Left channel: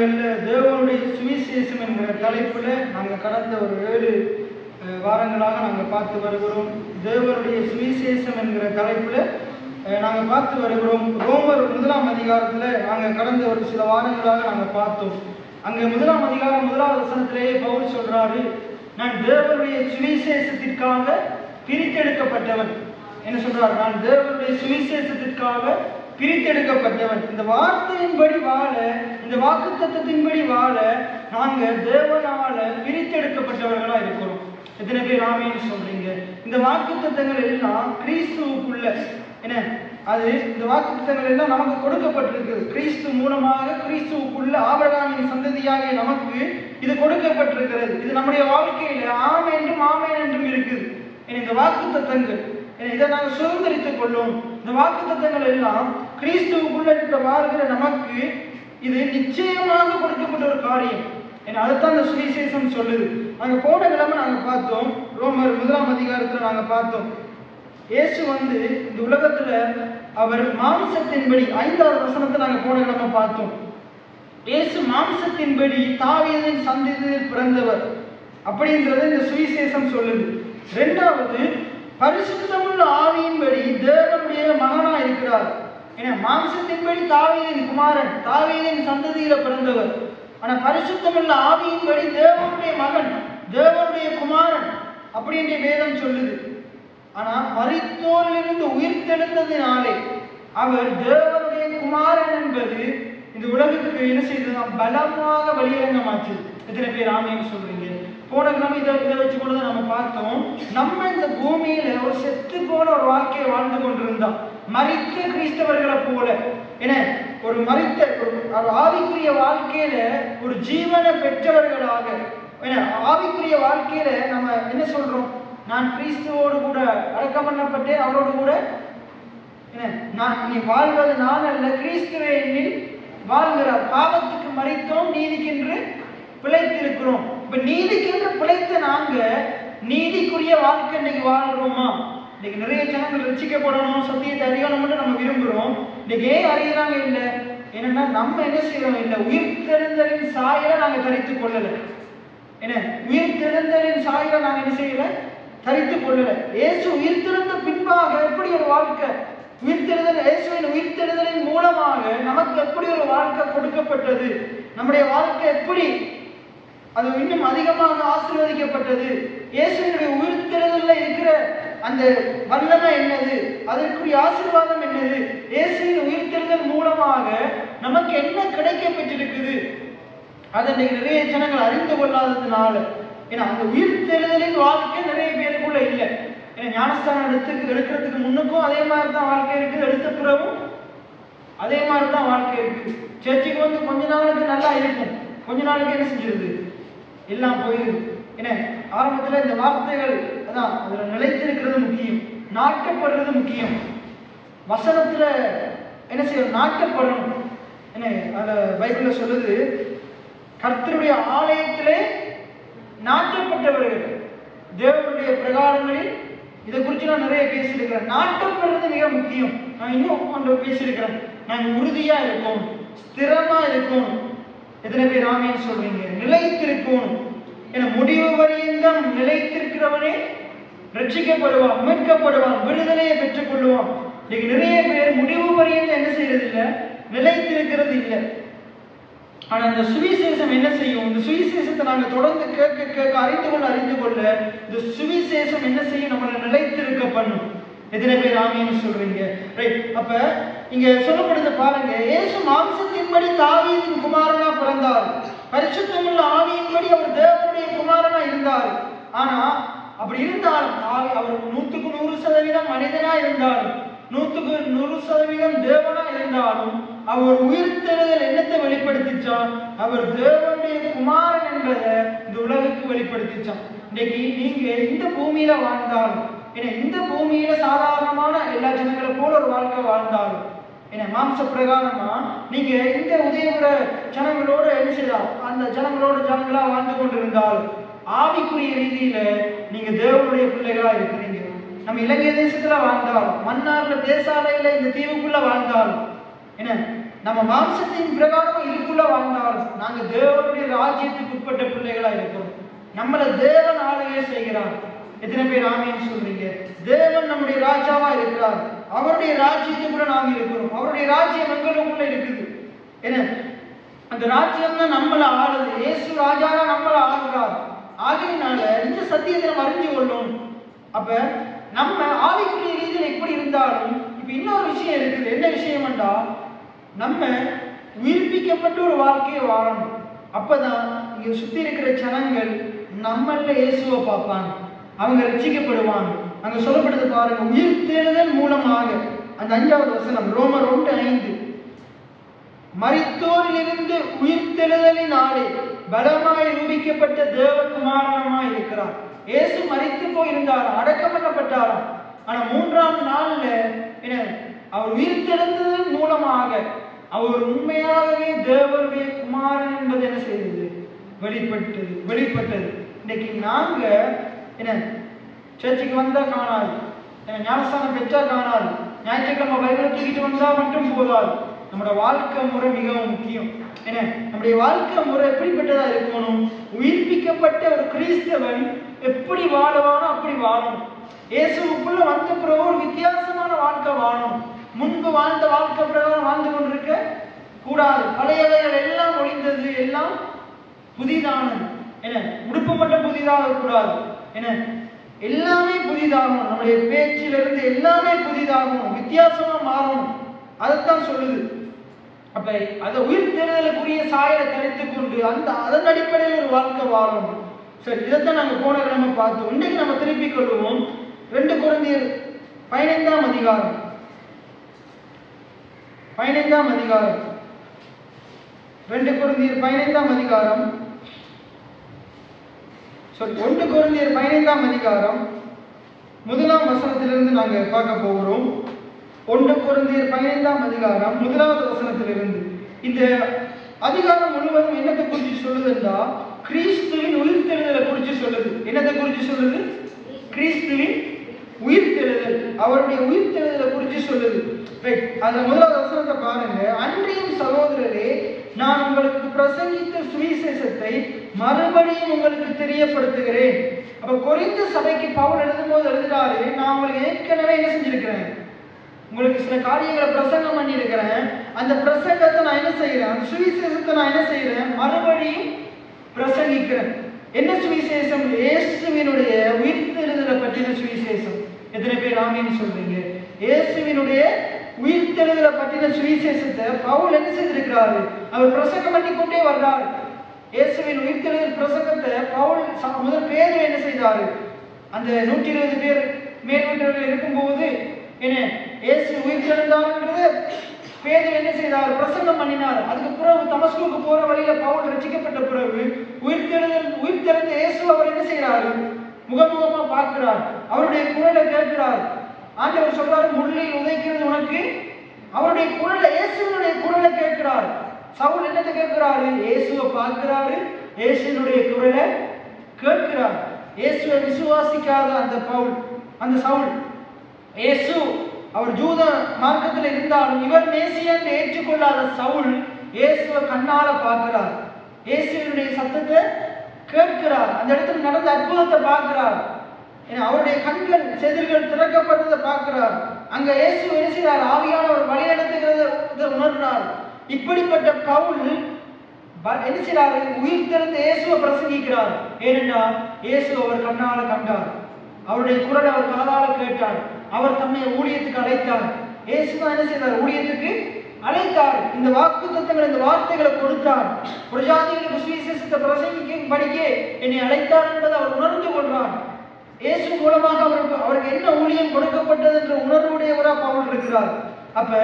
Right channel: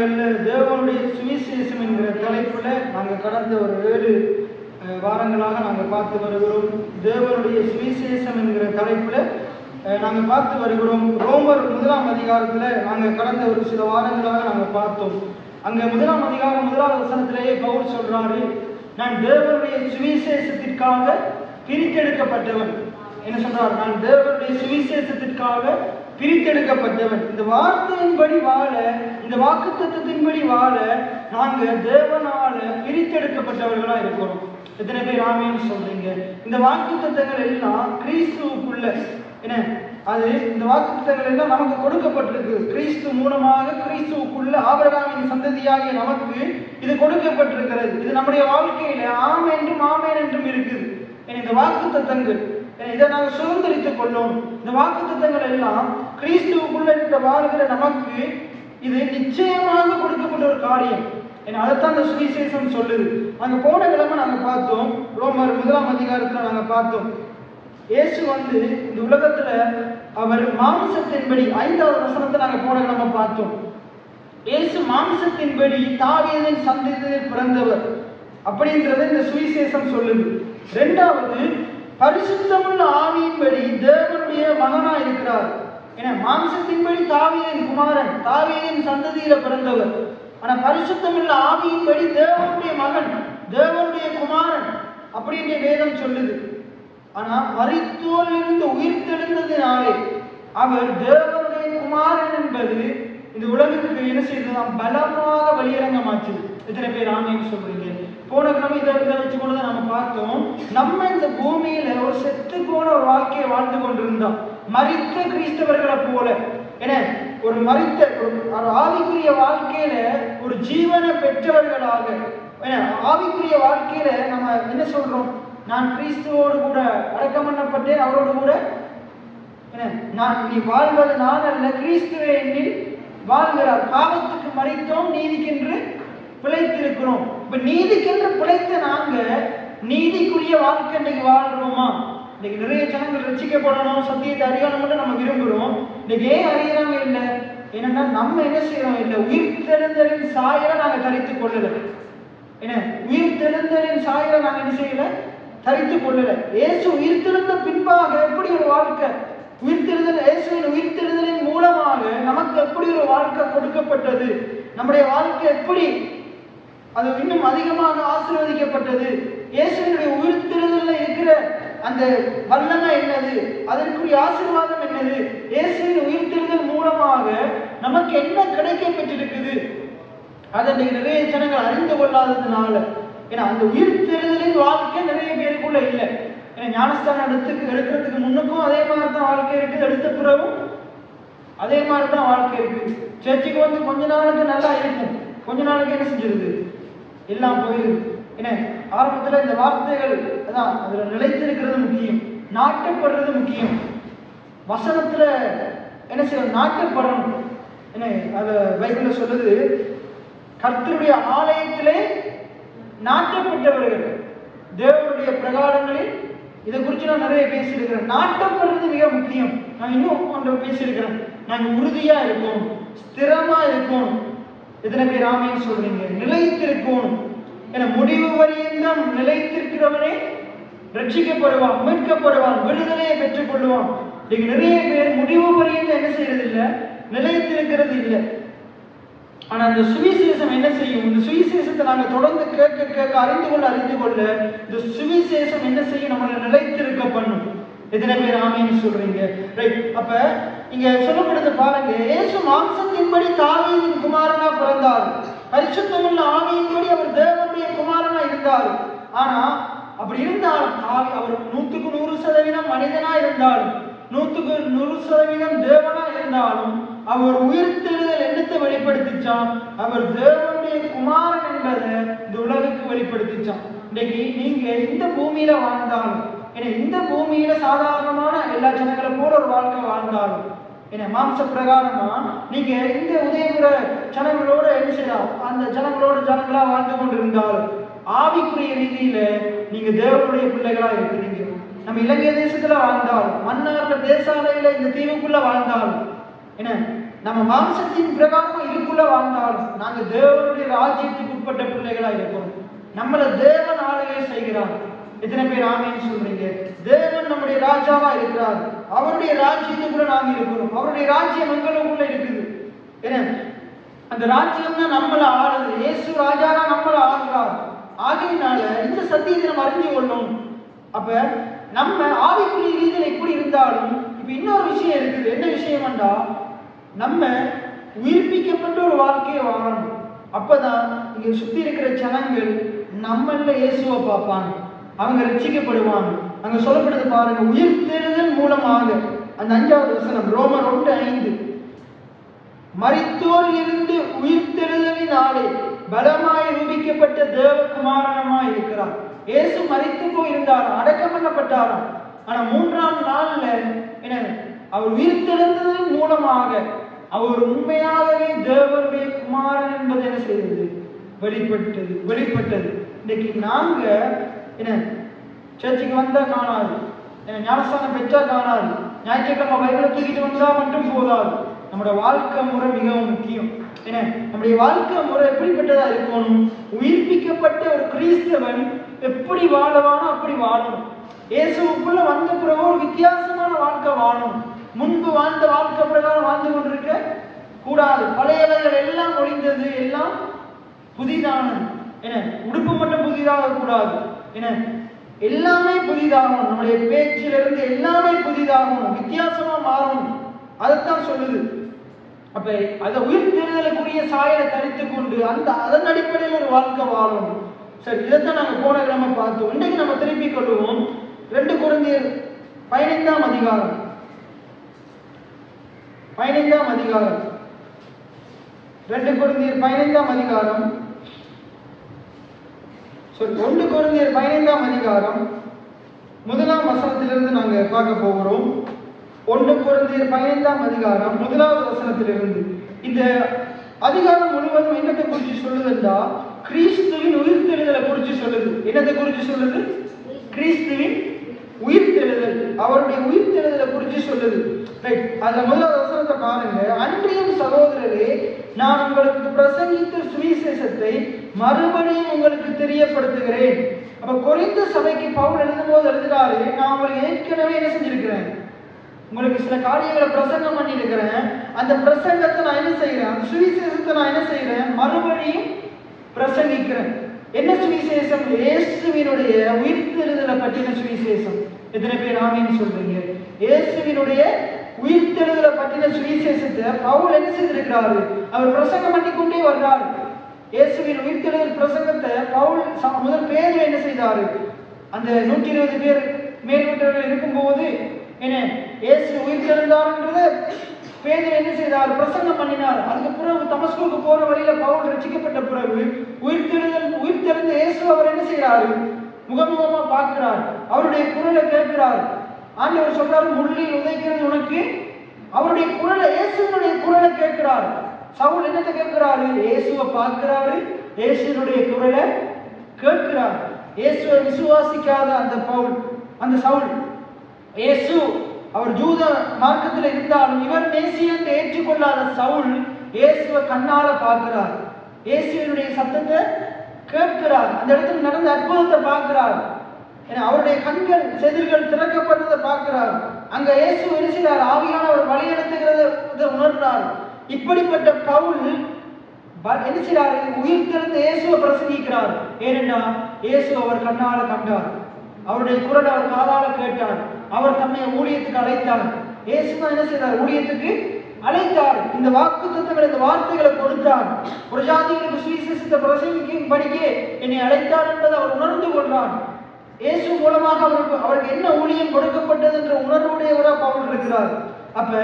நாடுகளில் தேவனுடைய சுவிசேஷம் என்கிற தலைப்பில் நாங்கள் கடந்த ஒரு 7 வாரங்களாக நாங்கள் பார்த்து வருகிறோம். தேவனுடைய சுவிசேஷம் என்கிற தலைப்பில் நாங்கள் பார்த்து வருகிறோம். ரோமர் 1ஆம் அதிகாரத்தில் நாங்கள் கடந்த ஒரு சில வாரங்களாக நாங்கள் பார்த்தோம். அங்கே 1ஆம் அதிகாரம் 1வது வசனத்திலேயே பவுல் சொல்றாரு, நான் தேவனுடைய சுவிசேஷத்திற்காக பிரித்தெடுக்கப்பட்டவன். என்ன சொல்றார்? நான் தேவனுடைய சுவிசேஷத்திற்காக பிரித்தெடுக்கப்பட்டவன். இந்த வார்த்தையின்படி வாழ, இந்த வாக்குத்தத்தத்தின்படி வாழ நாங்கள் தேவனால பிரித்தெடுக்கப்பட்டவர்களா இருக்கிறோம். எத்தனை பேர் ஆமேன்னு சொல்றீங்க? இந்த வாக்குத்தத்தங்கள் எல்லாம் கிறிஸ்துவுக்குள்ள என்ன அது இந்த வாக்குத்தத்தங்கள் எல்லாம் நமக்கு கொடுக்கப்பட்டிருக்கு. கிறிஸ்து மூலமாக கிறிஸ்துவுக்குள்ள ஆபிரகாமின் சந்ததியாகிய நமக்கு இது கொடுக்கப்பட்டிருக்கிறது. இது நம்முடைய வாழ்க்கையில ஆம் என்றும் இருக்குது. இந்த வாக்குத்தத்தங்கள் இதை நாங்கள் சுதந்திரித்துக் கொள்ளும். இந்த வாக்குத்தத்தங்கள் எல்லாம் கிறிஸ்துவுக்குள்ள இருக்கிற வாழ்கிற நமக்கு இது நிச்சயமாக கொடுக்கப்பட்ட ஒரு காரியம். அதைத்தான் இந்த சுவிசேஷம் சொல்லுது. நாங்க போன கிழமை நாங்க பார்த்தோம், ரோமர் 1ஆம் அதிகாரத்துல நாங்க பார்த்தோம், இயேசு இந்த உலகத்துல அவர் மாம்சத்தின்படி 5வது வசனத்தை நாங்க போன கிழமை பார்த்தோம். இயேசு மாம்சத்தின்படி தாவீதின் சந்ததியில் பிறந்தவர் அப்படின்றத இந்த சுவிசேஷம் சொல்லுது. 2வது பரிசுத்தமுள்ள ஆவியின்படி தேவனுடைய மகனா இருக்கிறார். ஏன்னா மாம்சத்தின்படி தாவீதின் குமாரன், தாவீதின் சந்ததியில பிறந்தவர். ஆனா பரிசுத்தமுள்ள ஆவியின்படி தேவனுடைய மகன், தேவனுடைய குமாரன் அப்படின்ற வேதம் சொல்லுது. ஆனா மரித்தோரிலிருந்து உயிர் தெழுந்ததினாலே அவர் தேவனுடைய குமாரன் என்பது இந்த உலகத்துக்கு என்ன செய்ததாம்? பலமாக வெளியரங்கமாச்சு. எத்தனை பேர் ஆமேன்னு சொல்றீங்க? போன கிழமை இதை வச்சுக்கொண்டுதான் நம்ம பார்த்தோம். நம்ம இந்த பூமியில ஒரு செத்து போன ஒரு வாழ்க்கையை வாழ்ந்து கொண்டிருந்தோம். மரித்த கிறிஸ்தவர்களை போல என ஒரு மரித்த ஒரு ஆவிக்குரிய வாழ்க்கையில ஒரு ஜீவனை பெற்றவர்களாக ஆவிக்குரிய வாழ்க்கையில நம்ம என்ன சொல்றோம்? நான் கிறிஸ்துவோடு கூட அடக்கம் பண்ணப்பட்டேன், அவரோடு கூட நான் நீ வாழ்வது நான் அல்ல, கிறிஸ்துவே என்னில் வாழ்கிறார். பாவத்துக்கு மரித்தோம், நீதிக்கென்று பிழைத்திருக்கிறோம். இப்ப நீதிக்கென்று பிழைத்த நாங்க நீதிக்குரிய வாழ்க்கை இன்னைக்கு வாழ்றோமா? இன்னைக்கு நிறைய ஜனங்கள் ரட்சிக்கப்படணும், சத்தியத்தை அறியணும் மட்டும் நம்ம விரும்புகிறோம். இன்னைக்கு ஏன் அறியறாங்க? இல்லை என்னன்னா நம்ம என்ன செய்யறோம்? இல்லை உயிர் தெழுந்தலின் சாயலை நாங்க தரித்துக் கொள்ளல. என்ன உயிர் தெழுந்தலின் சாயலை நாங்க என்ன செய்யல? தரித்துக் கொள்ளல. இயேசு உயிர் தெழுந்த பின்பாக எப்படி ஒரு வாழ்க்கை, உயிர்த்தெழுதல் இயேசுவின் உயிர்த்தெழுதலின் மூலமாக நமக்கு எப்படி ஒரு வாழ்க்கை கொடுக்கப்பட்டது, நம்முடைய வாழ்க்கை எப்படி அது இன்னும் அதிகமாக ஆசீர்வதிக்கப்பட்டது, இயேசுவினுடைய உயிர்த்தெழுதல்ல இருக்கிற அந்த வல்லமை என்னது, அதற்குரிய ஆசீர்வாதம் என்னது, இயேசுவின் உயிர்த்தெழுதல் மூலமாக நமக்கு என்ன கிடைக்க பெற்றிருக்குது, அதை நிறைய ஜனங்கள் அறிந்து கொள்ளாததுனால. ஏன்னா அந்த உயிர்த்தெழுதலின் வாழ்க்கை நிறைய பேருக்குள்ள இல்லை. ஞானஸ்தானம் எடுக்கிறதுக்கு முன்னுக்கும் அதே மாதிரி தான் வாழ்க்கை இருக்குது, எடுத்த பிறகும் அதே மாதிரி தான் வாழ்க்கை இருக்கு. சர்ச்சுக்கு கொஞ்ச நாளுக்கு நல்லா இருக்கும், கொஞ்ச நாளுக்கு என்ன செஞ்சிருது? எல்லாம் போயிருக்கு. என்ன ஆரம்பத்துல இந்த வார்த்தைகள் அதான் அதுல நிலைத்திருக்கிறது முக்கியம், நாட்டப்படுறது முக்கியம். வசனத்துல என்ன செய்யணும்? நாட்டப்படணும். என்ன அத பைபிள்ல சொல்லுது, கர்த்தருடைய ஆலயத்திலே நாட்டப்பட்டவர்கள் தேவனுடைய பிரகாரங்களில். இதை குறித்து நான் நிறைய பேசியிருக்கிறேன். நாட்டப்படுறது மிக முக்கியம். நான் இன்னும் ஒன்று பேசியிருக்கிறேன். நாங்கள் உறுதியா இருக்கணும், ஸ்திரமா இருக்கணும். எத்தனை பேர் ஆமேன்னு சொல்றீங்க? நிலைத்திருக்கணும். என முடிவு வரையும் நிலைத்திருக்கிறவனே ரட்சிக்கப்படுவான், மீட்கப்படுவான், விடுதலையை பெற்றுக் கொள்ளுவான். நிறைய பேர் முடிவு வரையும் என்ன செய்யறது இல்லை? நிலைத்திருக்கிறது இல்லை. ஆனா அந்த சுவிசேஷம் என்ன செய்யும்? இந்த சுவிசேஷத்தை நாங்க தொடர்ந்து கேட்க அறிந்து கொள்ள இந்த சுவிசேஷம் என்ன செய்யும்? நம்மளை நிலைத்திருக்க பண்ணும். எத்தனை பேர் ஆமேன்னு சொல்றீங்க? ரைட். அப்ப இங்க சொல்லப்படுது பாருங்க, இயேசு மாம்சத்தின்படி தாவீதின் குமாரனா பிறந்தார், பரிசுத்தமுள்ள ஆவியின்படி அவர் தேவனுடைய குமாரனா இருந்தார். ஆனா அப்படி இருந்தாலும் அவர் 100% மனிதனா இருந்தாலும், 100% தேவனா இருந்தாலும், அவர் உயிர்த்தெழுதல் என்னத்தை வெளிப்படுத்திச்சான்? அவர் தேவனுடைய குமாரன் என்பதை இந்த உலகுக்கு வெளிப்படுத்திச்சான். இன்னைக்கு நீங்க இந்த பூமியில வாழ்ந்தாலும், இந்த பூமியில சாதாரணமான எல்லா ஜனங்களை போல ஒரு வாழ்க்கை வாழ்ந்தாலும், மாம்ச பிரகாரமா நீங்க இந்த உதயபுர ஜனங்களோட என்ன செய்யலாம்? அந்த ஜனங்களா வாழ்ந்து கொண்டிருந்தாலும், ஆவிக்குரிய ரீதியில நீங்க தேவனுடைய பிள்ளைகளா இருக்கிறீங்க. நம்ம இலங்கை தேசத்துல வாழ்ந்தாலும், மன்னார்ல தேசாலையில இந்த தீவுக்குள்ள வாழ்ந்தாலும், நம்ம மாம்சத்தின் பிரகாரம் இதுக்குள்ள வாழ்ந்தாலும் நாங்க தேவனுடைய ராஜ்யத்துக்கு உட்பட்ட பிள்ளைகளா இருக்கிறோம். நம்மளை தேவன் ஆளுகை செய்கிறார். எத்தனை பேர் ஆமேன்னு சொல்றீங்க? தேவன் நம்முடைய ராஜாவா இருக்கிறார். அவருடைய ராஜ்யத்துக்குள்ள நாங்க இருக்கிறோம். அவருடைய ராஜ்யம் எங்களுக்குள்ள இருக்குது. ஏன்னா அந்த ராஜ்யம் தான் நம்மளை ஆளுது. இயேசு ராஜானா நம்மளை ஆளுகிறார். ஆகையினால இந்த சத்தியத்தை நம்ம அறிஞ்சு கொள்ளணும். அப்ப நம்ம ஆவிக்குரிய ரீதியில் எப்படி இருந்தாலும் இப்ப இன்னொரு விஷயம் இருக்குது. என்ன விஷயம் என்றா, நம்ம உயிர்ப்பிக்கப்பட்ட ஒரு வாழ்க்கையை வாழணும். அப்பதான் இங்க சுத்தி இருக்கிற ஜனங்கள் நம்மள இயேசுவை பார்ப்பாங்க, அவங்க ரட்சிக்கப்படுவாங்க. அங்க சொல்லப்படுது பாருங்க, உயிர்த்தெழுதல் மூலமாக. அந்த 5வது வசனம் ரோமர் 1:5, மரித்தோரிலிருந்து உயிர்த்தெழுதலினாலே பலமாய் ரூபிக்கப்பட்ட தேவகுமாரனாய் இருக்கிறார். இயேசு மரித்து போயிருந்தார், அடக்கம் பண்ணப்பட்டாராம். ஆனா 3ஆம் நாள்ல என்ன, அவர் உயிர்த்தெழுந்ததன் மூலமாக அவர் உண்மையாகவே தேவனுடைய குமாரன் என்பது என்ன செய்தது? வெளிப்பட்டது. இன்னைக்கு நாங்க என்ன சர்ச்சுக்கு வந்தா காணாது, ஞானஸ்தானம் பெற்றா காணாது, ஞாயிற்றுக்கிழமை பைபிளை தூக்கிட்டு வந்தா மட்டும் போதாது. நம்முடைய வாழ்க்கை முறை மிகவும் முக்கியம். ஏன்னா நம்முடைய வாழ்க்கை முறை எப்படிப்பட்டதா இருக்கணும்? உயிர்ப்பிக்கப்பட்ட ஒரு கிறிஸ்தவன் எப்படி வாழவானோ அப்படி வாழணும். இயேசுக்குள்ள வந்த பிறகு ஒரு வித்தியாசமான வாழ்க்கை வாழணும். முன்பு வாழ்ந்த வாழ்க்கை பிரகாரம் வாழ்ந்து கொண்டிருக்க கூடாது. பழையவைகள் எல்லாம் ஒழிந்தது, எல்லாம் புதிதானது. என்ன உடுப்பு மட்டும் புதிதாக கூடாது. என்ன எல்லாமே புதிதாகணும். நம்முடைய பேச்சிலிருந்து எல்லாமே புதிதாகணும், வித்தியாசமா மாறணும். அதைத்தான் சொல்லுது. அப்ப அதை உயிர்த்தெழுதலுக்குரிய சாயலை தரித்துக் கொண்டு அதன் அடிப்படையில் ஒரு வாழ்க்கை வாழணும். சரி, இதைத்தான் நாங்க போன கிழமை பார்த்தோம். இன்னைக்கு நம்ம திருப்பிக் கொள்வோம் 2 கொரிந்தியர் 15ஆம் அதிகாரம். 15ஆம் அதிகாரம் 2 கொரிந்தியர் 15ஆம் அதிகாரம் 1 கொரிந்தியர் 15ஆம் அதிகாரம் 1ஆம் வசனத்திலிருந்து நாங்க பார்க்க போகிறோம். 1 கொரிந்தியர் 15ஆம் அதிகாரம் 1வது வசனத்திலிருந்து. இந்த அதிகாரம் முழுவதும் என்னத்தை குறித்து சொல்லுதுன்னா, கிறிஸ்துவின் உயிர்த்தெழுதலை குறித்து சொல்லுது. என்னத்தை குறித்து சொல்லுது? கிறிஸ்துவின் உயிர்த்தெழுதல், அவருடைய உயிர்த்தெழுதலை குறித்து சொல்லுது. அதுல 1வது வசனத்தை பாருங்க. அன்றியும் சகோதரரே, நான் உங்களுக்கு பிரசங்கித்த சுவிசேஷத்தை மறுபடியும் உங்களுக்கு தெரியப்படுத்துகிறேன். அப்ப கொரிந்த சபைக்கு பவுல் எழுதும்போது எழுதுறாரு, நான் உங்களுக்கு ஏற்கனவே என்ன செஞ்சிருக்கிறேன், உங்களுக்கு சில காரியங்களை பிரசங்கம் பண்ணி இருக்கிறேன். அந்த பிரசங்கத்தை நான் என்ன செய்யறேன், சுவிசேஷத்தை நான் என்ன செய்யறேன், மறுபடியும் பிரசங்கிக்கிறேன். என்ன சுவிசேஷம்? இயேசுவினுடைய உயிர்த்தெழுதலை பற்றின சுவிசேஷம். எத்தனை பேர் ஆமீன் சொல்றீங்க? இயேசுவினுடைய உயிர்த்தெழுதலை பற்றின சுவிசேஷத்தை பவுல் என்ன செய்திருக்கிறாரு, அவர் பிரசங்கம் பண்ணி கொண்டே வர்றாரு. இயேசுவின் உயிர்த்தெழுதல் பிரசங்கத்தை பவுல் முதல் பேர் என்ன செய்தாரு, அந்த 120 பேர் மேல் வீட்டர்கள் இருக்கும்போது என்ன இயேசு உயிர்த்தெழுந்தார்ன்றது பேதுரு என்ன செய்தார், பிரசங்கம் பண்ணினார். அதுக்கு பிறகு தமஸ்குக்கு போற வழியில பவுல் ரட்சிக்கப்பட்ட பிறகு உயிர்த்தெழுந்த இயேசு அவர் என்ன செய்யறாரு, முகமுகமா பார்க்கிறார், அவருடைய குரலை கேட்கிறார். ஆண்டவர் சொல்றாரு, முள்ளில் உதைக்கிறது உனக்கு. அவருடைய குரலை, இயேசுவினுடைய குரலை கேட்கிறார். சவுல் என்னத்தை கேட்கிறாரு, இயேசுவை பார்க்கிறாரு, இயேசுவினுடைய குரலை கேட்கிறார். இயேசுவை விசுவாசிக்காத அந்த சவுல், இயேசு அவர் ஜூத மார்க்கத்தில் இருந்தாலும் இவர் மேசியன் ஏற்றுக்கொள்ளாத சவுல் இயேசுவை கண்ணால பார்க்கிறார், இயேசுவினுடைய சத்தத்தை கேட்கிறார், அந்த இடத்துல நடந்த அற்புதத்தை பார்க்கிறார். அவருடைய கண்கள் செதில்கள் திறக்கப்பட்டதை பார்க்கிறார். அங்க இயேசு எழுதுகிறார், ஆவியானவர் வழிநடத்துகிறத உணர்ந்தார். இப்படிப்பட்ட பவுல் என்ன செய்றாரு, உயிர்த்தெழுந்த இயேசுவை பிரசங்கிக்கிறார். ஏனென்றா இயேசு அவர் கண்ணால கண்டார், அவருடைய குரலை அவர் காதால கேட்டார், அவர் தன்னை ஊழியத்துக்கு அழைத்தார். இயேசு தான் என்ன செய்தார், ஊழியத்துக்கு அழைத்தார். இந்த வாக்குத்தத்தங்கள், இந்த வார்த்தைகளை கொடுத்தார். ஒரு ஜாதிகளுக்கு சுவிசேஷத்தை பிரசங்கிக்கும்படியே என்னை அழைத்தார் என்பதை அவர் உணர்ந்து கொள்றார். இயேசு மூலமாக அவருக்கு என்ன ஊழியம் கொடுக்கப்பட்டது என்ற உணர்வுடையவரா பவுல் இருக்கிறார். அப்ப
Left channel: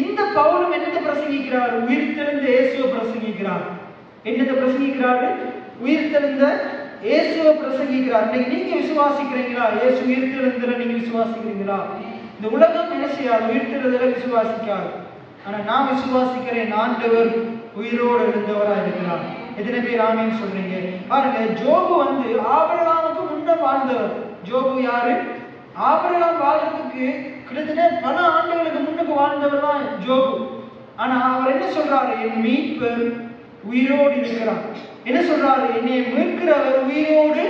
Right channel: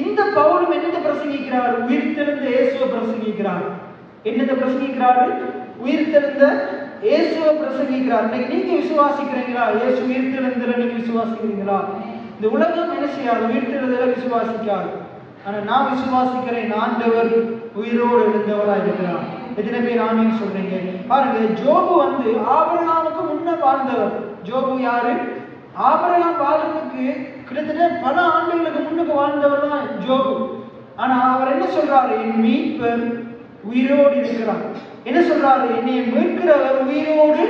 இந்த பவுலும் என்னத்தை பிரசங்கிக்கிறார், உயிர்த்தெழுந்த இயேசுவை பிரசங்கிக்கிறார். என்னத்தை பிரசங்கிக்கிறாரு, உயிர்த்தெழுந்த இயேசுவை பிரசங்கிக்கிறார். இன்னைக்கு நீங்க விசுவாசிக்கிறீங்களா, இயேசு உயிர்த்தெழுந்தல நீங்க விசுவாசிக்கிறீங்களா? இந்த உலகம் என்ன செய்யாது, உயிர்த்தெழுதல விசுவாசிக்காது. ஆனா நான் விசுவாசிக்கிறேன், ஆண்டவர் உயிரோடு எழுந்தவரா இருக்கிறார். எத்தனை பேர் ஆமீன் சொல்றீங்க? பாருங்க, ஜோபு ஆபிரகாமுக்கு முன்ன வாழ்ந்தவர். ஜோபு யாரு? ஆபிரகாம் வாழ்றதுக்கு கிட்டத்தட்ட பல ஆண்டுகளுக்கு முன்னுக்கு வாழ்ந்தவர் தான் ஜோபு. ஆனா அவர் என்ன சொல்றாரு? என் மீட்பர் உயிரோடு இருக்கிறார். என்ன சொல்றாரு? என்னை மீட்கிறவர் உயிரோடு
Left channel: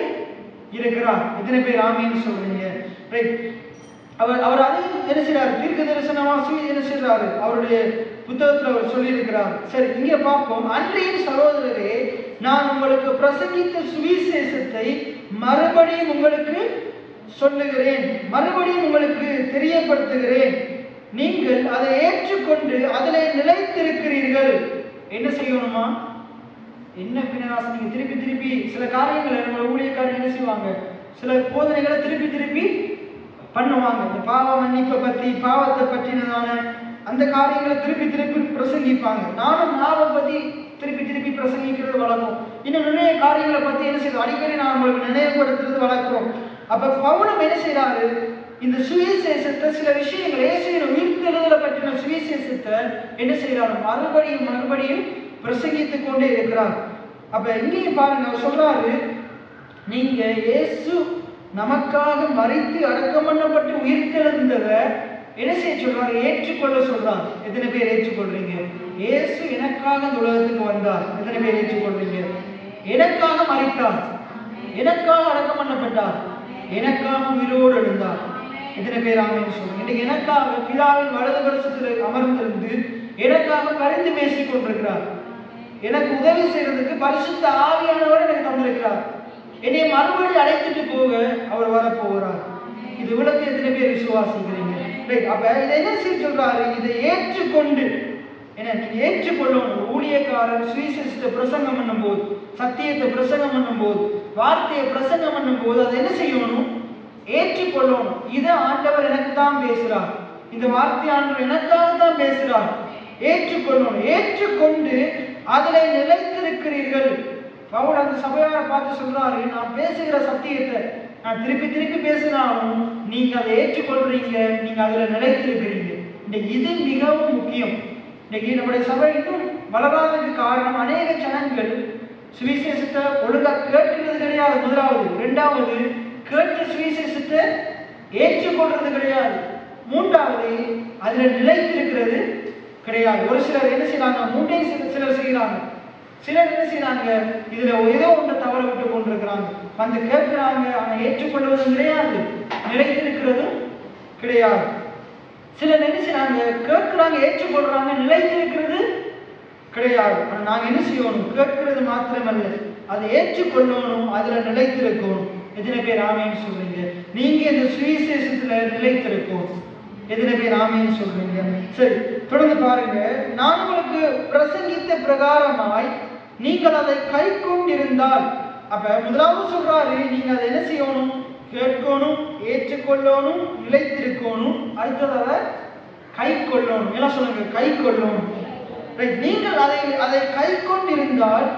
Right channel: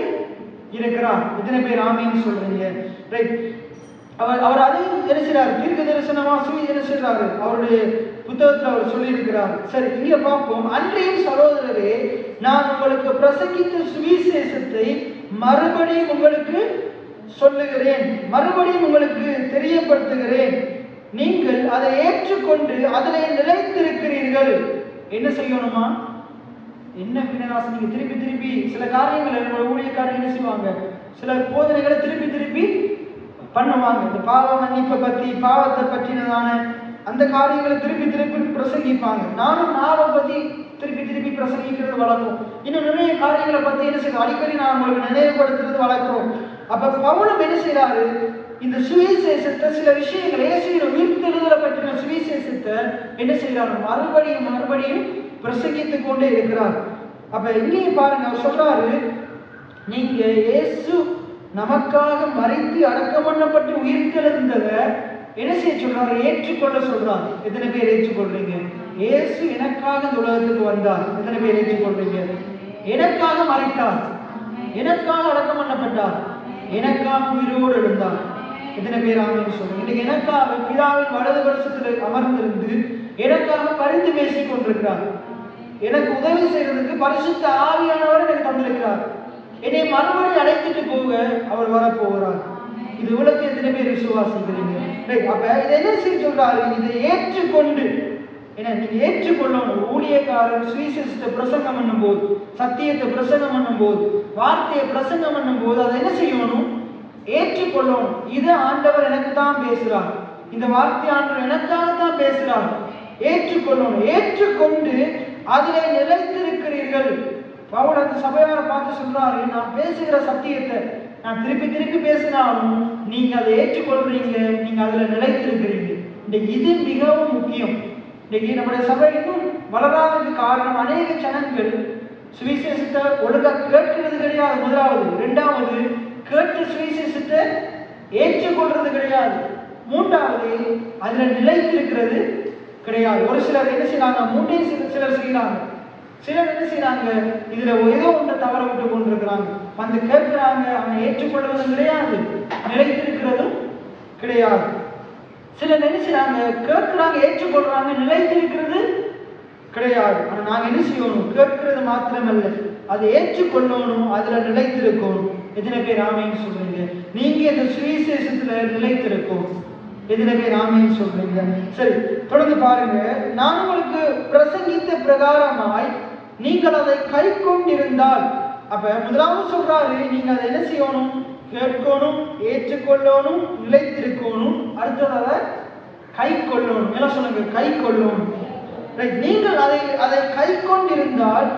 இருக்கிறார். எத்தனை பேர் ஆமீன் சொல்றீங்க? ரைட். அவர் அதையும் என்ன செய்றாரு? தீர்க்க தரிசனமா என்ன செய்றாரு? அவருடைய புத்தகத்தில் அவர் சொல்லியிருக்கிறார். சரி, இங்க பார்ப்போம். அன்றையும் சகோதரரே, நான் உங்களுக்கு பிரசங்கித்த சுவிசேஷத்தை மறுபடியும் உங்களுக்கு சொல்லுகிறேன், மறுபடியும் உங்களுக்கு தெரியப்படுத்துகிறேன். நீங்கள் அதை ஏற்றுக்கொண்டு அதிலே நிலைத்திருக்கிறீர்கள். என்ன செய்யணுமா? என்ன பின்னராசி? நீங்க திருப்பி திருப்பி சில காரியங்களை நம்ம ஊழியக்காரங்க என்ன செய்வாங்க? சில போதனைகளை திருப்பி திருப்பி பண்ணுவாங்க. இந்த பாவ மன்னிப்பை பற்றி, பாவத்தை பற்றினதான அந்த காரியங்களை திருப்பி திருப்பி பிரசங்கிப்பாங்க. நானும் மாவை பற்றி திருப்பி திருப்பி பிரசங்கிக்கிறது வழக்கம். இன்னும் நிறைய காரியங்களை பற்றி என்ன செய்யணும்? அடிக்கடி நான் உங்களுக்கு நினைவுபடுத்துறது வழக்கம். அப்ப பவுலும் என்ன செய்யறாரு? இந்த சுவிசேஷத்தை, சில விஷயங்களை உயிர்த்தெழுதலை பற்றின சுவிசேஷத்தை என்ன செய்யறாரு? மறுபடியும் மறுபடியும் பிரசங்கித்துக் கொண்டே இருக்கிறார். அப்ப இங்கேயும் பாருங்க, அவர் சொல்றாரு, நீங்க இயேசு நமக்காக மரித்து அடக்கம் பண்ணப்பட்டு உயிர்த்தெழுந்ததை என்ன செய்ய சொல்றாரு? ஏற்றுக்கொள்ள சொல்றார். எத்தனை பேர் ஏற்றுக்கொள்றீங்க? இயேசு எனக்காக இந்த உலகத்துக்கு வந்தார். எத்தனை பேர் ஏற்றுக்கொள்றீங்க? எனக்காக மரித்தார், எனக்காக அடக்கம் பண்ணப்பட்டார், எனக்காக உயிரோடு எழுந்தார். எத்தனை பேர் ஆமென் சொல்றீங்க? இன்னைக்கு எனக்காக பிதாவின் வலது வருஷத்தில் அமர்ந்திருந்து எனக்காக பரிந்து பேசிக் கொண்டிருக்கிறார். எனக்கு உதவி செய்வதற்கு பரிசுத்த ஆவியானவர் எனக்கு தந்திருக்கிறார். என்னை மறுபடியும் அழைத்துட்டு போக அவர் வரப்போகிறார். இது உலகத்தை எத்தனை பேர் விசுவாசிக்கிறீங்க? அப்ப இதை என்ன செய்ய சொல்றாரு? இதை ஏற்றுக்கொண்டு, ஏன்னா நீங்க ஏற்றுக்கொள்ளணும். ஊழியக்காரர் சுவிசேஷத்தை பிரசங்கம் பண்ணும் போது, சத்தியத்தை பிரசங்கம் பண்ணும் போது, வார்த்தையை பிரசங்கம் பண்ணும் போது அதை என்ன செய்யணும்? ஏற்றுக்கொள்ளணும். இது ஆண்டவர் எனக்கு தான் பேசுறார், இந்த வார்த்தை ஆண்டவர் எனக்காக தான் பேசுறார். ஏற்றுக்கொள்ளணும். ஏற்றுக்கொண்டு அதிலே நிலைத்திருக்கிறீர்கள். பவுல் அந்த சபையாரை பார்த்து சொல்றாரு, நான் பேசுகிற சத்தியத்தை நான் திருப்பி திருப்பி பேசினாலும் நீங்க அதை ஏற்றுக்கொள்றீங்க, நீங்க அதுல நிலைத்திருக்கிறீங்க. இன்னைக்கு இது மிகவும் முக்கியம். இன்னைக்கு நம்முடைய சபை இன்னும் வளராததுக்கு காரணம், அநேக ஜனங்கள் சுவிசேஷத்தை ஒழுங்கா கேட்கிறது கிடையாது. முதலாவது. இரண்டாவது, கேட்ட சுவிசேஷத்தை ஏற்றுக்கொள்றது கிடையாது. மூன்றாவது, அதுல நிலைத்திருக்கிறது கிடையாது. ஒரு சிலர் என்ன செய்யறாங்க? மூன்றையும் சிலர் செய்யறாங்க. சிலர் என்ன செய்யறாங்க? இதுல ஏதோ ஒன்றை தவற விட்டு கொண்டிருக்கிறாங்க. வந்து கேட்கிறாங்க, ஆனா ஏற்றுக்கொள்வதும் கிடையாது, நிலைத்திருக்கிறதும் கிடையாது. சிலர் என்ன செய்யறாங்க? கேட்கிறாங்க, ஏற்றுக்கொள்றாங்க, நிலைத்திருக்கிறது கிடையாது. ஆனா நாங்க என்ன செய்யணும்? கேட்கிறது மாத்திரமல்ல, அதை ஏற்றுக்கொள்ளணும், அதுல நிலைத்திருக்கணும். எத்தனை பேர் ஆமென் சொல்றீங்க? நீங்க இந்த சுவிசேஷத்துல நிலைத்திருக்கணும். எத்தனை பேர் ஆமென் சொல்றீங்க? சரி, தொடர்ந்து பாருங்க. நான் உங்களுக்கு பிரசங்கித்த பிரகாரமாய் நீங்கள் அதை கை கொண்டிருந்தால், அப்ப முதலாவது சொல்றாரு, நீங்க அதை என்ன செய்யணும்? கேட்கணும், ஏற்றுக்கொள்ளணும், நிலைத்திருக்கணும். அடுத்ததாக கை கொள்ளணும். என்ன சொல்லுங்க? கை கொள்ளணும். நீங்கள் அதை கை கொண்டிருந்தால்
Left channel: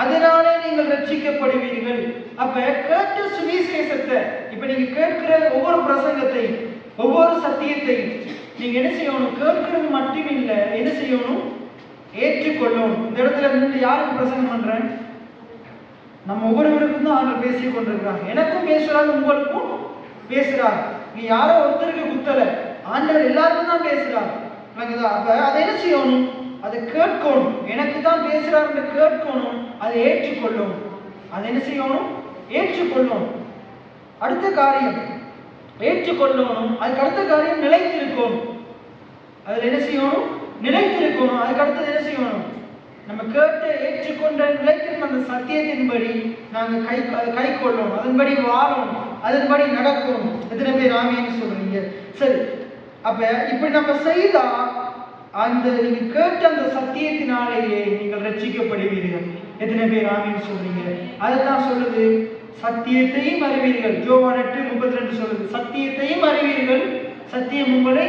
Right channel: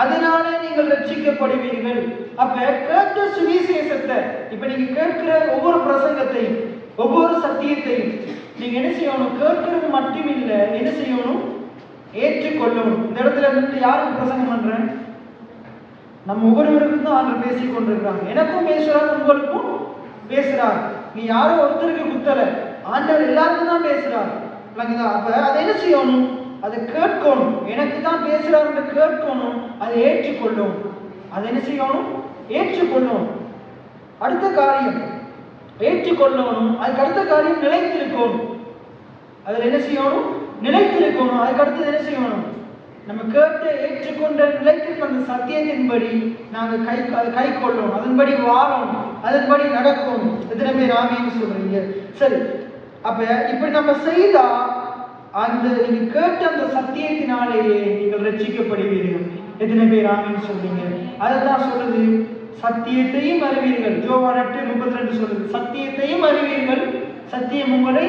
அதனாலே நீங்கள் ரட்சிக்கப்படுவீர்கள். அப்ப கேட்ட சுவிசேஷத்தை, இப்ப நீங்க கேட்கிற ஒவ்வொரு பிரசங்கத்தையும், ஒவ்வொரு சத்தியத்தையும் நீங்க என்ன செய்யணும்? கேட்கிறது மட்டும் இல்ல, என்ன செய்யணும்? ஏற்றுக்கொள்ளணும். இந்த இடத்துல நின்று யாருக்கு பிரசங்கம் பண்றேன்? நம்ம ஒவ்வொருவருக்கும் தான் அவங்க பேசிக் கொண்டிருக்கிறாங்க. எனக்கும் பேசுறாங்க, உங்களுக்கும் பேசுறாங்க. நீ யாரோ ஒருத்தருக்கு குத்தல, ஆண்டவர் எல்லாருக்கும் தான் பேசுறாங்க. அப்ப அதை என்ன செய்யணும்? அதை கேட்கணும். எனக்கு தான் பேசுறாரு கேட்கணும், அதை ஏற்றுக்கொள்ளணும். அதை என்ன செய்யணும்? ஏற்றுக்கொள்ளணும். அடுத்த காரியம் ஏற்றுக்கொள்ளணும். அதுக்கு அடுத்த காரியம் நிலைத்திருக்கணும். அதில் என்ன செய்யணும்? நிலைத்திருக்கணும். அதுக்கு அடுத்தது என்ன செய்யணும்? நம்ம கேட்ட ஏற்றுக்கொண்ட நிலைத்திருக்கிற சத்தியத்தின்படி நாங்கள் கை கொள்ளணும், அதன்படி வாழணும், அதன்படி நடக்கணும். எத்தனை பேர் ஆமென் சொல்றீங்க? சரி, அப்ப இப்படி நம்ம செய்தா அந்த நீங்க கேட்ட அந்த சத்தியத்தினாலேயே நீங்கள் ரட்சிக்கப்படுவீர்கள். எத்தனை பேர் ஆமென் சொல்றீங்க? அதுதான் சொல்லுது, சத்தியத்தையும் அறிவீர்கள். யோவான் 8:32 சொல்லுது, சத்தியத்தையும் அறிவீர்கள், சத்தியம் உங்களை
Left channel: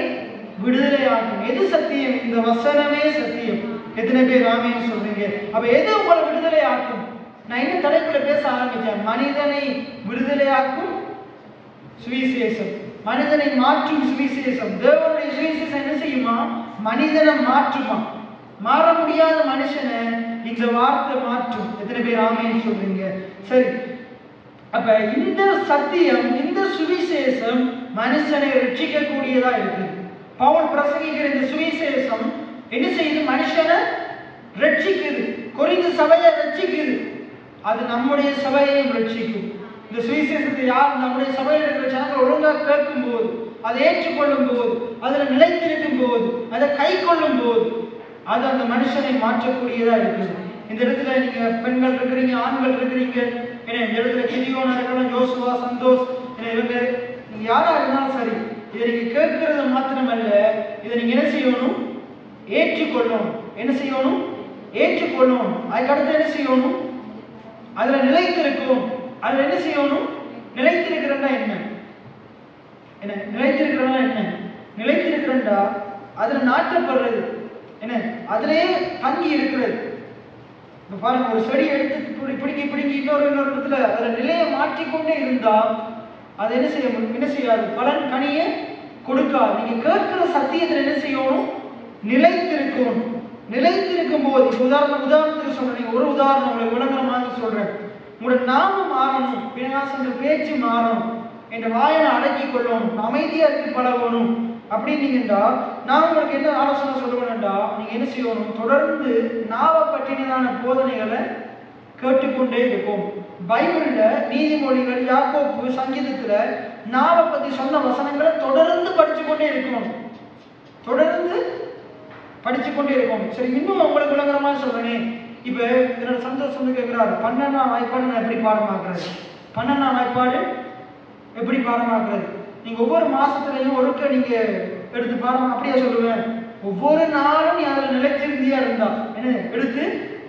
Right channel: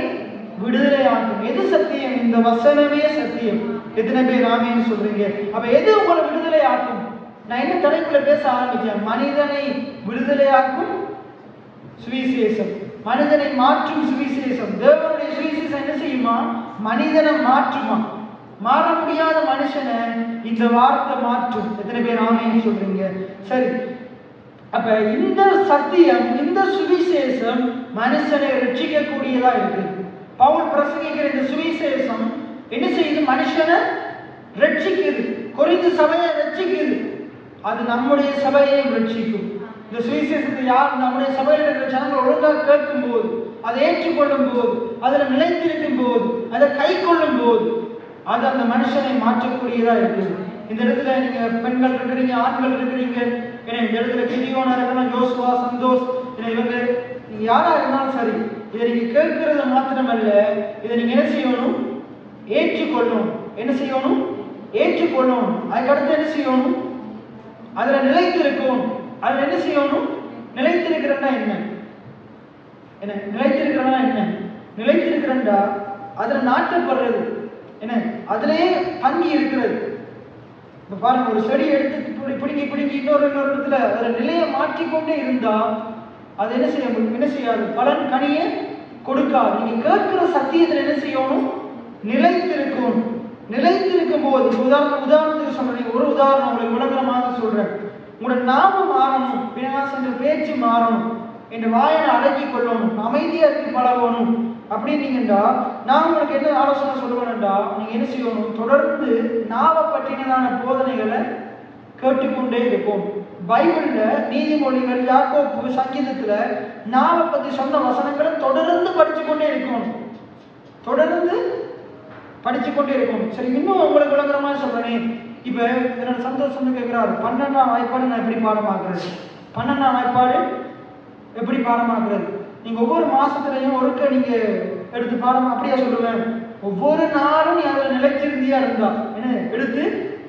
விடுதலை ஆகும். எது சத்தியம்? இந்த வசனமே சத்தியம். எத்தனை பேர் ஆமென் சொல்றீங்க? அப்ப எது உங்களை விடுதலை ஆக்கும்? நான் என்ன தலைப்புல பேச ஆரம்பிச்சேன்? மனிதனை விடுதலையாக்கும் சுவிசேஷம், மனிதனை மாற்றும் சுவிசேஷம். தேவனுடைய சுவிசேஷம் என்ன செய்யுமா? மனிதனை மாற்றுமா. மாற முடியாத மனுஷனை இந்த வார்த்தை மாற்றும். எத்தனை பேர் ஆமென் சொல்றீங்க? சரி, அப்ப இந்த சத்தியம், இந்த சுவிசேஷம் மனுஷனை ரட்சிக்கக்கூடியதா இருக்கு. பவுல் பிரசங்கிக்கிற இந்த சுவிசேஷம் என்ன செய்யுது? மனுஷனை ரட்சிக்குது. கொரிந்து சபையை ரட்சிக்குது. அது நம்முடைய சபையையும் ரட்சிக்கும். இந்த சுவிசேஷத்தை யார் நம்முடைய சபையில் இருக்கிற ஜனங்கள் ஒழுங்காக கேட்கும் போது, அதை ஏற்றுக்கொள்ளும் போது, அதில் நிலைத்திருக்கும் போது, அதை கை கொள்ளும் போது, அது அந்த மனுஷனை மாற்றக்கூடியதா இருக்குது. இந்த இடத்துல நீங்க பெண்கள் இருக்கிறீங்க, ஆண்கள் இருக்கிறீங்க, ஏன்னா இந்த இடத்துல கிதியோனா இருக்கலாம், யோசுவா, சந்தோஷ், இவங்க நீங்க யாரா இருந்தாலும் சரி, இதை நீங்க கேட்கறது மாத்திரமல்ல, இதை நீங்க என்ன செய்யணும்? ஏற்றுக்கொள்ளணும். என்ன செய்யணும்? ஏற்றுக்கொள்ளணும். அதுக்கடுத்து என்ன செய்யணும்? அதுல நிலைத்திருக்கணும். அதுல என்ன செய்யணும்? நிலைத்திருக்கிறா என்ன? என்ன நிலைத்திருக்கிறா என்ன? நிலைத்திருக்கிறா அதுல நாட்டப்படுறது என்ன? அதிலேயே தங்கி இருக்கிறது. இப்ப பாருங்க, ஒரு செடி எடுத்து பிடுங்கி இன்னொரு இடத்துல அதுல நிலையை மாற்றிக்கொண்டே இருந்தா அது என்ன செய்ய முடியும்? என்ன செய்யாது? பலன் கனியை கொடுக்காது. நீங்க கேட்கிற சத்தியத்தில் என்ன செய்யணும்? நிலைத்திருக்கணும். நிலைத்திருக்கும் போது உதாரணத்துக்கு சொல்றேன். ஒரு உதாரணம் உங்களுக்கு விளக்கமாக சொல்றேன். உங்களோட நாமம் மாறணும், விநாசங்க பேச்சு மாறணும், என்ற வாயனை அடக்கி கொள்ளணும், அமைதியா இருக்கு பழகணும் அப்படின்னீங்கடா, நான் உங்களுக்கு என்ன ஆலோசனை சொல்லுவேன்டா, நீங்க என்ன செய்யணும்? தொடர்ந்து நாவை பற்றினதான போதனைகளை கேட்டுக்கொண்டே இருக்கும். பைபிள்ல நீதிமொழிகள், யாக்கோப்பு, சங்கீதத்துல நாவை பத்தி சொன்ன வசனங்களை தொடர்ந்து படிச்சுக்கொண்டே இருக்கணும். தொடர்ந்து படிச்சுக்கொண்டே இருக்கணும். சரி, இன்னும் உங்களுக்கு விளங்குறமா சொல்றேன். இப்ப என்னோட சந்தோஷம் கேட்கிறாரு, 12ஆம் வாய்ப்பாடு நான் எப்படி பாடமாக்குறது? 12ஆம் வாய்ப்பாடு எப்படி பாடமாக்குறது? நீங்க ஒவ்வொரு மாசத்துலையும் ஒருக்க நீங்க எடுத்து பாடம் அப்படியா சொல்லுவேன். ஒவ்வொரு நாளும் நீ அதில் நிலைத்திருந்தியா இருந்தா என்ன எடுத்து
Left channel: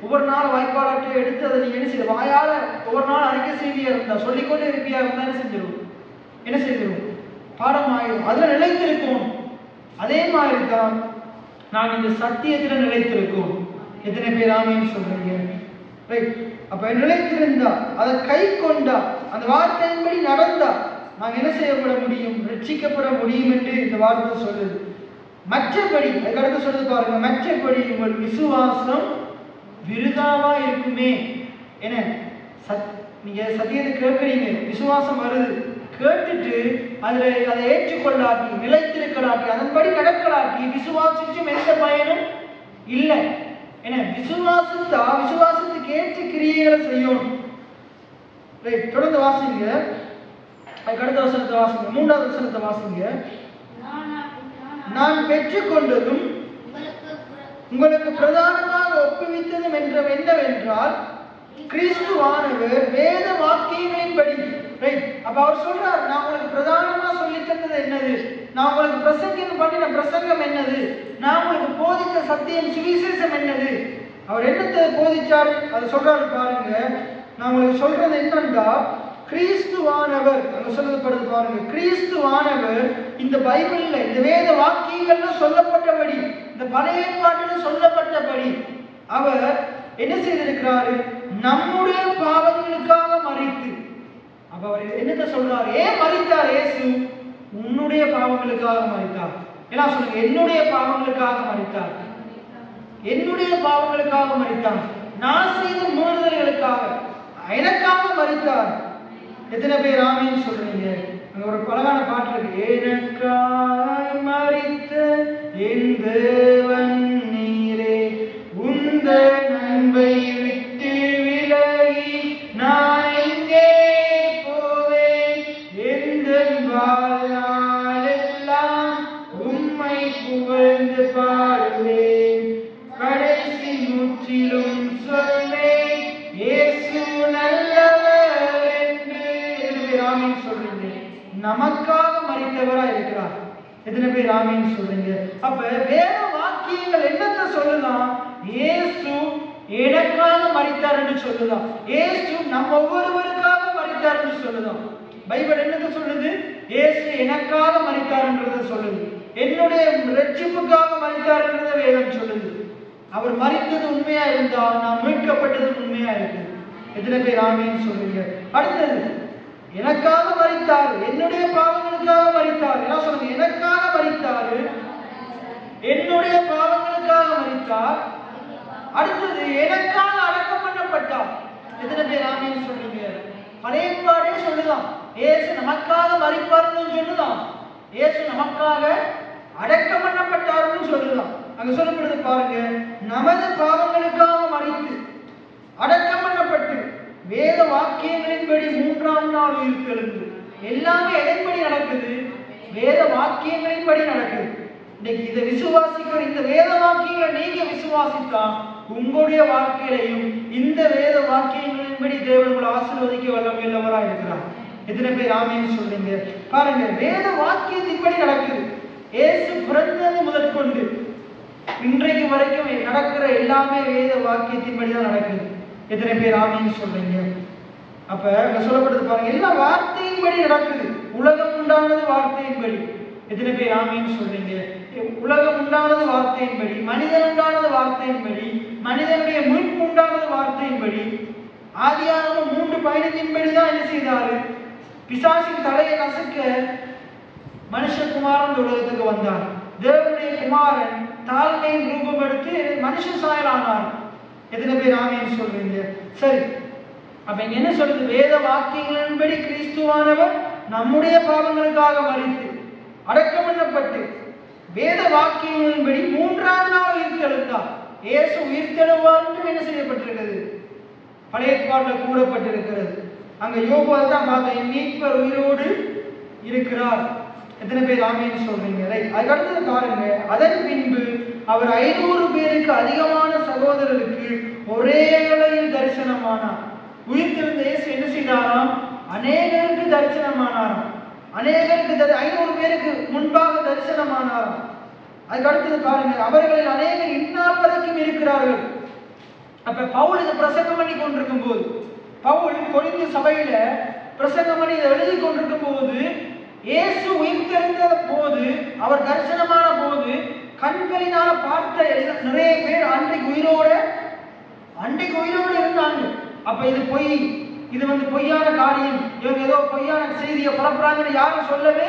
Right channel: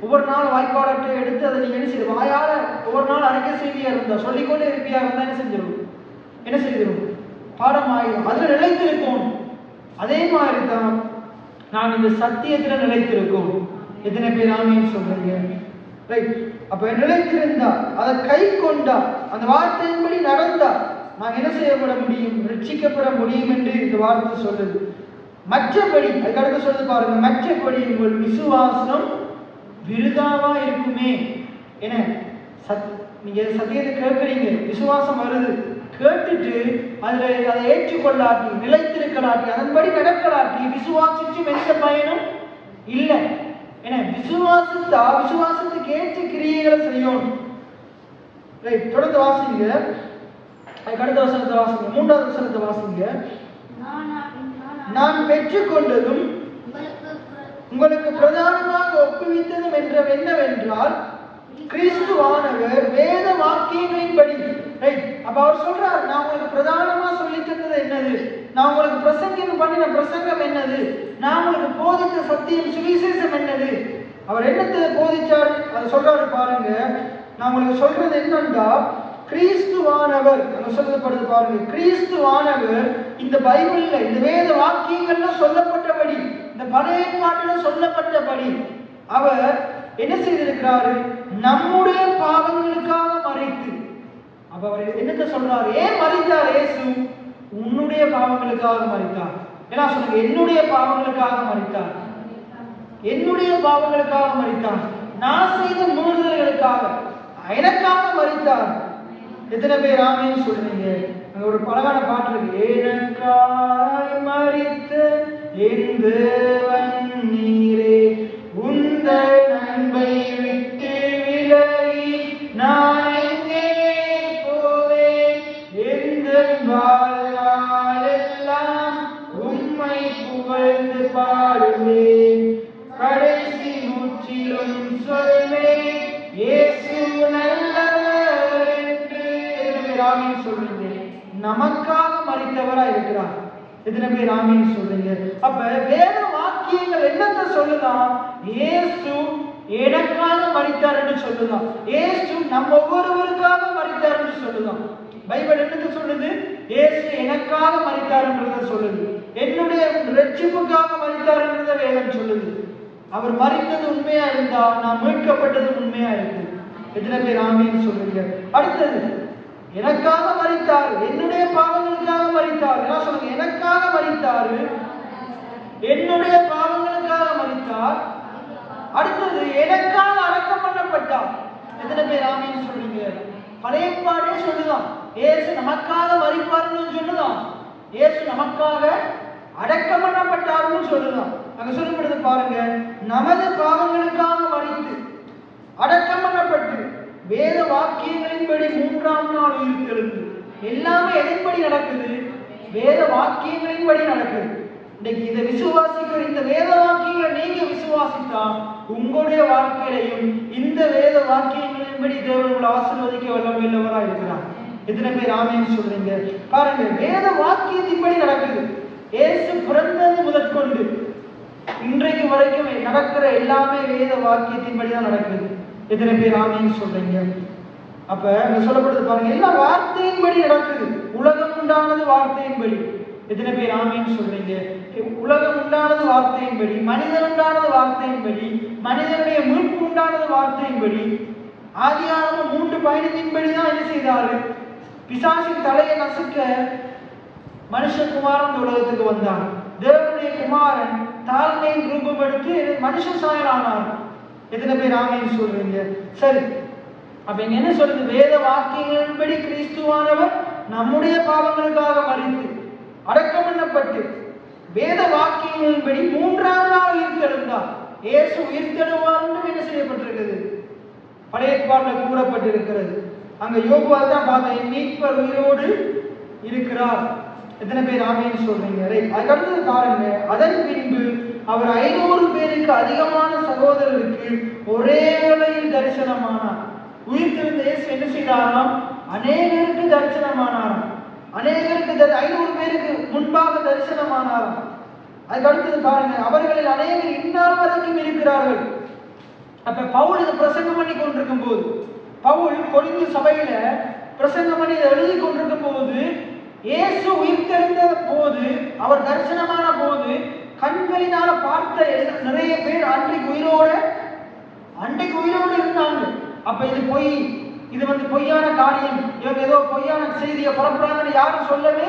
ஒவ்வொரு நாள் வாய்ப்பாடாட்டை எடுத்து அதை நீங்க என்ன செய்ய வாயால ஒவ்வொரு நாள் அறிக்கை செய்தியா இருந்தா, சொல்லிக்கொண்டே இருப்பியா இருந்தா என்ன செஞ்சிடும்? என்ன செய்திடும்? பாடம் ஆயிடும். அதுல நிலைத்திருக்கும். அதே மாதிரி தான் நான் இந்த சத்தியத்துல நிலைத்திருக்கும். எத்தனை பேர் ஆமேன்னு சொல்றீங்க? ரைட். அப்ப நிலைத்திருந்தா, அதை கை கொண்டா, அந்த வார்த்தையின்படி நடந்தா நான் என்ன செய்யப்பட முடியும்? ரட்சிக்கப்பட முடியும் என்று இந்த வார்த்தை சொல்லுது. மற்றபடி அதுக்கடுத்து சொல்லுது பாருங்க, மற்றபடி உங்கள் விசுவாசம் விருதாவா இருக்குமே. என்ன நீங்க சத்தியத்தை கேட்கறீங்க, விசுவாசம் வருது, கேட்டுட்டு அதை ஏற்றுக்கொள்ளாட்டி, நிலைத்திருக்கலாட்டி, அதன்படி நடக்கலாட்டி விசுவாசிச்சும் எந்த பயனும் இல்லை. ஏன்னா விசுவாசத்துக்கு ஏற்ற கிரியைகளை செய்யணும். தொடர்ந்து வாசிங்க. அடுத்த வசனத்தை வாசிங்க. 3வது வசனத்தை வாசிங்க. நான் பெற்றுக்கொண்டதும் உங்களுக்கு பிரதானமாக ஒப்புவித்ததும் என்னவென்றால் கிறிஸ்துவானவர் வேத வாக்கியங்களின்படி. அப்ப அவர் சொல்றார், நான் உங்களுக்கு பிரதானமா சொல்லி தந்தது என்னது? நான் உங்களுக்கு பிரசங்கம் பண்ணின பிரசங்கம் என்னது? நான் உங்களுக்கு போதித்த சத்தியம் சுவிசேஷம் என்னது? அவர் என்னத்தை போதிச்சார் அதை சொல்றாரு பாருங்க. நான் உங்களுக்கு சொல்றது என்னன்னா, கிறிஸ்துவானவர் அங்க சொல்லப்படுது பாருங்க. கிறிஸ்துவானவர் இந்த பைபிள்ல இந்த வேத வாக்கியங்கள்ல சொல்லப்பட்டபடி, இந்த பழைய பாட்டுல சொல்லப்பட்டபடி அவர் என்ன செய்திருக்கிறாரு? நம்முடைய பாவங்களுக்காக மரித்து. அப்ப அவர் என்னத்தை சொல்றாரு? ஏன் மரித்தார் இயேசு? உன்னுடைய பாவங்களுக்காக மரித்தார். என்ன சொல்லுங்க? என்னுடைய பாவங்களுக்காக மரித்தார். என்னுடைய பாவங்களுக்காக மரித்தார். நான் செய்த மீறுதல்களுக்காக எனக்காக மரித்தார். எத்தனை பேர் ஆமேன்னு சொல்றீங்க? அங்க ஒரு பழகான பாட்டு இருக்கு. எனக்காய் மரித்த என் தேவன் நீரே, உந்த நன்மை விட்டு விலகி நான் எங்கே போவேன்? எந்த வாழ்நாளெல்லாம் உம்மை புகழ்ந்து பாடுவேன். கடைசி முற்றிலும் சொல்வேன், இயேசு நல்லவர் என்று. ஆமீன் சொல்றீங்க. நமக்காக மரித்தவரா இருக்கிறார். எத்தனை பேர் ஆமீன் சொல்றீங்க? அப்ப வேத வாக்கியங்கள் என்னத்தை சொல்லுதான்? இயேசு எனக்காக மரித்தார் என்று சொல்லுதான். இயேசு நம்ம ஒவ்வொருவருக்காக மரித்தார் என்று சொல்லுதான். பைபிள் என்னத்தை சொல்லுது? இயேசு எனக்காக மரித்தார் என்றதை சொல்லுது. என்னுடைய ரட்சிப்புக்காக மரித்தார் என்றதை வேதம் சொல்லுது. அவர் மரித்தது உண்மையா இருந்தா நான் மீட்கப்பட்டது உண்மையா இருக்கு. எத்தனை பேர் ஆமீன் சொல்லுங்க? அடுத்தது, எனக்காக மரித்தார், என்னுடைய பாவங்களுக்காக மரித்தார். என்ன சொல்லுங்க? எனக்காக மரித்தாரு, என்னுடைய பாவங்களுக்காக மரித்தார். அடுத்தது, எனக்காக அடக்கம் பண்ணப்பட்டார். எத்தனை பேர் ஆமீன் சொல்லுங்க? பழைய பாடே சொல்லுதான், இயேசு நமக்காக மரிப்பார்னு சொல்லுதான், இயேசு நமக்காக அடக்கம் பண்ணப்பட்டார்னு சொல்லுதான். அங்க சொல்லப்படுது பாருங்க, நமது பாவங்களுக்காக மரித்து அடக்கம் பண்ணப்பட்டு வேத வாக்கியங்களின்படி 3ஆம் நாள் உயிர்த்தெழுந்து. எல்லாமே எதன்படி நடக்குது? வேத வாக்கியங்களின்படி நடக்குது. இன்னைக்கு இதை விசுவாசிக்கிற இந்த வேத வாக்கியங்களை நீங்க விசுவாசித்தா உங்களுடைய வாழ்க்கையிலையும் இந்த வேத வாக்கியங்களின்படி தேவன் உங்களை ஆசீர்வதிக்க வல்லவராக இருக்கிறார். எத்தனை பேர் ஆமென் சொல்றீங்க? பாருங்க, வேத வாக்கியத்தின்படி நடக்குது. இயேசு பிறந்தது முதற்கொண்டு இன்றைக்கு வரைக்கும் நடக்கிற எல்லாமே வேத வாக்கியத்தின்படி தான் நடக்குது. எத்தனை பேர் ஆமென் சொல்றீங்க? அப்ப அங்க சொல்லப்படுது பாருங்க, எல்லா வார்த்தையின்படி நடக்குது. உலகம் உண்டானது வார்த்தையின்படி. எத்தனை பேர் ஆமென் சொல்றீங்க? உலகம் உண்டானது வார்த்தையின்படி, மனிதன் உண்டானது வார்த்தையின்படி, மனிதனுடைய மீட்பு உண்டானது வார்த்தையின்படி. ஆதியாகமம் 3:15 தான் என்ன செய்தாரு? பிசாசின் தலையை நசுக்க மனுஷகுமாரன் உலகத்துக்கு வந்தார். தேவனுடைய குமாரன் தாழ்மையின் ரூபம் எடுத்து மனுஷ சாயலானார். எத்தனை பேர் ஆமென் சொல்றீங்க? சரி, அப்ப இங்க என்ன சொல்றது? வேத வாக்கியங்களின்படி கிறிஸ்துவானவர் நம்முடைய பாவங்களுக்காக மரித்து அடக்கம் பண்ணப்பட்டு வேத வாக்கியங்களின்படி 3ஆம் நாள் உயிர்த்தெழுந்தார். இயேசு உயிர்த்தெழுவார் என்று என்ன செய்யப்பட்டிருக்கிறது? பழைய ஏற்பாட்டில் கூறப்பட்டிருக்கிறது. அங்க யோபுவை தான் பார்த்தோம், என் மீட்பர் உயிரோடு இருக்கிறார். எத்தனை பேர் ஆமென் சொல்றீங்க? அதுக்கடுத்தது பாருங்க, அதன் பின்பு அவர் 500 பேருக்கு அதிகமான சகோதரருக்கு ஒரே வேளையில் தரிசனமானார். உயிர்த்தெழுந்த இயேசு என்ன செய்தாராம்? அநேகருக்கு தரிசனமானாராம். அநேகருக்கு 500 பேருக்கு முன்பாக தரிசனமானாராம். அதுக்கு அடுத்தது பாருங்க, அவர்களில் அநேகர் இந்நாள் வரைக்கும் இருக்கிறார்கள். அப்ப பவுல் இதை பிரசங்கம் பண்ணி கொண்டிருக்கும் போது, பவுல் கொரிந்து சபையில பிரசங்கம் பண்ணி எழுதி கொண்டிருக்கும் போது, இயேசு உயிர்த்தெழுந்த போது, அவர் தரிசனமான போது கண்களினால பார்த்த நிறைய பேர் அன்றைக்கு உயிரோடு இருந்தாங்க. அப்ப இது பொய், இது பொய்யான காரியம், இவங்க ஏதோ பொய்யான செய்தியை பரப்புறாங்கன்னு யாரும் சொல்லவே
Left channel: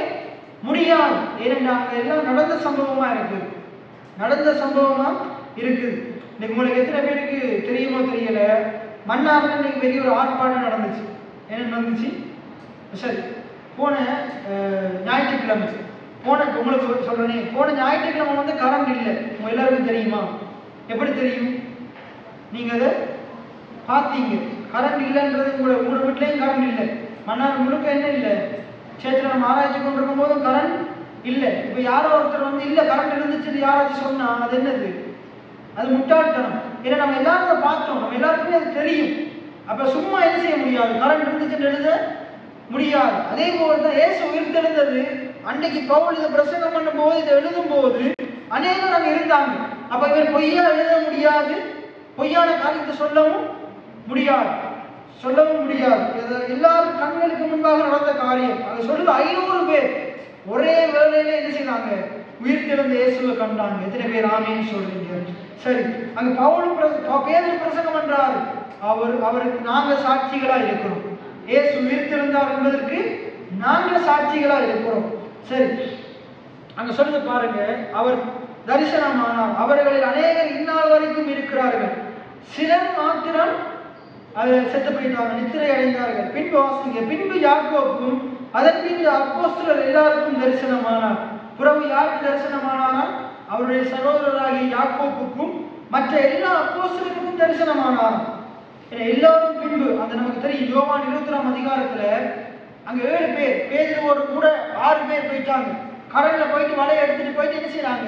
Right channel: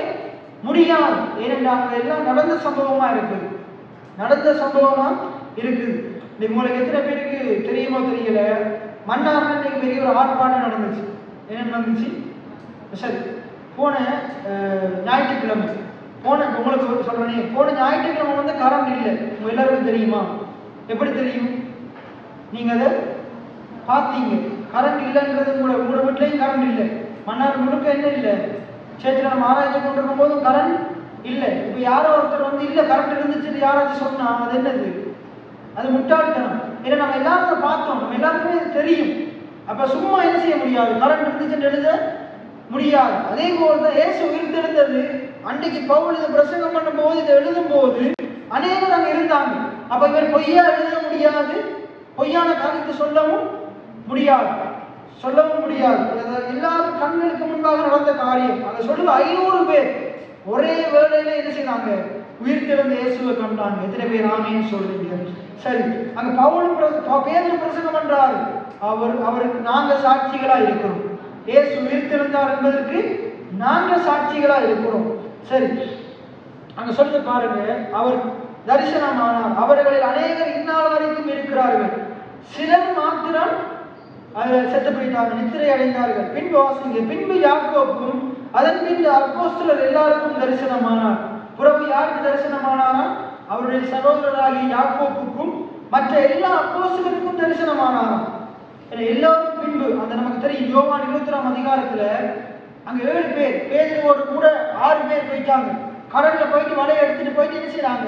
முடியாது. ஏனென்றால் எல்லாம் நடந்த சம்பவமா இருக்குது. இன்னைக்கு உங்களுக்கு எத்தனை பேருக்கு தெரியுமோ தெரியல, மன்னார்ல இன்னைக்கு பெரிய ஒரு ஆர்ப்பாட்டம் நடந்துச்சு. என்ன நடந்துச்சு? சரி, போன ஞாயிற்றுக்கிழமை உங்களுக்கு சொல்றேன், போன ஞாயிற்றுக்கிழமை கரண்ட் இல்லை. உங்க எல்லாருக்கும் தெரியுமா? எப்படி தெரியும்? நீங்க அதை பார்த்தீங்க. கரண்ட் இல்லைன்றது உங்களோட வீட்லையும் கரண்ட் இல்லை. மன்னார் முழுக்க என்ன இல்லை? சேர்த்துல நம்ம ஆராய்ச்சி கொண்டிருக்கும் போதும் கரண்ட் இல்லை. இப்ப யாரோ ஒருத்தர் இல்லை கரண்ட் இருந்துச்சு யாராச்சும் சொன்னா அது என்னது? அது முட்டாள்தனம். ஏன்னா நம்ம எல்லாரும் பார்த்தோம், நம்ம எல்லாருக்குமே அது தெரியும். அப்ப சும்மா என்ன செய்ய முடியாது? கரண்ட் இருந்துச்சுன்னு எழுத முடியாது. அதே போலதான் இயேசு உயிர்த்தெழுந்தது அன்னைக்கு பவுல் இதை பிரசங்கம் பண்ணும் போது, இதை எழுதும் போது அநேகர் அங்க இருந்தாங்க. அப்ப இவர் பொய்யா எழுத முடியாது, பொய்யான காரியத்தை சொல்லவும் முடியாது. எல்லாரும் கண்களுக்கு முன்பாக நடந்த காரியம். அதை சொல்லுங்க, 500 பேர் ஒரே வேளையில என்ன செய்தாங்க? உயிர்த்தெழுந்த இயேசுவை கண்டாங்க. எத்தனை பேர் ஆமென் சொல்றீங்க? சரி, அங்க பவுல் பேதுரு பிரசங்கம் பண்றாரு. அவருக்கு நாங்க சாட்சிகளா இருக்கிறோம். இயேசு உயிர்த்தெழுந்தார் என்பதற்கு நாங்க சாட்சிகளா இருக்கிறோம். சரி, அங்க சொல்லுங்க பாருங்க, அவர் தரிசனமானார். அவர்களில் அநேகர் இந்நாள் வரைக்கும் இருக்கிறார்கள், சிலர் மாத்திரம் செத்து போயிட்டாங்க, நித்திரை அடைந்தார்கள். பின்பு வாசிங்க, பின்பு யாக்கோப்புக்கும் அதன் பின்பு அப்போஸ்தலர் எல்லாருக்கும் தரிசனமானார். புறவு யாருக்கு தரிசனமானாரா? அவருடைய சகோதரராகிய யாக்கோப்புக்கும் மற்ற எல்லா அப்போஸ்தலருக்கும் தரிசனமானாராம். எல்லாரும் பின்பு அந்த நமக்கு தெரியும், யோவான் 23ஆம் அதிகாரத்துல அங்க 7 பேர், பேதுருவோடு கூட 6 பேர் போயிட்டாங்க. கடல்ல போயிட்டு வலையை எடுத்துட்டு போயிட்டு என்ன செய்யறாங்க?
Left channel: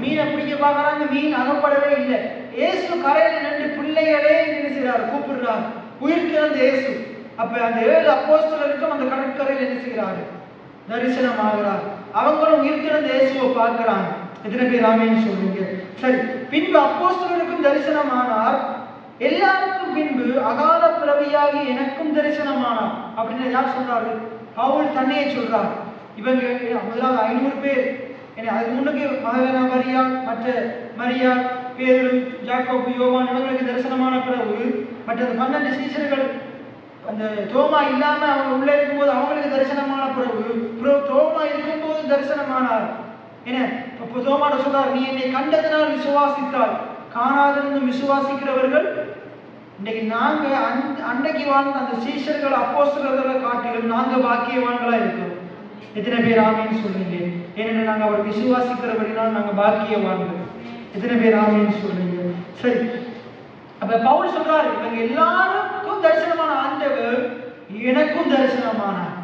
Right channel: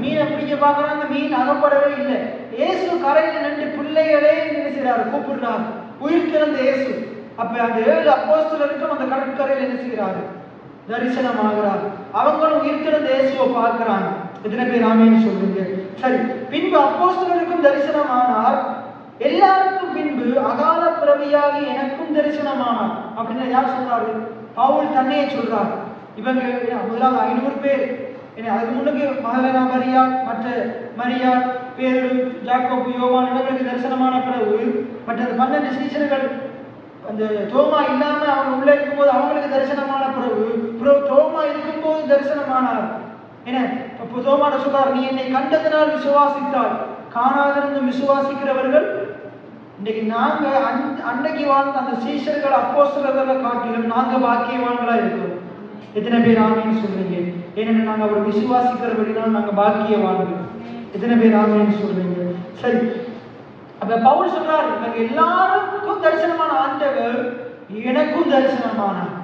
மீனை பிடிக்க பாக்குறாங்க, மீன் அகப்படவே இல்லை. இயேசு கரையில நின்று பிள்ளைகளே என்ன செய்யறாரு? கூப்பிடுறாரு. உயிர்த்தெழுந்த இயேசு. அப்ப அந்த 7 அப்போஸ்தலருக்கும் அந்த கடற்கரையில் என்ன செய்யறாரு? தரிசனமாகிறார். அவங்களும் உயிர்த்தெழுந்த இயேசுவை பார்க்கிறாங்க. எத்தனை பேர் ஆமென் சொல்லுங்க? சரி, பின்பு அப்போஸ்தலருக்கும் தரிசனமானார். எல்லாருக்கும் பின்பு அகால பிறவியாகி எனக்கும் தரிசனமானார். அப்படின்னு யார் சொல்றாரு? பவுல் தன்னையே சொல்றாரு. இவங்க முதலாவது 500 பேர், அதுக்கு முன்னுக்கு மகதலேனா மரியாள், மற்ற மரியாள், பேதுரு, யாக்கோபு, யோவான் இவங்களுக்கு தரிசனமான பிறகு மற்ற 12 சீஷர்கள் அந்த தோமா இல்லாம அவங்க உள்ள இருக்கும்போது அவங்களுக்கு தரிசனமான பிறகு தோமா இருக்கும்போது தரிசனமானார். தோமாட சொல்றார், நீ என்னை கண்டதனால் விசுவாசித்தால், காணாதிருந்தும் விசுவாசிக்கிறவர்கள். இன்னைக்கு நாங்க அன்னைக்கு வாழ்ந்த அந்த சீஷர்கள் அப்போஸ்தலர்களை காட்டிலும் நாங்க பாக்கியவான்களா இருக்கிறோம். எத்தனை பேர் ஆமென் சொல்றீங்க? ஏனென்றால் நாங்க அவர் விசுவாசிக்கிறவர்கள், நாங்க பாக்கியவான்கள். எத்தனை பேர் ஆமென் சொல்றீங்க? சரி, அப்ப பவுல் சொல்றாரு, இவங்க எல்லாருக்கும் தரிசனமான ஆண்டவர் எனக்கும் தரிசனமானார்.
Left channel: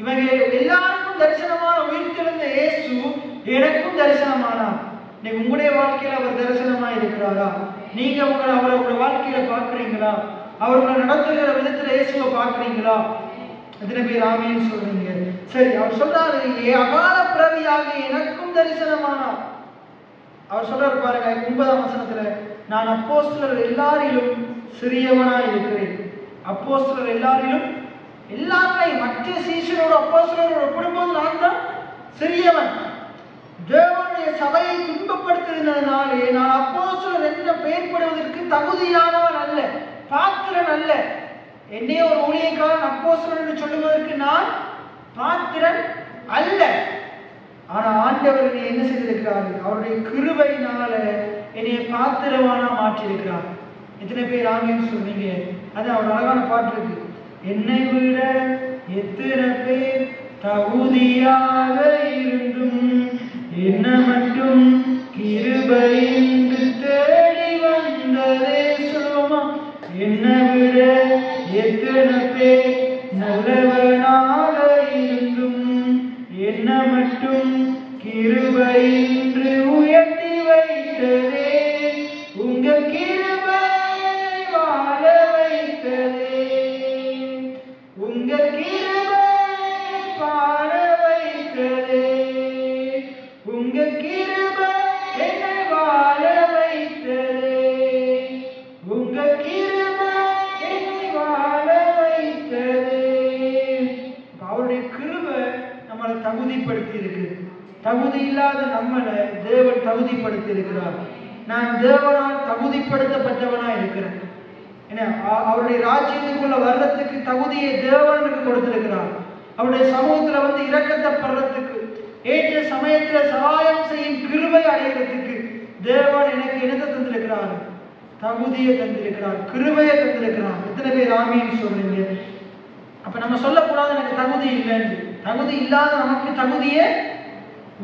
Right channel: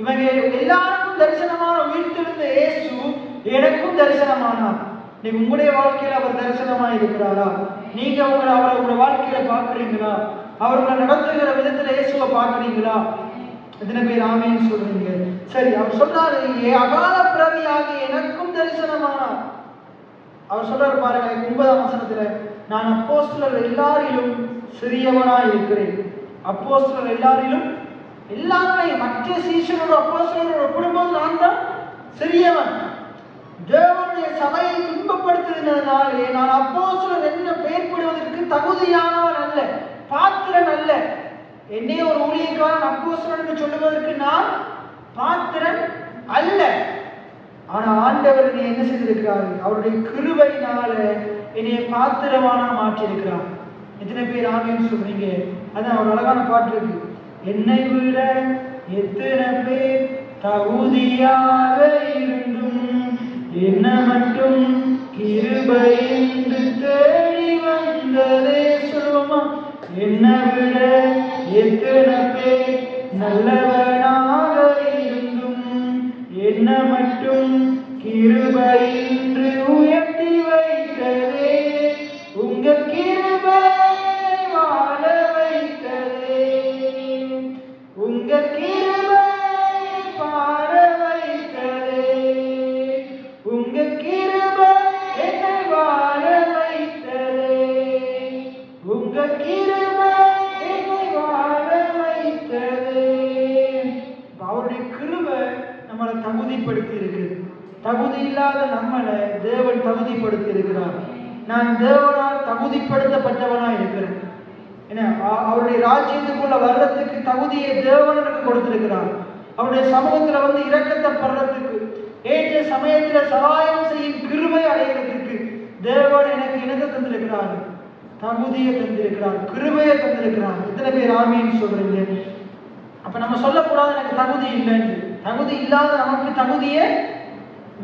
இவங்க எல்லாருக்கும் தரிசனமான உயிர்த்தெழுந்த இயேசு எனக்கும் தரிசனமானார். நீங்க உங்களுடைய வாழ்க்கையில அவர் தரிசனமா இருக்கிறாரா? நீங்க அவரை உங்க வாழ்க்கையில பாக்குறீங்களா? அவர்களை நடத்துகிற விதத்துல இயேசுவை பாக்குறீங்களா? எத்தனை பேர் ஆமென் சொல்றீங்க? சரி, அவர் சொல்றாரு, அகால பிறவியாக எனக்கும் தரிசனமானார். அவர் சொல்றாரு பாருங்க 9ஆம் வசனத்துல, நான் அப்போஸ்தலர் எல்லாரிலும் சிறியவனாய் இருக்கிறேன். அப்போஸ்தலர் எல்லாரிலும், எல்லாருமே மற்ற சீஷரோட அப்போஸ்தலரோட ஒப்பிடும்போது நான் தான் சிறியவன். தேவனுடைய சபையை துன்பப்படுத்தினாலே நான் அப்போஸ்தலர் என்ற பெயர் படுவதற்கு தகுதியானவன் அல்ல, பாத்திரன் அல்ல. என்னை ஒரு ஊழியக்காரன் அப்போஸ்தலன் என்று சொல்லுவதற்கு நான் பாத்திரன் அல்ல. ஆனா ஆண்டவர் என்னை என்ன செய்திருக்கிறார்? அவருடைய கிருபையினால என்னை பாத்திரமான மாற்றியிருக்கிறார். எத்தனை பேர் ஆமென் சொல்றீங்க? அதான் ஒரு அழகான பாட்டு இருக்கு, என்னை விட எத்தனை பேர் தகுதியாக இருந்தும் என்ன மட்டும் கிருபை என்று தேடி வந்ததே. சொல்லுவோமா? என்னை விட எத்தனை பேர் நல்லவனாக இருந்தும் என்ன மட்டும் கிருபை என்று உயர்த்தி வைத்ததே. உங்க கிருபை வாழ வைத்ததே. உங்க கிருபை வாழ வைத்ததே. உங்க கிருபை என்னை வாழ வைத்ததே. உங்க கிருபை என்னை வாழ வைத்ததே. அவருடைய கிருபை நம்மளை தகுதிப்படுத்தி இருக்கு. தகுதி இல்லாத நம்மளை தேவன் தகுதிப்படுத்தி இருக்கிறார். நான் தேவனால் தகுதிப்படுத்தப்பட்டவனா இருக்கிறேன். அவருடைய ராஜ்யத்துக்குள்ள வர்றதுக்கு தகுதியை தேவன் எனக்கு கொடுத்திருக்கிறார். அவருடைய சமூகத்துல வந்து இரக்கத்தை படுறதுக்கு, ஏற்ற சமயத்துல சகாயம் செய்யும் கிருபை அடைகிறதுக்கு தேவன் எனக்கு இணக்க தந்திருக்கிறார், தகுதியை தந்திருக்கிறார், கிருபையை தந்திருக்கிறார். எத்தனை பேர் ஆமென் சொல்றீங்க? அப்ப நம்ம சொல்லக்கூடாது எனக்கு தகுதி இல்லைன்னு. தகுதி இல்லாத நமக்கு தகுதியை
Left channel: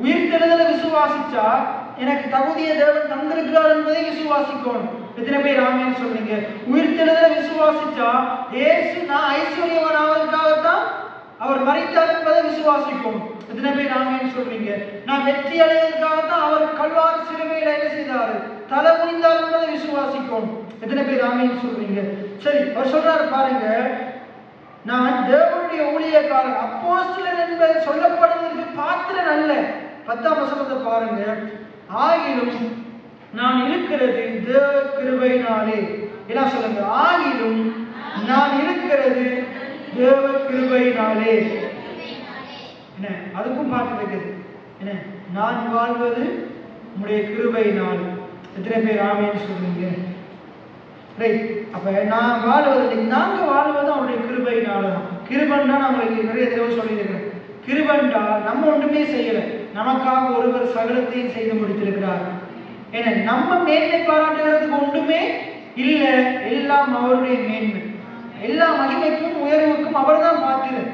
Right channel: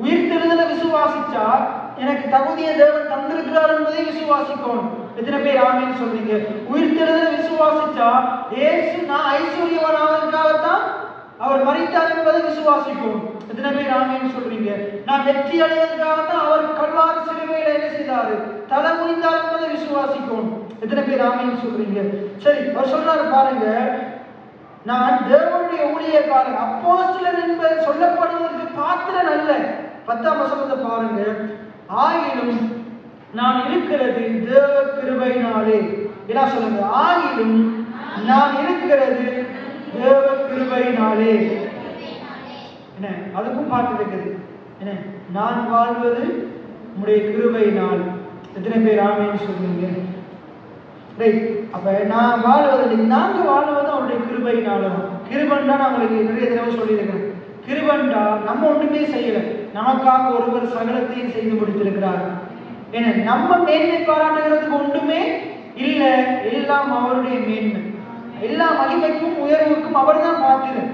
உயிர்த்தெழுதலை விசுவாசிச்சா எனக்கு தகுதியை தேவன் தந்திருக்கிறார் என்பதை விசுவாசிக்கணும். எத்தனை பேர் ஆமென் சொல்றீங்க? உயிர்த்தெழுதலை விசுவாசிச்சா இயேசு நான் ஐஸ்வர்யவான் ஆவதற்காகத்தான் அவர் மரித்தார் என்பதை விசுவாசிக்கும். எத்தனை பேர் ஆமென் சொல்றீங்க? நான் வெற்றி அடைவதற்காகத்தான் அவர் கல்வாரி சிலுவையில என்ன செய்தாரு? தலை குனிந்தார் என்பதை விசுவாசிக்கும். எத்தனை பேர் ஆமென் சொல்றீங்க? சரி, அவர் சொல்றாரு பாருங்க, நான் தேவனுடைய ஊழியக்காரன், அப்போஸ்தலர் என்பது சொல்லப்படுவதற்கு பாத்திரன் அல்ல. 10ஆம் வசனத்தை பாருங்க, ஆகிலும் நான் இருக்கிறது தேவ கிருபையினாலே. என்ன சொல்லுங்க? ஆகிலும் நான் இருக்கிறது தேவ கிருபையினாலே. என்ன அதுக்கும் பாட்டு இருக்குது, என்ன நான் வாழ்வது உம்முடைய கிருபையினால். எத்தனை பேர் ஆமென் சொல்றீங்க? ரைட். அப்ப நான் வாழ்வது, நாங்க வாழ்வது அவருடைய கிருபையினாலதான். கிருபன் தான் அவங்களுக்கு நிறைய தடவை சொல்லியிருக்கிறேன். கிருபன்டா நம்ம ஒன்றுமே செய்யல, நமக்காக ஒருவர் சகலத்தையும் செய்து முடித்திருக்கிறார். ஏன்னா நம்ம மேன்மை பாராட்டுகிறதுக்கு ஒன்றுமே இல்லை, எல்லாம் அவருடைய மேன்மை. எல்லா மகிமைக்கும் உயர்வுக்கும் அவர் தான் பாத்திரர்.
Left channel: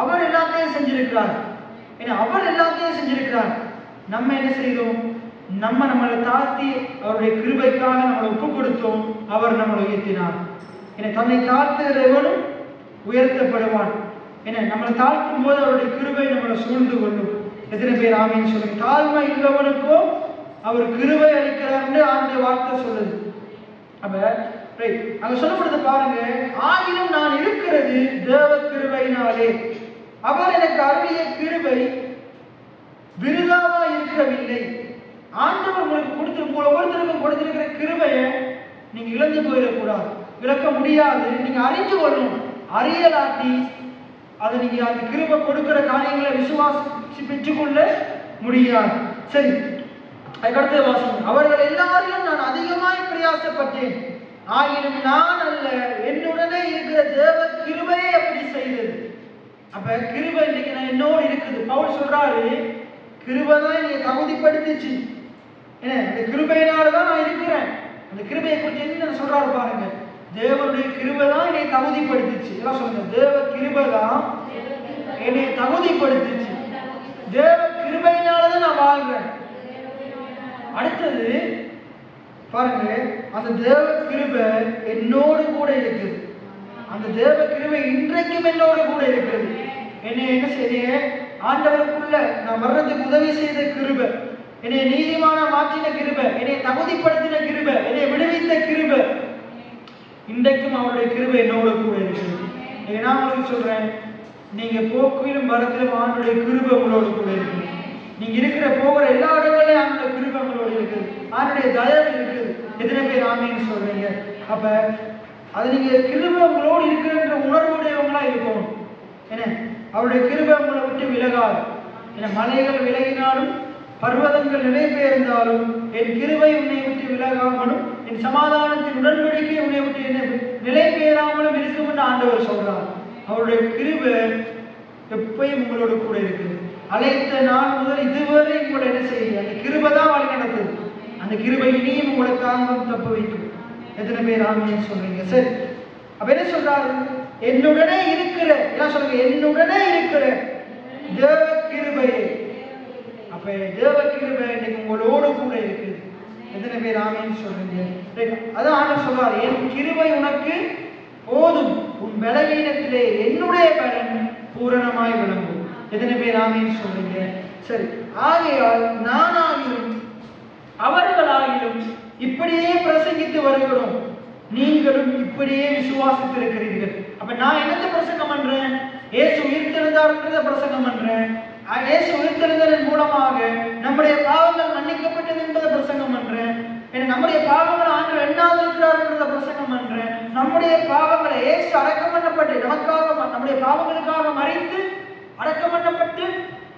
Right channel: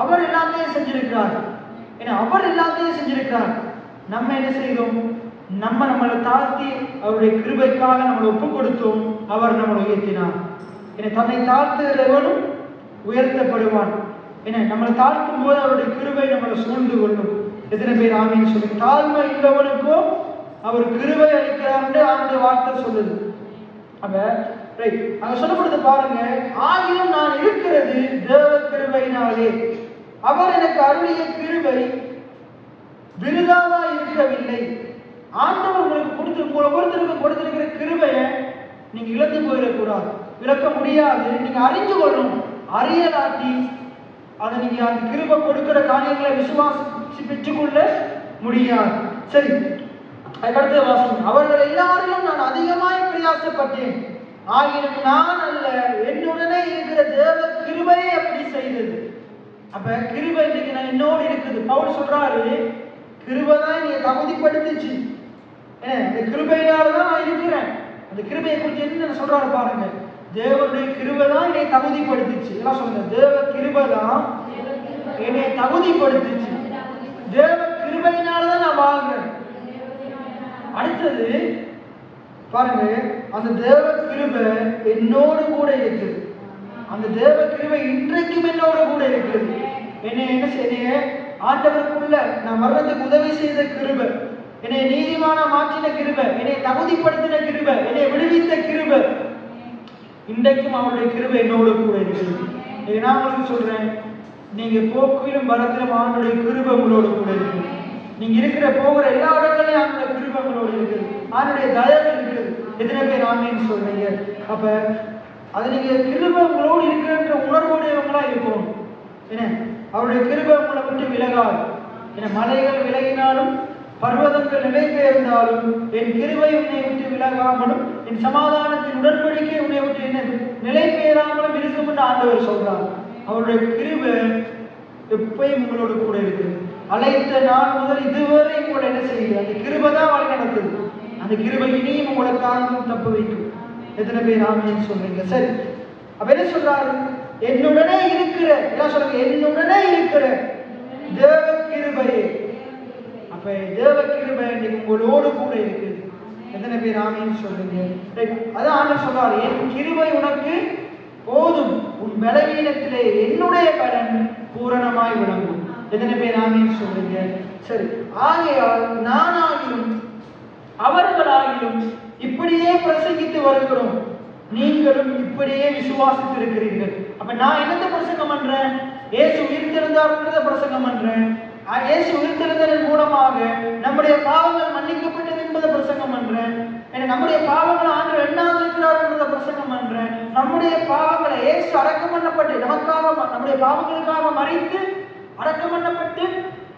அவர் எல்லாத்தையும் செஞ்சிருக்கிறார். ஏன்னா அவர் எல்லாத்தையும் செஞ்சிருக்கிறார். நம்ம என்ன செய்தோம்? நம்மளை தாழ்த்தி அவருடைய கிருபைக்காக நம்மளை ஒப்பு கொடுத்தோம். அவர் நம்மளை உயர்த்தினார். ஏன்னா தன்னை தாழ்த்துகிறவனும் உயர்த்தப்படுவான். ஏன்னா நம்மளை தாழ்த்தும் போது அவருடைய கிருபை நம்மளை சூழ்ந்து கொள்ளும். எத்தனை பேர் ஆமென் சொல்லுங்க? தாழ்மை உள்ளவனுக்கும் அவர் கிருபை அளிக்கிறார் அவருடைய வார்த்தை சொல்லுது. அப்ப ரைட், அங்க சொல்லப்படுது பாருங்க, ஆகிலும் நான் இருக்கிறது தேவ கிருபையினாலே. அவர் எனக்கு அருளிய கிருபை விருதாவா இருக்கவில்லை. ஆண்டவர் உங்களுக்கு உங்களை ஒவ்வொருத்தருக்கும் கொடுத்திருக்கிற கிருபையை நீங்க இழந்து போயிடக்கூடாது, இழக்க முடியாது. நீங்க அறிஞ்சு கொள்ளணும். அறியலாட்டி அதை நீங்க அந்த கிருபை கொடுக்கிற காரியங்களை விசுவாசி பெற்றுக்கொள்ள முடியாது. சரி, அதுக்கடுத்த வாசகம், அவர்கள் எல்லாரையும் நான் அதிகமாய் பிரயாசப்பட்டேன், ஆகிலும் நான் அல்ல என்னுடனே இருக்கிற தேவ கிருபையை அப்படி செய்தது. அப்ப கிருபை இன்னைக்கு நான் என்னோடு இருக்குது. பவுல் சொல்றாரு, கிருபை தான் என்னை தகுதிப்படுத்துச்சு. அந்த கிருபையினாலதான் நான் இருக்கிறேன். அந்த கிருபையை குறித்து என்ன சொல்றாரு பாருங்க, தேவனுடைய கிருபை தான் என்னை தகுதிப்படுத்துச்சு. எல்லாம் சொல்லுங்க, தேவ கிருபை தான் என்னை தகுதிப்படுத்துச்சு. தேவ கிருபையினாலதான் நான் வாழ்றேன். அடுத்தது பாருங்க, அந்த தேவ கிருபை என்னோடு கூட இருக்குது. அந்த தேவ கிருபை இன்றைக்கும் என்னோடு கூட இருக்குது. என்னை என்ன செய்ய ஆண்டவருக்குள்ள நான் வர்றதுக்கு உதவி செய்த கிருபை, என்னை நீதிமான மாற்றின கிருபை, என்னை தகுதிப்படுத்தின கிருபை, என்னை விடுவித்த கிருபை, இன்றைக்கும் அவருடைய கிருபை என்னோட கூட இருக்குது. நான் உங்களுக்கு சொல்றேன், நீங்க போக்கிலும் வரத்திலும் அவனுடைய கிருபை உங்களோட கூட இருக்கு. நீங்க இருக்கிற போகிற எல்லா இடங்களையும் அவனுடைய கிருபை உங்களோட இருக்குது. அவனுடைய தயவு இருக்குது. எத்தனை பேர் ஆமேன்னு சொல்றீங்க? அப்ப அது நீங்க கிருபை உங்களோடு இருக்கிற உணர்வுடையவங்களா இருக்கும். என்ன, அவருடைய கிருபை உங்களை விட்டு விலகாது. என்ன, மலைகள் விலகினாலும் பர்வதங்கள் நிலை பெயர்ந்தாலும் என் கிருபை உன்னை விட்டு விலகாமலும் என் சமாதானத்தின் உடன்படிக்கை உன்னை விட்டு என்ன நிலை பெயராமலும் இருக்கும் என்று ஆண்டவர் சொல்றார். அவருடைய கிருபை எப்பயும் உங்களோட கூட இருக்குது. அழைத்த நாள் முதல் இதுவரை உங்களை என்ன செய்யுது? அந்த கிருபை தான் வழி நடக்குது. அந்த கிருபை இனியும் உங்களை தாங்கும் தப்பு வைக்கும். எத்தனை பேர் ஆமேன்னு சொல்றீங்க? சரி, அப்ப என்ன சொல்றாரு? என்னுடனே இருக்கிற, என்ன சொல்லுங்க, என்னுடனே இருக்கிற தேவ கிருபையே. அப்ப தேவ கிருபை உங்களோடு கூட இருக்குது. எத்தனை பேர் ஆமேன்னு சொல்றீங்க? அதான் ஆண்டவர் சொல்றாரு, என் கிருபை உனக்கு போதும், உன் பலவீனத்திலே என்னுடைய பலன் பூரணமாய் விளங்கும். எத்தனை பேர் ஆமேன்னு சொல்றீங்க? சரி, ஆகையால் நானாகிலும் அவர்களாகிலும் இப்படியே பிரசங்கித்து வருகிறோம், நீங்களும் இப்படியே விசுவாசித்து இருக்கிறீர்கள். அப்ப நான் என்னத்தை பிரசங்கம் பண்றேன்? இயேசு உயிர்த்தெழுந்தார்ன்றதை பிரசங்கம் பண்றேன். இயேசு உயிர்த்தெழுந்ததன் மூலமாக நம்முடைய பாவங்கள் மன்னிக்கப்பட்டது என்பதை பிரசங்கம் பண்றேன். நம்முடைய பாவங்களை ஆண்டவர் எண்ணாது இருக்கிறார்ன்றதை பிரசங்கம் பண்றேன். நம்முடைய பாவங்களை இயேசு அடக்கம் பண்ணப்பட்டு நமக்காக, நம்முடைய பாவங்களுக்காக மறித்து அடக்கம் பண்ணப்பட்டு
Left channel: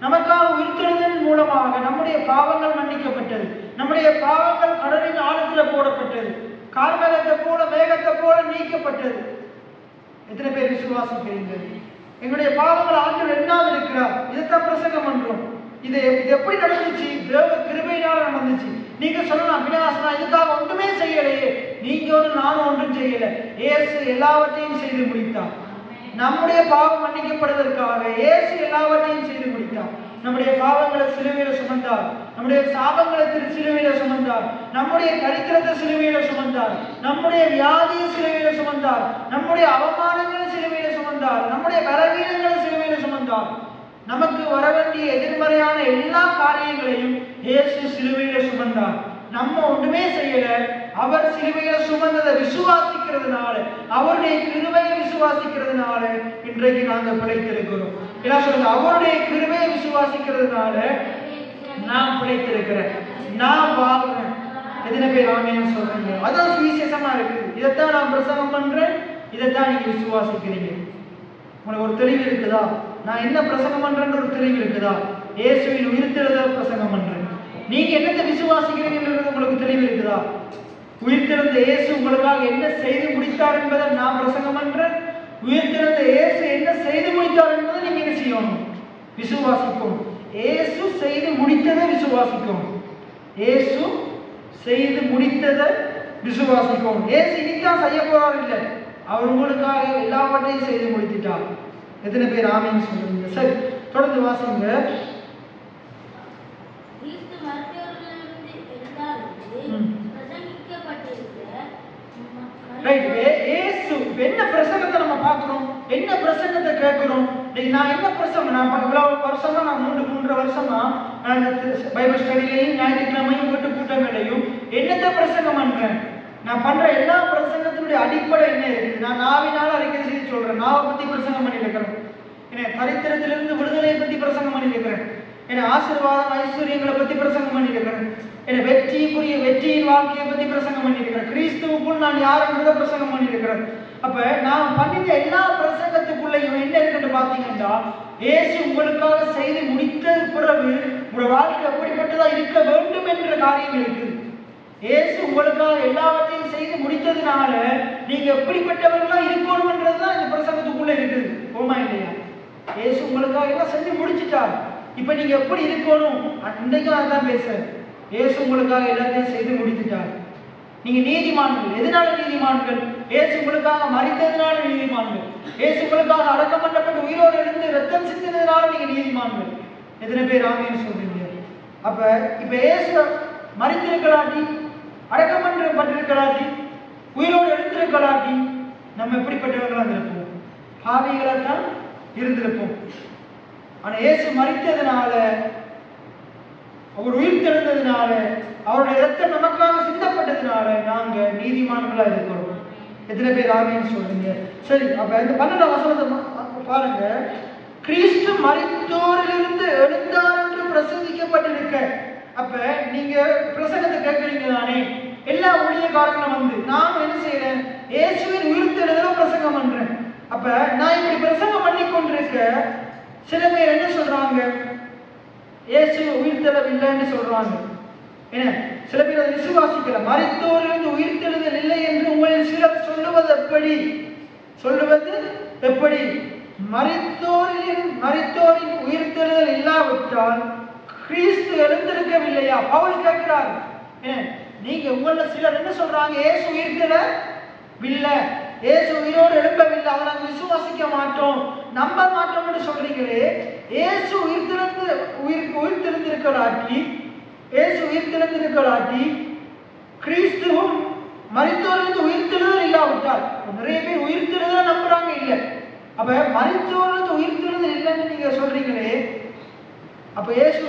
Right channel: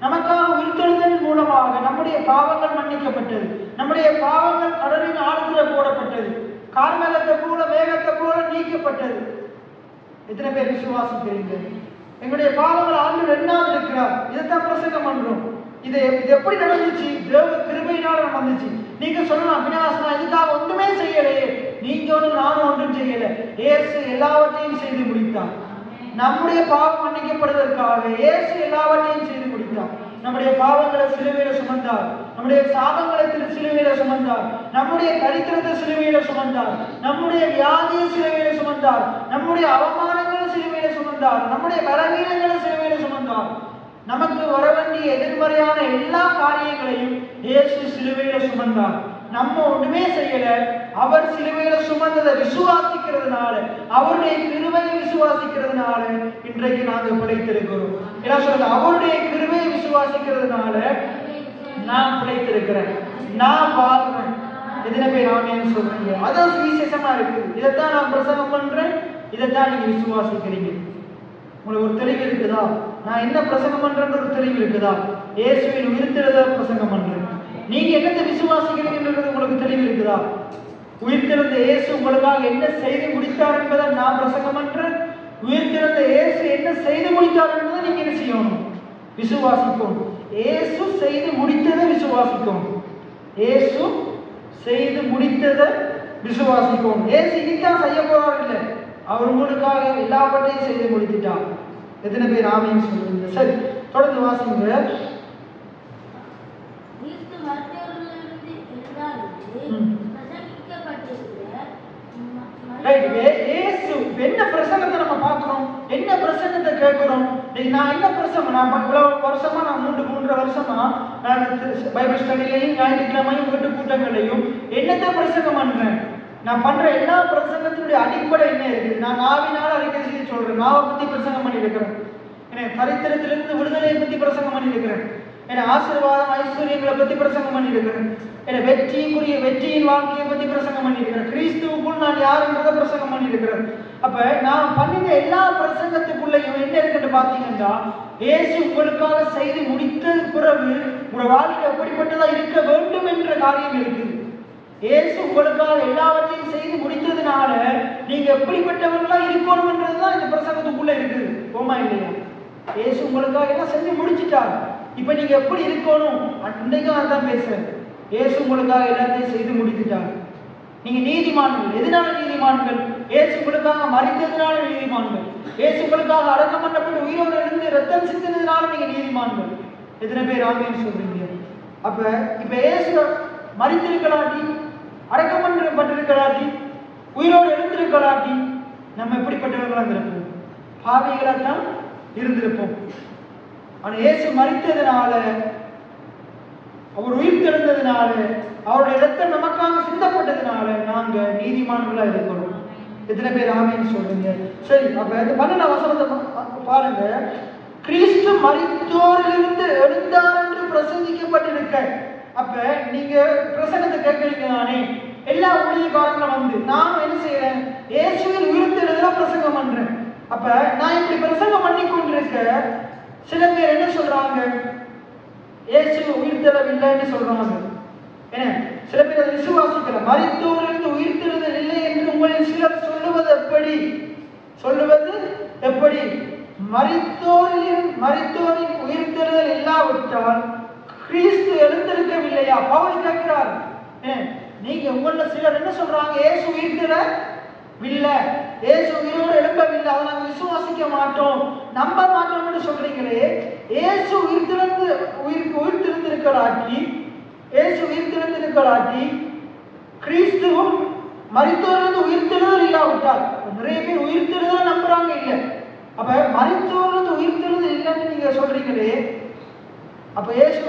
நமக்காக உயிர்த்தெழுந்ததன் மூலமாக நம்முடைய பாவங்கள் மன்னிக்கப்பட்டது. நம்முடைய பாவங்கள் கடலின் ஆழத்துல போடப்பட்டது. கார்மேகத்தை போல மேகத்தை போல நீக்கப்பட்டது. எத்தனை பேர் விசுவாசிக்கிறீங்க? எங்களுடைய பாவங்கள் ஆண்டவர் எண்ணாது இருக்கிறார். இதைத்தான் பிரசங்கம் பண்றோம். இது எப்படி நடந்துச்சு? தேவ கிருபையினால நடந்துச்சு. நீங்க சொல்லலாம், விநாசனா இதுக்காக ஒன்றுமே செய்யலையே. நீங்க ஒன்றும் நானும் ஒன்றும் செய்யல. இயேசு எல்லாவற்றையும் செய்து முடித்தார். நம்முடைய பாவம் மன்னிக்கப்படுவதற்காக இயேசு எல்லாவற்றையும் செய்து முடித்தார். நம்முடைய பாவங்களை சிலுவையில சுமந்தார். நம்முடைய சாபங்களை சிலுவையில சுமந்தார். நம்முடைய தரித்திரத்தை சிலுவையில சுமந்தார். நம்முடைய வியாதியை சிலுவையில சுமந்தார். நம்முடைய அவமானங்களை சிலுவையில சுமந்தார். நம்முடைய பலவீனங்களை சிலுவையில சுமந்தார். நமக்கு வர வேண்டிய எதிர்மறையான எல்லா காரியங்களையும் இயேசு சிலுவையில சுமந்தார். நம்ம ஒண்ணுமே செய்யல. அவர் சிலுவையில சுமந்ததை விசுவாசிக்கிறதுனால, அவருடைய கிருபையை விசுவாசிக்கிறதுனால இன்றைக்கு நாங்கள் பிழைத்திருக்கிறோம். என்ன சொல்றது? அவருடைய கிருபையை விசுவாசிக்கிறதுனால நான் பிழைத்திருக்கிறேன், நான் வாழ்றேன். எத்தனை பேர் ஆமேன்னு சொல்றீங்க? அதான் சுவிசேஷமா இருக்கு. இதைத்தான் நான் பிரசங்கம் பண்றேன், இதைத்தான் நீங்க விசுவாசிக்கிறீங்க. உங்களுக்கு ஒரு தெளிவு இருக்குதா? நான் என்ன பிரசங்கம் பண்றேன்ற ஒரு தெளிவு இருக்குதா? இயேசுவின் உயிர்த்தெழுத பிரசங்கம் பண்றேன். நீங்க என்னத்தை விசுவாசிக்கிறீங்கிறது உங்களுக்கு தெளிவு இருக்குதா? உயிர்த்தெழுந்த இயேசு உங்களுக்காக என்ன செய்து முடித்தார் என்பதை நான் பிரசங்கம் பண்றேன். உயிர்த்தெழுந்த இயேசு என்ன செய்து முடித்தார் என்பதை நீங்க என்ன செய்யணும்? விசுவாசிக்கணும். இயேசு செய்து முடித்ததை விசுவாசிக்கணும். இயேசு செய்து முடித்ததை விசுவாசிக்கணும். இயேசு இனித்தான் செய்ய போறார் இல்லை, அவர் உங்களுக்காக எல்லாவற்றையும் செய்து முடித்துட்டார். எத்தனை பேர் ஆமேன்னு சொல்லுங்க? சரி, தொடர்ந்து வாசிங்க. என்ன பிரசங்கத்தை நம்ம பார்க்கிறோம்? என்ன பிரசங்கத்தை கேட்கிறோம்? நான் என்ன பிரசங்கம், நான் வருஷமா, நான் 3 வருஷமா நான் பைபிள் ஸ்டடிலையும் ஞாயிற்றுக்கிழமையும் வீட்டு கூட்டங்களையும் என்னத்தை பிரசங்கம் பண்றேன்? நான் பண்ற எல்லா பிரசங்கத்தினுடைய அடிப்படை என்ன இருக்கு? நான் நாவினால அறிக்கை செய்து சொல்றேன். நாவை பத்தி பிரசங்கம் பண்ணி இருக்கிறேன். தரித்திரத்திலிருந்து விடுதலையை பத்தி பிரசங்கம் பண்ணி இருக்கிறேன். ஆசீர்வாதம் ஐஸ்வர்யங்களை பத்தி பிரசங்கம் பண்ணி இருக்கிறேன். வெற்றியின் வாழ்க்கையை பத்தி பிரசங்கம் பண்ணி இருக்கிறேன். கிறிஸ்துவுக்குள் நான் யாருன்றதை பிரசங்கம் பண்ணி இருக்கிறேன். அப்ப நான் பண்ணின எல்லா பிரசங்கத்துக்குள்ளையும் என்ன இருக்குன்னு பாத்தீங்கன்னா, இயேசு உங்களுக்காக செய்து முடித்த பிறகு உங்க வாழ்க்கை எப்படிப்பட்டதா இருக்க வேண்டும் என்ற காரியம் இருக்குது. இயேசு உங்களுக்காக எல்லாவற்றையும் செய்து முடித்ததுனால நீங்க எப்படிப்பட்டவர்களா இருக்கணும்ன்றதுதான் இந்த பிரசங்கத்துக்குள்ள இருக்குது. ஓமா இல்லையா? இயேசு உங்களுக்காக எல்லாம் செஞ்சு முடிச்சுட்டார். இப்ப நீங்க எப்படி இருக்கணும்? அன்னைக்கு நான் தான் பேசுறேன். இயேசு உங்களுக்காக எல்லாத்தையும் செய்து முடித்துட்டார். நீங்க நீதிமான்கள். எதனால நீதிமான்கள்? இயேசு உங்களுக்காக மரித்ததுனால நீதிமான்கள். இயேசு உங்களுக்காக அடக்கம் பண்ணப்பட்டு உயிரோடு இருந்து ரத்தம் சிந்தினதுனால நீங்க நீதிமான்கள். எத்தனை பேர் ஆமேன்னு சொல்றீங்க? அப்ப இப்ப இயேசு மரித்திருக்கலாட்டி அடக்கம் பண்ணப்பட்டிருக்கலாட்டி, உயிரோடு எழுந்திருக்கலாட்டி நம்ம எப்படிப்பட்டவர்களாக இருந்திருப்போம்? பாவிகளாக தான் இருந்திருப்போம். ஆனால் இயேசு மரித்ததுனால, அவர் உயிர் தெழுந்ததுனால, அவருடைய ரத்தம் நமக்காக சிந்தப்பட்டதுனால நாங்க நீதிமான்களா இருக்கிறோம். எத்தனை பேர் ஆமென் சொல்றீங்க? சரி, அப்ப இந்த 12 வசனத்தை பாருங்க. கிறிஸ்து மரித்தோரிலிருந்து எழுந்தார் என்று பிரசங்கிக்கப்பட்டிருக்க. அப்ப நீங்க பிரசங்கத்தை கேட்கறீங்க தானே? எல்லா ஊழியக்காரங்களும் வந்து நான் என்ன செய்யறேன்? இயேசுவின் உயிர்த்தெழுதலை பிரசங்கம் பண்றேன். அப்ப நான் இப்படி பிரசங்கம் பண்ணி கொண்டிருக்க சில பேர் என்ன சொல்றாங்க? இயேசு உயிர்த்தெழவில்லைன்னு சொல்றாங்க. ஏன்னா சில பேர் அதை விசுவாசிக்கல. மரித்தோரிலிருந்து உயிர்த்தெழுதல் இல்லை என்று உங்களில் சிலர் சொல்லுவது எப்படி? மரித்தோரின் உயிர்த்தெழுதல் இல்லாவிட்டால் கிறிஸ்து எழுந்திருக்கவில்லையா? பவுல் கேட்கிறார். நீங்க உங்கள சிலர் என்ன சொல்றாங்க? இயேசு உயிர்த்தெழவில்லை, இயேசு உயிரோடு எழும்பவில்லை, அதை நாங்கள் விசுவாசிக்க மாட்டோம், நம்ப மாட்டோம்னு சொல்றீங்களே. இயேசு உயிர்த்தெழுந்திருக்கலாட்டி கிறிஸ்துவும் மரித்தோரிலிருந்து உயிர்த்தெழுதல் இல்லாவிட்டால், நிறைய பேர் உயிர்த்தெழுதலை நம்புறாங்க இல்லை. அப்ப மரித்தோரிலிருந்து உயிர்த்தெழுதல் இல்லைன்னு நீங்க சொல்றீங்களே, அப்ப இயேசு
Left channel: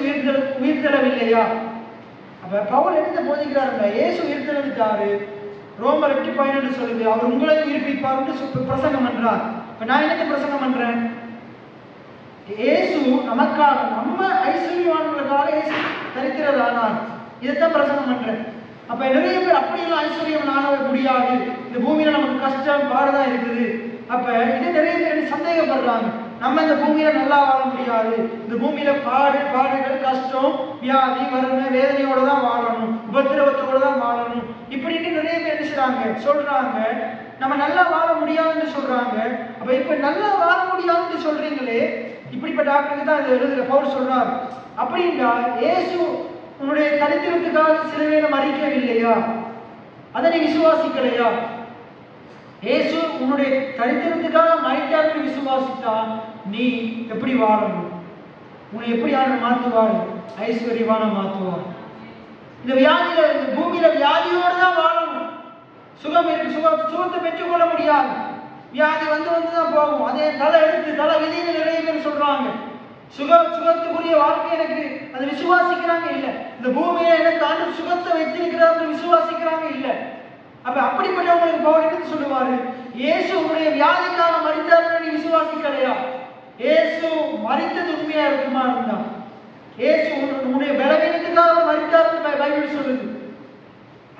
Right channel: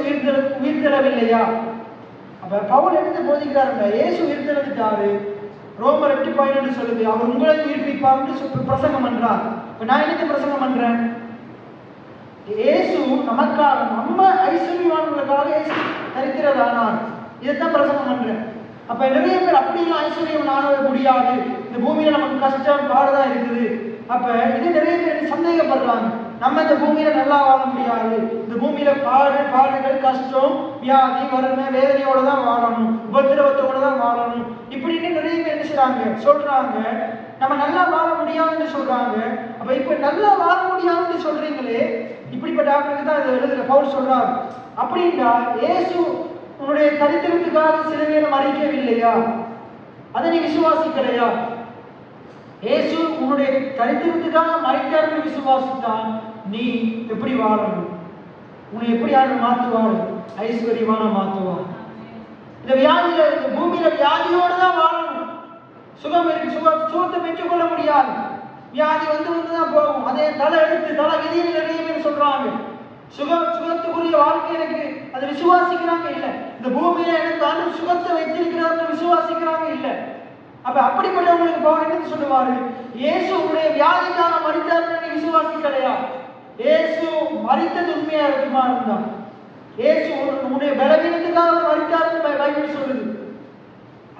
உயிர்த்தெழவில்லையா? அப்ப பவுல் என்ன போதிக்கிறாருங்க? இயேசு உயிர்த்தெழுந்துட்டாரு, ரோமர் 8:12 சொல்லுது, அவர் உங்களை உயிர்ப்பிப்பார்னு பிரசங்கம் பண்றார். இப்ப நான் என்னத்தை பிரசங்கம் பண்றேன்? இயேசு நமக்காக, நம்ம ஐஸ்வர்யவான்களுக்காக இயேசு தரிக்கிறதானார், இதைத்தான் பிரசங்கம் பண்றேன். அப்ப நிறைய பேர் அப்படியெல்லாம் ஐஸ்வர்யம் ஆனவர் முடியாது, இந்த பூமியில நமக்கு கஷ்டம் பாடுதான் இருக்குது. அப்ப இது நிறைய பேர் சந்தேகப்படுறாங்க. நம்ம இந்த பூமியில நல்லா வாழ முடியாது, இந்த பூமியில பாடுகள், கஷ்டம், வியாதி, வறுமை, வேதனையோட தான் வாழணும், உபத்திரவத்தோட தான் வாழணும், இப்படின்னு நிறைய பேர் என்ன சொல்றாங்க. நம்ம நல்லா வாழ முடியாதுன்னு சொல்றாங்க. அப்ப இப்ப நல்லா வாழ முடியாதுன்னு சொல்றீங்களே, இப்படிப்பட்ட ஆட்களுக்கு தான் இதை எழுதுற பவுல் சொல்றாரு. அப்படின்னா இயேசு உன்னுடைய தரித்திரத்துக்காக சிலுவையில மறிக்கவில்லையா? அதை நீ விசுவாசிக்கலையா? இயேசு உன்னுடைய தரித்திரத்துக்காக மறித்தார்னு விசுவாசித்தான் நீ எப்படி வாழணும்? உன்னை எப்படி யாரும் மாற்றுவார்? ஐஸ்வர்யமான மாற்றுவார். இந்த வியாதியில, இந்த பூமியில வியாதியோடு தான் வாழணும். சுகம் இருக்கு, சுகத்தை பெற்றுக்கொள்ள முடியாது. வியாதி வந்துதான் போகும். அதே தலை விதின்னு நிறைய பேர் சொல்றாங்க. சுகத்துக்குரிய வாழ்க்கை எனக்கு, அதை விசுவாசிக்கிறாங்க இல்லை. இந்த பூமியில எனக்கு ஆண்டு சுகத்தை வைத்திருக்கிறார் விசுவாசிக்கிறாங்க இல்லை. அப்ப அப்படிப்பட்டவங்களுக்கு பவுல் என்ன சொல்லுவாரு? இயேசு உங்களுடைய வியாதிக்காக மரித்தார் நீ விசுவாசிக்கலையா? இயேசு மரித்தது உண்மையா இருக்குமா இருந்தா, இயேசு உன்னுடைய பலவீனத்துக்காக மரித்தார்னு பைபிள் சொல்லுது.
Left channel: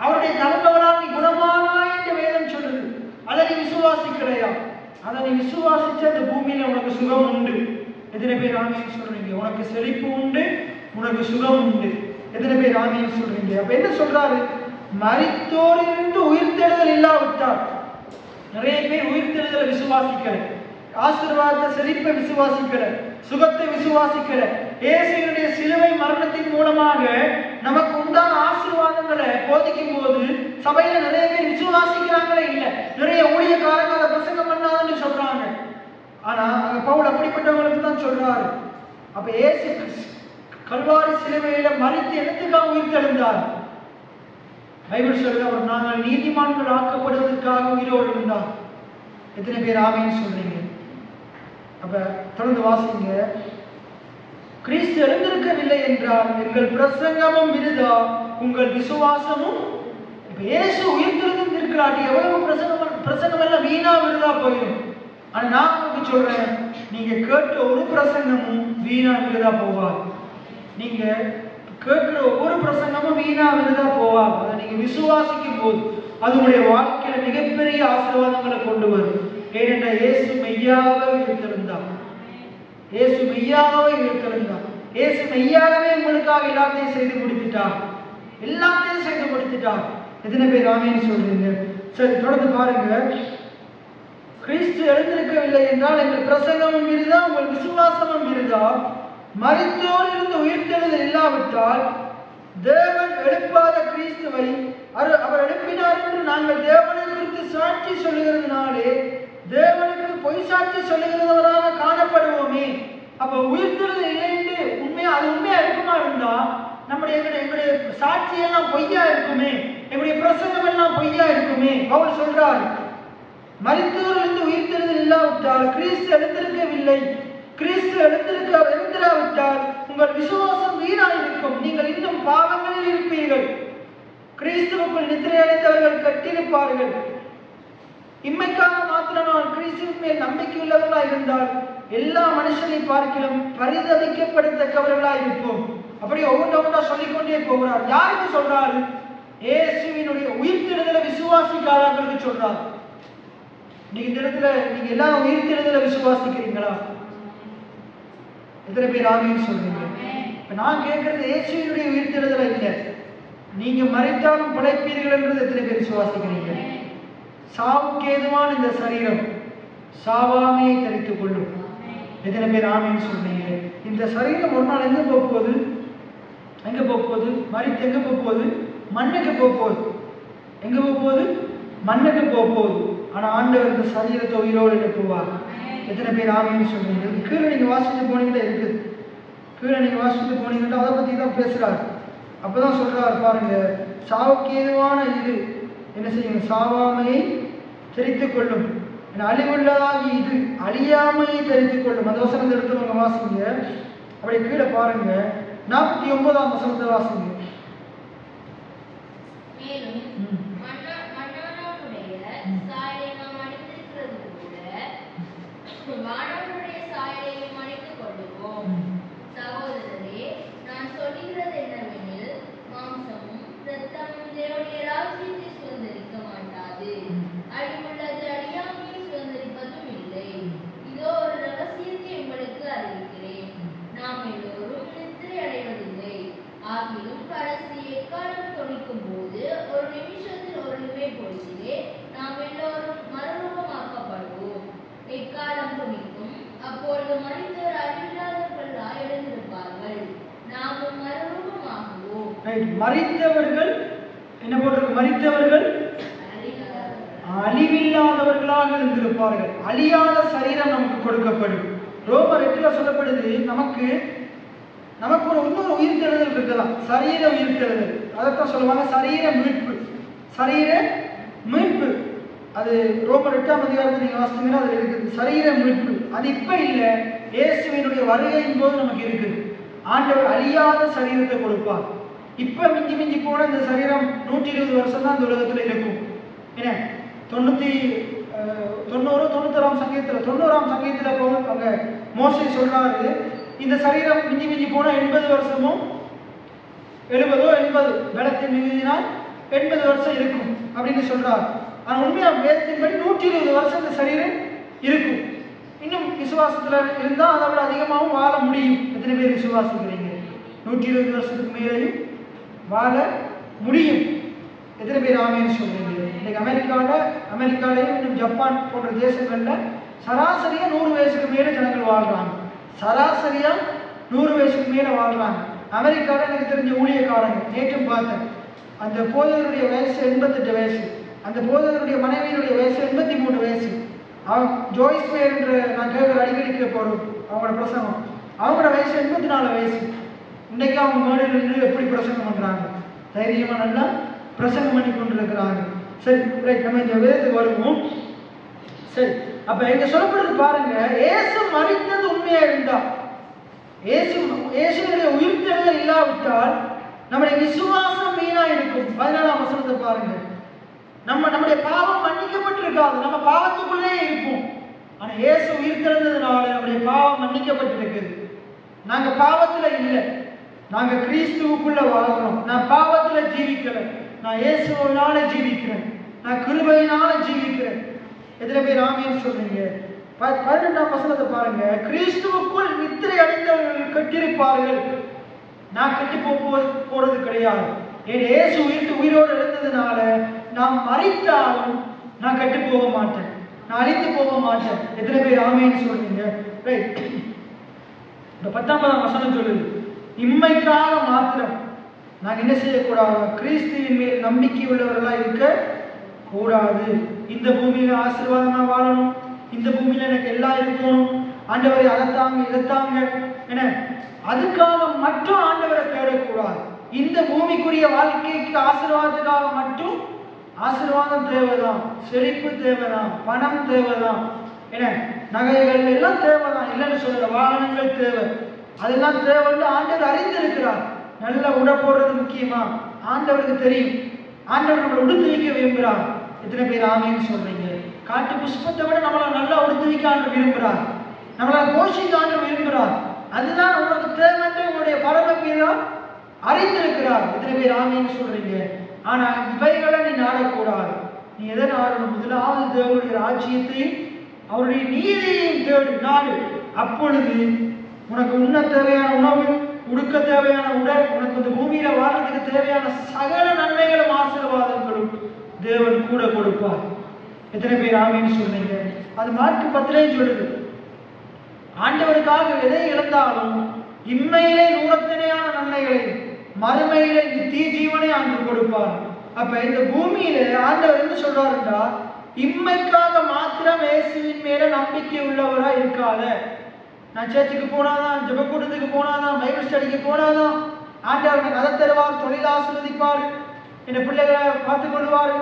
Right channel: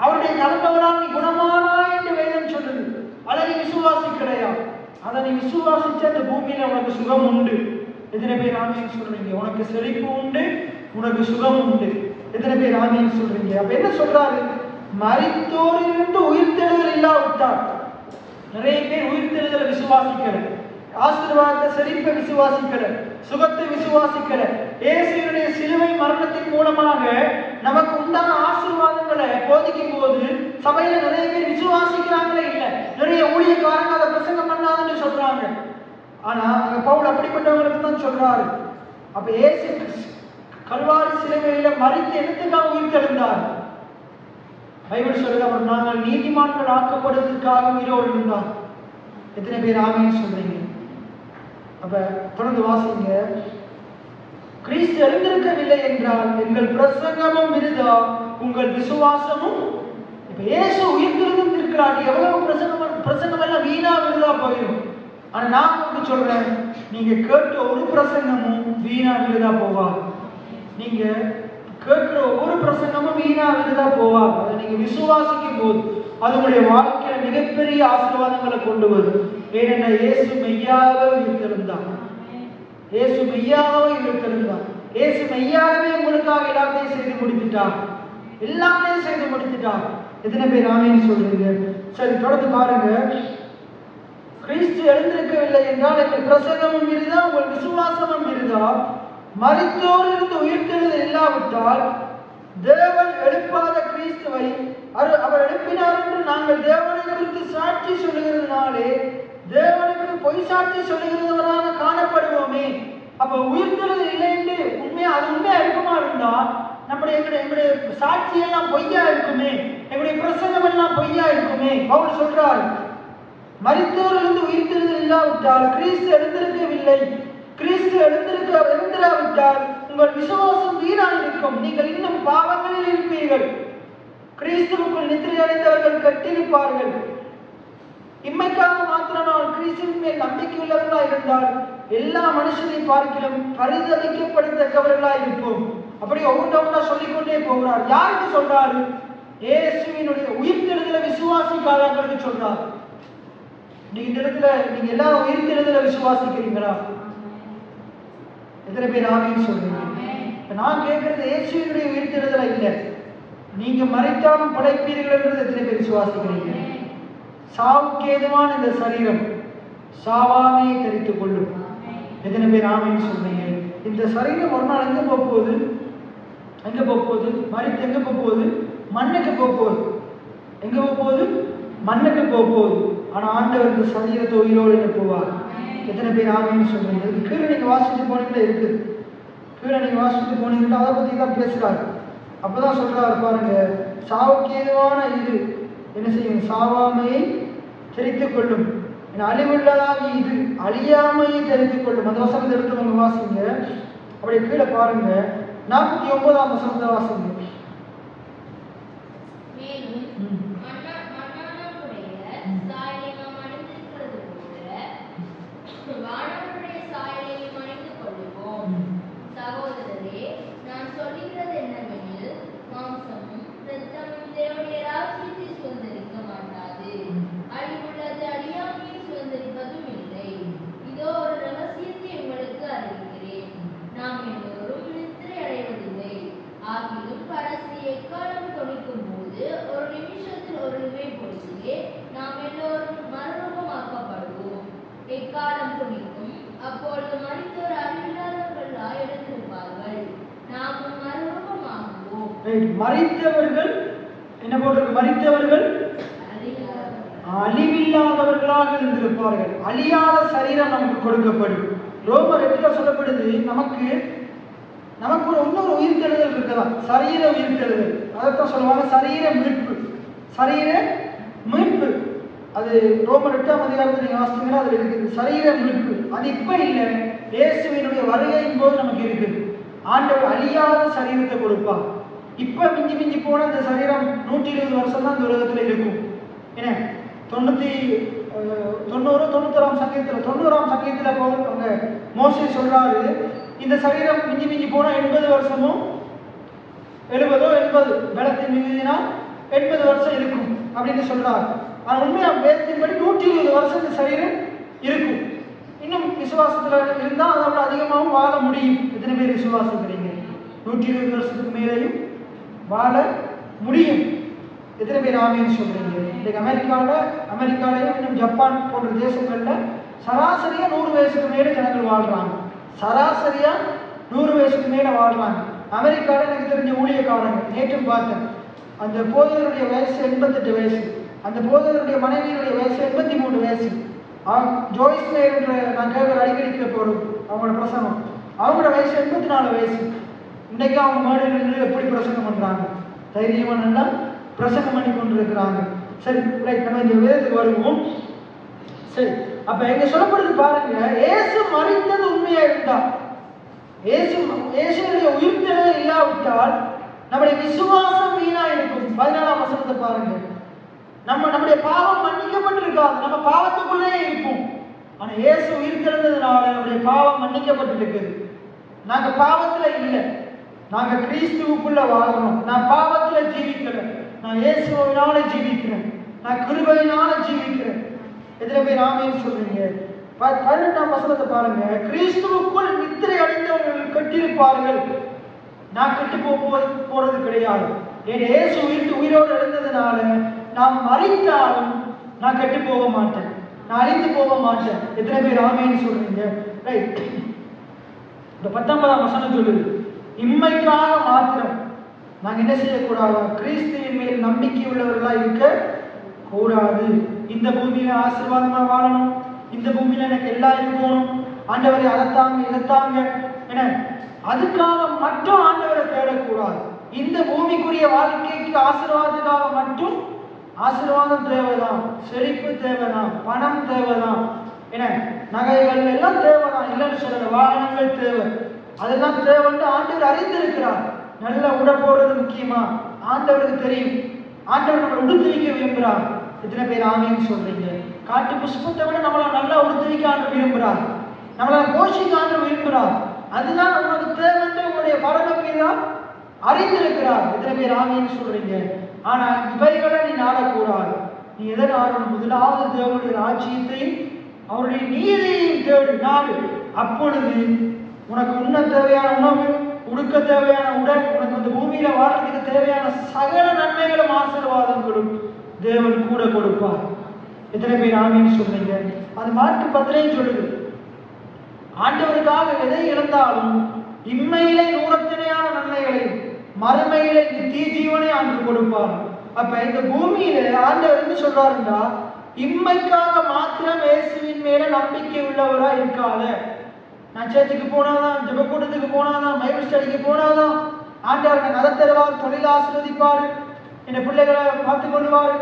அவருடைய தழும்புகளால் நீ குணமானாய் என்று வேதம் சொல்லுது. அதை நீ விசுவாசிக்கலையா? அதை நீ விசுவாசிச்ச இந்த பூமியில உனக்கு சுகம் உண்டு. எத்தனை பேர் ஆமீன் சொல்றீங்க? உனக்கு செழிப்பு உண்டு, உனக்கு சுகம் உண்டு. எத்தனை பேர் ஆமீன் சொல்றீங்க? அப்ப என்ன சொல்றாரு? மரித்தோரிலிருந்து உயிர்த்தெழுதல் இல்லாவிட்டால், நிறைய பேர் உயிர்த்தெழுதலை விசுவாசிக்கிற, ஆசீர்வாதத்தை, செழிப்பை விசுவாசிக்கிற, சுகத்தை விசுவாசிக்கிற, இயேசுவினுடைய சிலுவை மரணத்தின் மூலமாக நமக்கு உண்டான ஆசீர்வாதங்களை போதிக்கும் போது சபையில நிறைய பேர் விசுவாசிக்கிறாங்களே இல்லை. நிறைய ஊழியக்காரங்க அதை பிரசங்கம் பண்ணாதுன்னு சொல்றாங்க. ஆனா அங்க பவுல் அப்படிப்பட்டவங்களுக்கு தான் சொல்றாரு. அப்ப இயேசு கல்வாரி சிலுவையில மரித்து எதுக்காக உயிர்த்தெழுந்தார்? பைபிள் சொல்லுது, அவர் நாங்கள் நீதிமான்கள் ஆக்கப்படுவதற்காக உயிரோடு இருந்தார். எத்தனை பேர் ஆமீன் சொல்றீங்க? அப்ப தொடர்ந்து வாசிங்க. கிறிஸ்து எழுந்திருக்கவில்லை என்றால் எங்கள் பிரசங்கமும் விருதா, உங்கள் விசுவாசமும். இப்ப இயேசு உயிர்த்தெழுந்து இருக்கிறார், எவ்வளவு பிரசங்கம் எல்லாம் வீணா விருதா போயிடும். ஆனா நான் உங்களுக்கு சொல்றேன், நீங்க கேட்ட ஒரு பிரசங்கமும் வீணா விருதா போவார். நீங்க கேட்கிற ஒவ்வொரு பிரசங்கமும் வீணா விருதா போவார். அதை நீங்க விசுவாசிக்கும் போது அது உங்களுடைய வாழ்க்கையில மிகப்பெரிய ஆசீர்வாதங்களை கொண்டு வரும். ஏனென்றால் இயேசு மெய்யாகவே உயிர்த்தெழுந்தார். இயேசு மெய்யாகவே உயிர்த்தெழுந்தார். இயேசு மெய்யாகவே உங்களுக்காக எல்லாத்தையும் செய்து முடித்துட்டார். எல்லாத்தையும் செய்து முடித்துட்டார். எத்தனை பேர் ஆமீன் சொல்றீங்க? சரி, தொடர்ந்து பாருங்க. கிறிஸ்து எழுந்திருக்கவில்லை என்றால் எங்கள் பிரசங்கமும் விருதா, உங்கள் விசுவாசமும் விருதா. மரித்தோரிலிருந்து உயிர்த்தெழுதல் இல்லாவிட்டால் தேவன் எழுப்பாத கிறிஸ்துவை அவர் எழுப்பினார் என்று நாங்கள் தேவனை குறித்து சாட்சி சொல்லுகிறதுனாலே தேவனுக்கு பொய் சாட்சி சொல்லுகிறவராக காணப்படுவோமே. அப்ப உயிர்த்தெழுதல் இல்லை என்று அது உண்மையா இருக்குமா இருந்தா எங்களுடைய சாட்சியெல்லாம் பொய்யா இருக்குமே. எங்களுடைய பிரசங்கம் எல்லாம் பொய்யா இருக்குமே. பவுல் சொல்றார், மரித்தவரிலிருந்து உயிர்த்தெழுதல் இல்லாவிட்டால் கிறிஸ்து எழுந்திருக்கவில்லை. கிறிஸ்து எழுந்திராவிட்டால் உங்கள் விசுவாசம் வீணாயிருக்கும். நீங்கள் இன்னும் பாவங்களில் இருப்பீர்கள். கிறிஸ்துவுக்குள் நித்திரையடைந்தவர்கள் கட்டியிருப்பார்கள். இம்மைக்காக மாத்திரம் நான் கிறிஸ்துவின் மேல் நம்பிக்கை உள்ளவர்களாக இருந்தால் எல்லா மனுஷனை பார்க்கிலும் பரிதவிக்கப்படத்தக்கவர்களாக இருப்போம். அப்படி ஒவ்வொன்றா சொல்லிக்கொண்டே போகிறார். யாருக்கு சொல்றாரு? இயேசுவினுடைய உயிர்த்தெழுதலை விசுவாசிக்காதவர்களுக்கு சொல்றார். நீங்க இந்த இடத்துல நீங்க எல்லாரும் உயிர்த்தெழுதலை விசுவாசிக்கிறீங்களா? எத்தனை பேர் ஆமீன் சொல்றீங்க? நான் கேட்கறது இயேசுவினுடைய உயிர்த்தெழுதலை இல்லை, நீங்க மரித்தாலும் படைப்பீர்கள் என்றது எத்தனை பேர் விசுவாசிக்கிறீங்க? சாவுக்கு ஏதுவான இந்த சரீரம் சாவாமையை தரித்துக் கொள்ளும். எத்தனை பேர் ஆமீன் சொல்றீங்க? இந்த சரீரம் ஒரு நாள் எங்க போகுது? எங்க போகுது? மரித்து எங்க போகுது? மண்ணுக்கு போகுது. எங்க போகுது? மண்ணுக்கு போகுது. ஆனா ஆண்டவர் இந்த சரீரத்தை உயிரோடு எழுப்புவார். எத்தனை பேர் ஆமீன் சொல்றீங்க? கீழே நீங்க வாசிச்சு போனீங்களே இருக்குது. கீழே நீங்க வாசிச்சு போனீங்கன்னா அதை பத்தி தான் பேசுறாரு. அப்பதான் சொல்றாரு பாருங்க, சாவுக்கு ஏதுவான இது என்ன செய்யும்? சாவாமையை தெரித்துக் கொள்ளும். அழிவுள்ளதாக இது அழியாமையை தெரித்துக் கொள்ளும். அந்த வசனத்தை எடுத்து வாசிங்க. அப்படியே கீழே பாருங்க, 49ஆம் வசனத்தை வாசிங்க. மரித்தவர்கள் என்ன போட்டிருக்கு? மரித்தவர்கள் அழிவில்லாதவர்களாக இருந்திருப்பார்கள். அழியாத சரீரம் நமக்கு கொடுக்கப்படும். ரோமர் 8 சொல்லப்படுது, நமக்கு ஒரு இன்னொரு உயிர்த்தெழுதல் இருக்குதான், சரீர உயிர்த்தெழுதல். அதைத்தான் சொல்லுவாங்க சரீர மீட்பு. சரீர மீட்பு அது ரோமர் 8ஆம் அதிகாரத்தில் நீங்க வாசிச்சீங்கன்னா அதுல இருக்குது சரீர மீட்பு. அது இப்ப இல்லை, இயேசுவினுடைய வருகையின் போது நமக்கு இருக்குது. ஆண்டவர் அழியாத சரீரத்தை கொடுப்பார். இப்ப மிஞ்சி மிஞ்சி போன இந்த சரீரம் 120 வருஷம் தான் இந்த உலகத்துல இருக்கும். என்ன 90-91ஆம் சங்கீதத்துல அங்க மோசே சொல்றாரு, இந்த சரீரம் மிஞ்சி மிஞ்சி போனா 80 வருஷமும் 70 பலத்தின் மிகுதினால் 80 வருஷம் இருக்கும் அப்படின்னு சொல்றாரு. ஆனா உண்மையா வேதத்தின்படி 120 வருஷம் இந்த சரீரம் இருக்கும். இன்னும் விசுவாசத்துல இருந்தா அதை விட அதிகமாகவும் வாழ முடியும். எத்தனை பேர் விசுவாசிக்கிறீங்க? 120 வருஷத்துக்கு மேலேயும் வாழ முடியும். எத்தனை பேர் ஆமீன் சொல்றீங்க? இன்னைக்கு அமெரிக்காலையும் இன்னும் ஜப்பான் போன்ற தேசங்கள்ல சராசரியா 100 வயசுக்கு மேல ஜனங்கள் வாழ்றாங்க. சராசரியா 100 வயசுக்கு மேல வாழ்றாங்க. அமெரிக்கால எனக்கு தெரிஞ்ச ஊழியக்காரங்க நேற்றும் பார்த்தேன், அந்த போதகருடைய வயசு 88 வயசு, அந்த போதகருடைய மனைவியினுடைய வயசு 83 வயசு. ஜோய்ஸ் என்ற நான் கேட்கிற அடிக்கடிக்க போறோம் அவங்களோட பிரசங்கம், அவங்களோட வயசு 84 வயசு. இன்னைக்கு அவங்க மேடையில் நின்று எப்படி பிரசங்கம் பண்றாங்க? தைரியமா நல்லா பிரசங்கம் பண்ணி கொண்டிருக்கிறாங்க. சரி, நம்ம இந்த வேதத்துக்கு வருவோம். சரி, அப்ப எங்க சொல்லப்படுது பாருங்க, இயேசு மரித்தது உண்மையா இருந்தா, இயேசுடைய உயிர்த்தெழுதல் இல்லாவிட்டால் நம்முடைய விசுவாசம் வீணா இருக்கும். 14ஆம் வசனத்தை பாருங்க, நம்முடைய பாவம் மன்னிக்கப்பட்டிருக்காது, நம்ம பாவத்துக்குள்ளே இருப்போம். ஆனா இயேசு உயிர்த்தெழுந்ததுனால நம்முடைய பாவம் மன்னிக்கப்பட்டிருக்குது. நாங்க பாவத்துல இல்லை, நாங்க கிறிஸ்துவுக்குள்ள வாழணும். நான் பாவத்துல ஜீவிக்கிறேன், நான் இயேசுவினால ஜீவிக்கிறேன், நான் கிருபையினால ஜீவிக்கிறேன். எத்தனை பேர் ஆமீன் சொல்றீங்க? 18ஆம் வசனத்தை பாருங்க, கிறிஸ்துவுக்குள் நித்திரை அடைந்தவர்கள் கட்டியிருப்பார்கள். நான் கெட்டு போறது கிடையாது. என் இயேசு உயிரோடு எழுந்ததுனால நான் மரித்தாலும் நான் கெட்டு போக மாட்டேன், நான் அழிந்து போக மாட்டேன். எத்தனை பேர் ஆமீன் சொல்றீங்க? ரைட். இந்த 19ஆம் வசனம் சொல்லுது, இம்மைக்காக மாத்திரம் நாங்கள் என்ன செய்யக்கூடாது? கிறிஸ்துவின் மேல் நம்பிக்கை உள்ளவர்களா இருக்க கூடாது. இந்த பூமியில ஆசீர்வாதமா வாழணும், இந்த பூமியில எனக்கு எல்லாம் இருக்கணும், ஆண்டவரை அதைத்தாங்க இதைத்தாங்க என அதுக்காக மட்டும் ஆண்டவரை தேடக்கூடாது. இந்த பூமிக்குரிய வாழ்க்கைக்கு ஆசீர்வாதத்துக்காக மட்டும் ஆசீர்வாதம் தேவைதான், செழிப்பு தேவைதான், பணம் தேவைதான், என்ன நகைகள் எல்லாம் தேவைதான், இல்லைன்னு சொல்லல. வாகனங்கள் தேவை, அதெல்லாம் தேவைன்னு ஆண்டவர் அறிந்திருக்கிறார். நல்ல உடை போடுறது முக்கியமா ஆண்டவருக்கு தெரியும். ஆண்டவர் நம்மளை உடுத்துவிக்க விரும்புகிறார். எத்தனை பேர் ஆமைன்னு சொல்றீங்க? காட்டு புஷ்பத்தை விட நம்மளை நல்லா உடுத்துவிக்க ஆண்டு விரும்புகிறார், நம்மளை போஷிக்க ஆண்டு விரும்புகிறார். அதுதான் நம்மளுக்கு தேவைன்னு உங்களுடைய பரமபிதா அறிந்திருக்கிறார். எத்தனை பேர் ஆமைன்னு சொல்றீங்க? ஆனா இவைகளை நீ நாடக்கூடாது. நீ எதை நாடணும்? முதலாவது தேவனுடைய ராஜ்யத்தையும் அவருடைய நீதியையும் தேடு, நாடு. அப்பொழுது உனக்கு உண்ண தேவையான உணவு, உடுக்க தேவையான உடல், உனக்கு இந்த பூமியில வாழ்றதுக்கு தேவையான சகல நன்மைகளும் ஆசீர்வாதங்களும் தேவன் கூட கொடுப்பார். எத்தனை பேர் ஆமைன்னு சொல்றீங்க? அது மார்க் 10 சொல்லுது. ஆண்டவருக்காக எதை இழந்தாலும் இம்மையிலே நூறத்தினையான நன்மைகளையும் மறுமையிலே நித்திய ஜீவனை ஆண்டு கொடுப்பார். அப்ப இந்த பூமியில ஆண்டவர் என்ன சொல்றாருன்னா, இம்மைக்காக மாத்திரம் இயேசுவின் மேல நம்பிக்கை உள்ளவரா இருக்காத. நான் சேர்ச்சுக்கு போனாதான், ஜெபக்கூட்டத்துக்கு போனாதான், பைபிள் ஸ்டடிக்கு போனாதான் ஆண்டவர் எனக்கு அதை தருவார், தொழில் ஆசீர்வதிப்பாரு, என் பிள்ளைகளை பார்த்து கொள்வாரு,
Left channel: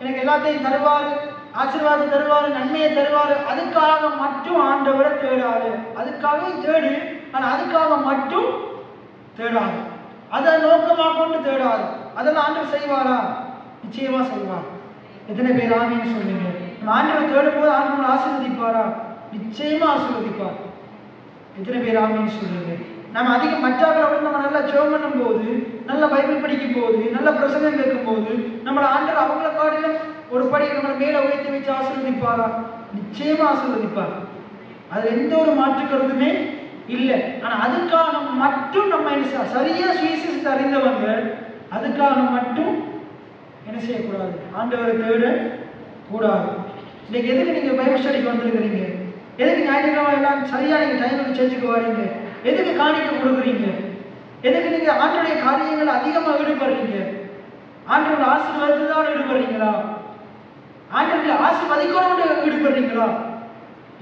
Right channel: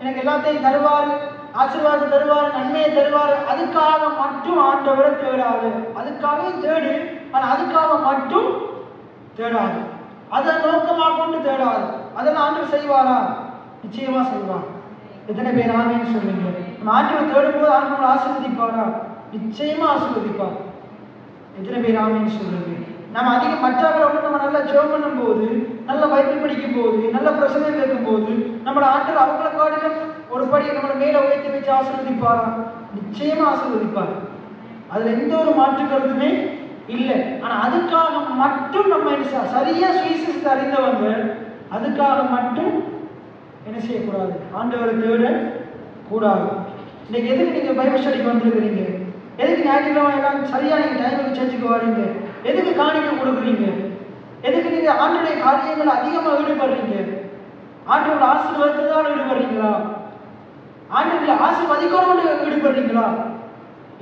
எனக்கு எல்லாத்தையும் தருவாரு, ஆசீர்வாதம் தருவாரு, நன்மையை தருவாரு. அதுக்காக மட்டும் ஆண்டவரை தேடாது. அதுக்காக தேடு, ஆனா அதுக்காக மட்டும் தேடாது. அதை நோக்கமாக கொண்டு தேடாது. அதெல்லாம் ஆண்டவர் செய்வாரா? நிச்சயமா செய்வார். எத்தனை பேர் ஆமைன்னு சொல்லுங்க? நம்ம ஆண்டவர் தேடும் போது ஆண்டவர் ஆசீர்வதிப்பாரா? நிச்சயமா ஆசீர்வதிப்பார். எத்தனை பேர் ஆமைன்னு சொல்லுங்க? நம்ம அதிகம் மற்றவர்களோட நம்ம நல்லா ஜெபம் பண்ணும் போது, நல்ல பைபிள் படிக்கும் போது, நல்ல பிரசங்கம் கேட்கும் போது, நம்மளை ஆண்டவர் அவங்கள காட்டிலும் ஒரு படி நம்மளை மேல உயர்த்தி வச்சு ஆசீர்வதிப்பாரா? நிச்சயமா ஆசீர்வதிப்பார். அதுல எந்த ஒரு மாற்று கருத்துமே இல்லை. ஆனா அதுக்காக மட்டும் நம்ம சரியா சுவிசேஷத்தை அறிந்தவங்க அதுக்காக மட்டும் என்ன செய்யக்கூடாது? ஆண்டவரை தேட கூடாது. இன்னைக்கு எதுக்கு நீங்க பைபிள் ஸ்டடிக்கு வந்திருக்கிறீங்க? எதுக்கு ஞாயிற்றுக்கிழமை எல்லாம் சரியா நீங்க டைமுக்கு சேர்ச்சுக்கு வரீங்க? எதுக்கு காணிக்கை கொடுக்குறீங்க? எதுக்கு நீங்க ஆண்டுடைய காரியங்கள் அதிகமா ஈடுபடுறீங்க? ஆண்டோட ஆசீர்வாதத்தில் தான் ஈடுபடுறீங்களா? ஆண்டவர்களை ஆசீர்வதிக்கணும்னு ஈடுபடுறீங்களா?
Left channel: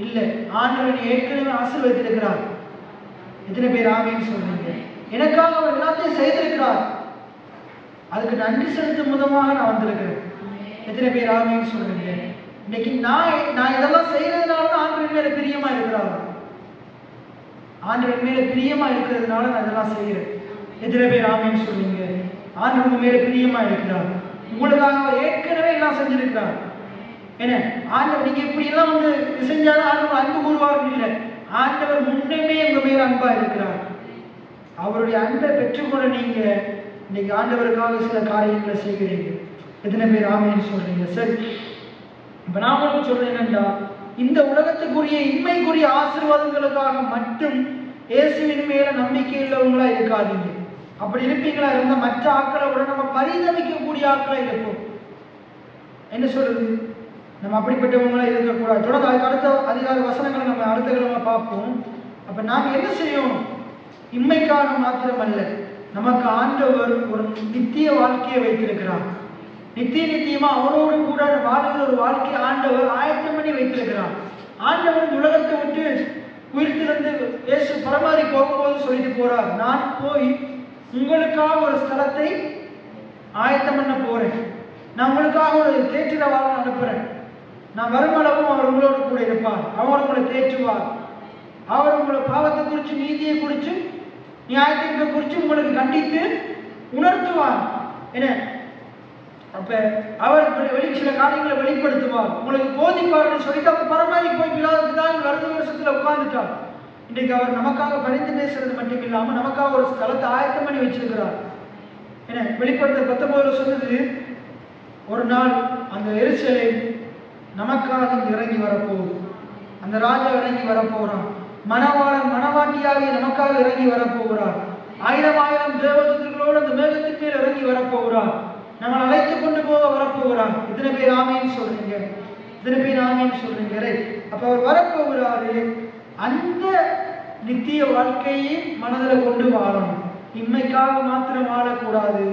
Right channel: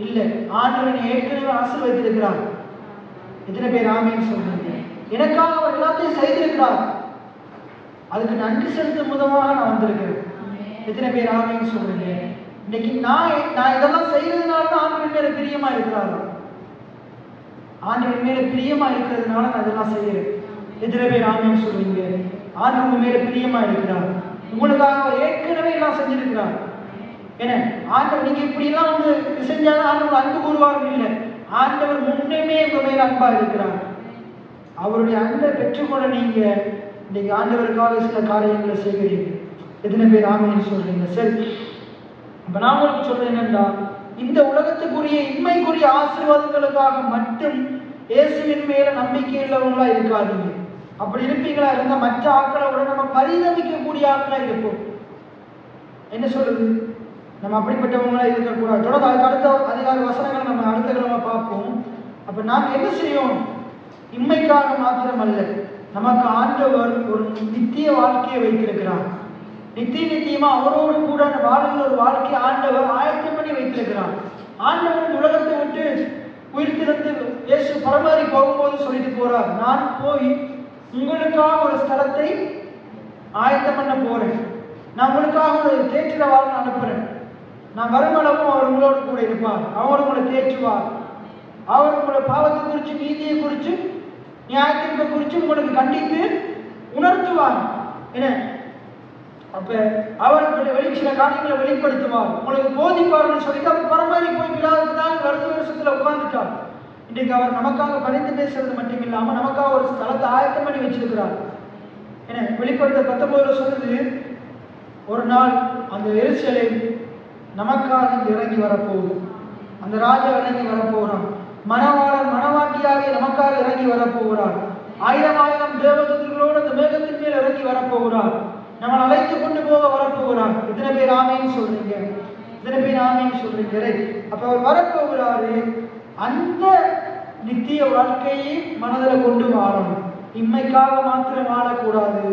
இல்லை, ஆண்டவரை ஏற்கனவே ஆசீர்வதித்திருக்கிறார். எத்தனை பேர் ஆமைன்னு சொல்றீங்க? எனக்காக அவர் எல்லாத்தையும் செய்திருக்கிறார். அதுக்கு நன்றி செலுத்தும் விதமாக நான் வந்திருக்கிறேன். எத்தனை பேர் ஆமைன்னு சொல்றீங்க? இன்னைக்கு நான் இதெல்லாம் செய்யறதுனால தான் ஆண்டவர் மேல பிரியமா இருக்கிறார். ஆண்டவர் மேல பிரியமா இருக்கிறதுனால நான் இதெல்லாம் செய்யறேன். எத்தனை பேர் ஆமைன்னு சொல்றீங்க? ஆண்டவர் மேல பிரியமா இருக்கிறார். உங்களுக்காக அவர் ஏற்கனவே எல்லாம் செஞ்சிருக்கிறார். என்ன ஆண்டவர் நீங்க இப்படி எல்லாம் வந்து செஞ்சாலும் ஆண்டவர் அன்பு கூறுவார்கள் இல்லை. ஆண்டவர் முன்னமே உங்க மேல அன்பா இருக்கிறார். அவருடைய அன்பை பெற்றுக்கொள்ள நீங்க இன்னைக்கு ஆண்டவருக்காக சில காரியங்களை செய்கிறீங்க. எத்தனை பேர் ஆமைன்னு சொல்றீங்க? சரி, இப்ப நான் உங்களுக்கு சொல்றேன் என்னன்னா, இந்த உலகத்துக்குரிய இன்மைக்குரிய ஆசீர்வாதங்களுக்காக மட்டும் இயேசுவின் மேல நம்பிக்கை உள்ளவங்களா இருக்காதீங்க. அப்படி இருப்பீங்களா இருந்தா மற்ற ஆட்களை விட நம்ம பரிதவிக்கக்கூடிய ஆட்களா இருப்போம். என்ன சொல்றது? நம்ம அப்படிப்பட்டவங்களா இருக்கக்கூடாது. தொடர்ந்து அதுக்கு அடுத்த அதிகார வசனங்களை நம்ம அடுத்த கிழமை பார்ப்போம். அப்ப நாம் என்ன செய்யணும்? இம்மைக்காக மாத்திரம் அல்ல, நமக்கு ஆண்டவர் ஒரு நித்திய வாழ்க்கையை வைத்திருக்கிறார். நித்தியமா அவரோடு கூட வாழ்கிற ஒரு வாழ்க்கையை ஆண்டவர் ஆயத்தம் பண்ணி வைத்திருக்கிறார். ஆண்டவர் உலகத்தை விட்டு உயிர்த்திருந்து இயேசு பரமாறி போகும்போது சொல்லிட்டு போறார், நான் போய் உங்களுக்காக ஒரு ஸ்தலத்தை ஆயத்தம் பண்ண போறேன். நான் உங்களுக்காக ஒரு தேற்றிட வாழ்க்கை அனுப்புறேன். நான் வருமளவும் அவர் உங்களோடு கூட இருப்பார். அவர் உங்களை தேற்றுவார். அவர் உங்களை பாவத்தை குறித்து, நீதியை குறித்து, நியாயத்தின்பை குறித்து உங்களுக்கு கண்டித்து உணர்த்துவார். என்ன அப்ப அவர் சில காரியங்களை வெளிப்படுத்துவார், உங்களுக்கு போதிப்பார்னு சொல்லி பரமாறி போய் பிலாவுக்கு தான் வருட வருஷத்துல உட்கார்ந்துட்டார். இன்றைக்கு அவர் நமக்காக பரிந்து பேசுறது மட்டும் இல்லாம நமக்காக ஒரு ஸ்தலத்தை ஆயத்தம் பண்ணி வச்சிருக்கிறார். என்ன வெளிப்படுத்த 19 சொல்லுது, ஒரு நாள் அந்த எருசலேம் நமக்காக இறங்கி வரப்போகுது. அந்த ராஜா இறங்கி வரப்போகிறான். மணவாளன் மணவாட்டியாகிய நமக்காக இறங்கி வரப்போகிறார். 1000 தேவதூதர்களோடு அந்த மேகத்தின் மேல் இறங்கி வரப்போகிறார். நம்ம அழைத்து கொண்டு போக வரப்போகிறார். இத்தனை பேர் ஆமைன்னு சொல்றீங்க? இத்தனை பேர் ஆமைன்னு சொல்றீங்க? அப்ப அவர் வரப்போகிறாரு. அந்த நித்திய வாழ்க்கையை மனதில் கொண்டு வாழணும். இம்மைக்காக மாத்திரம் வாழக்கூடாது.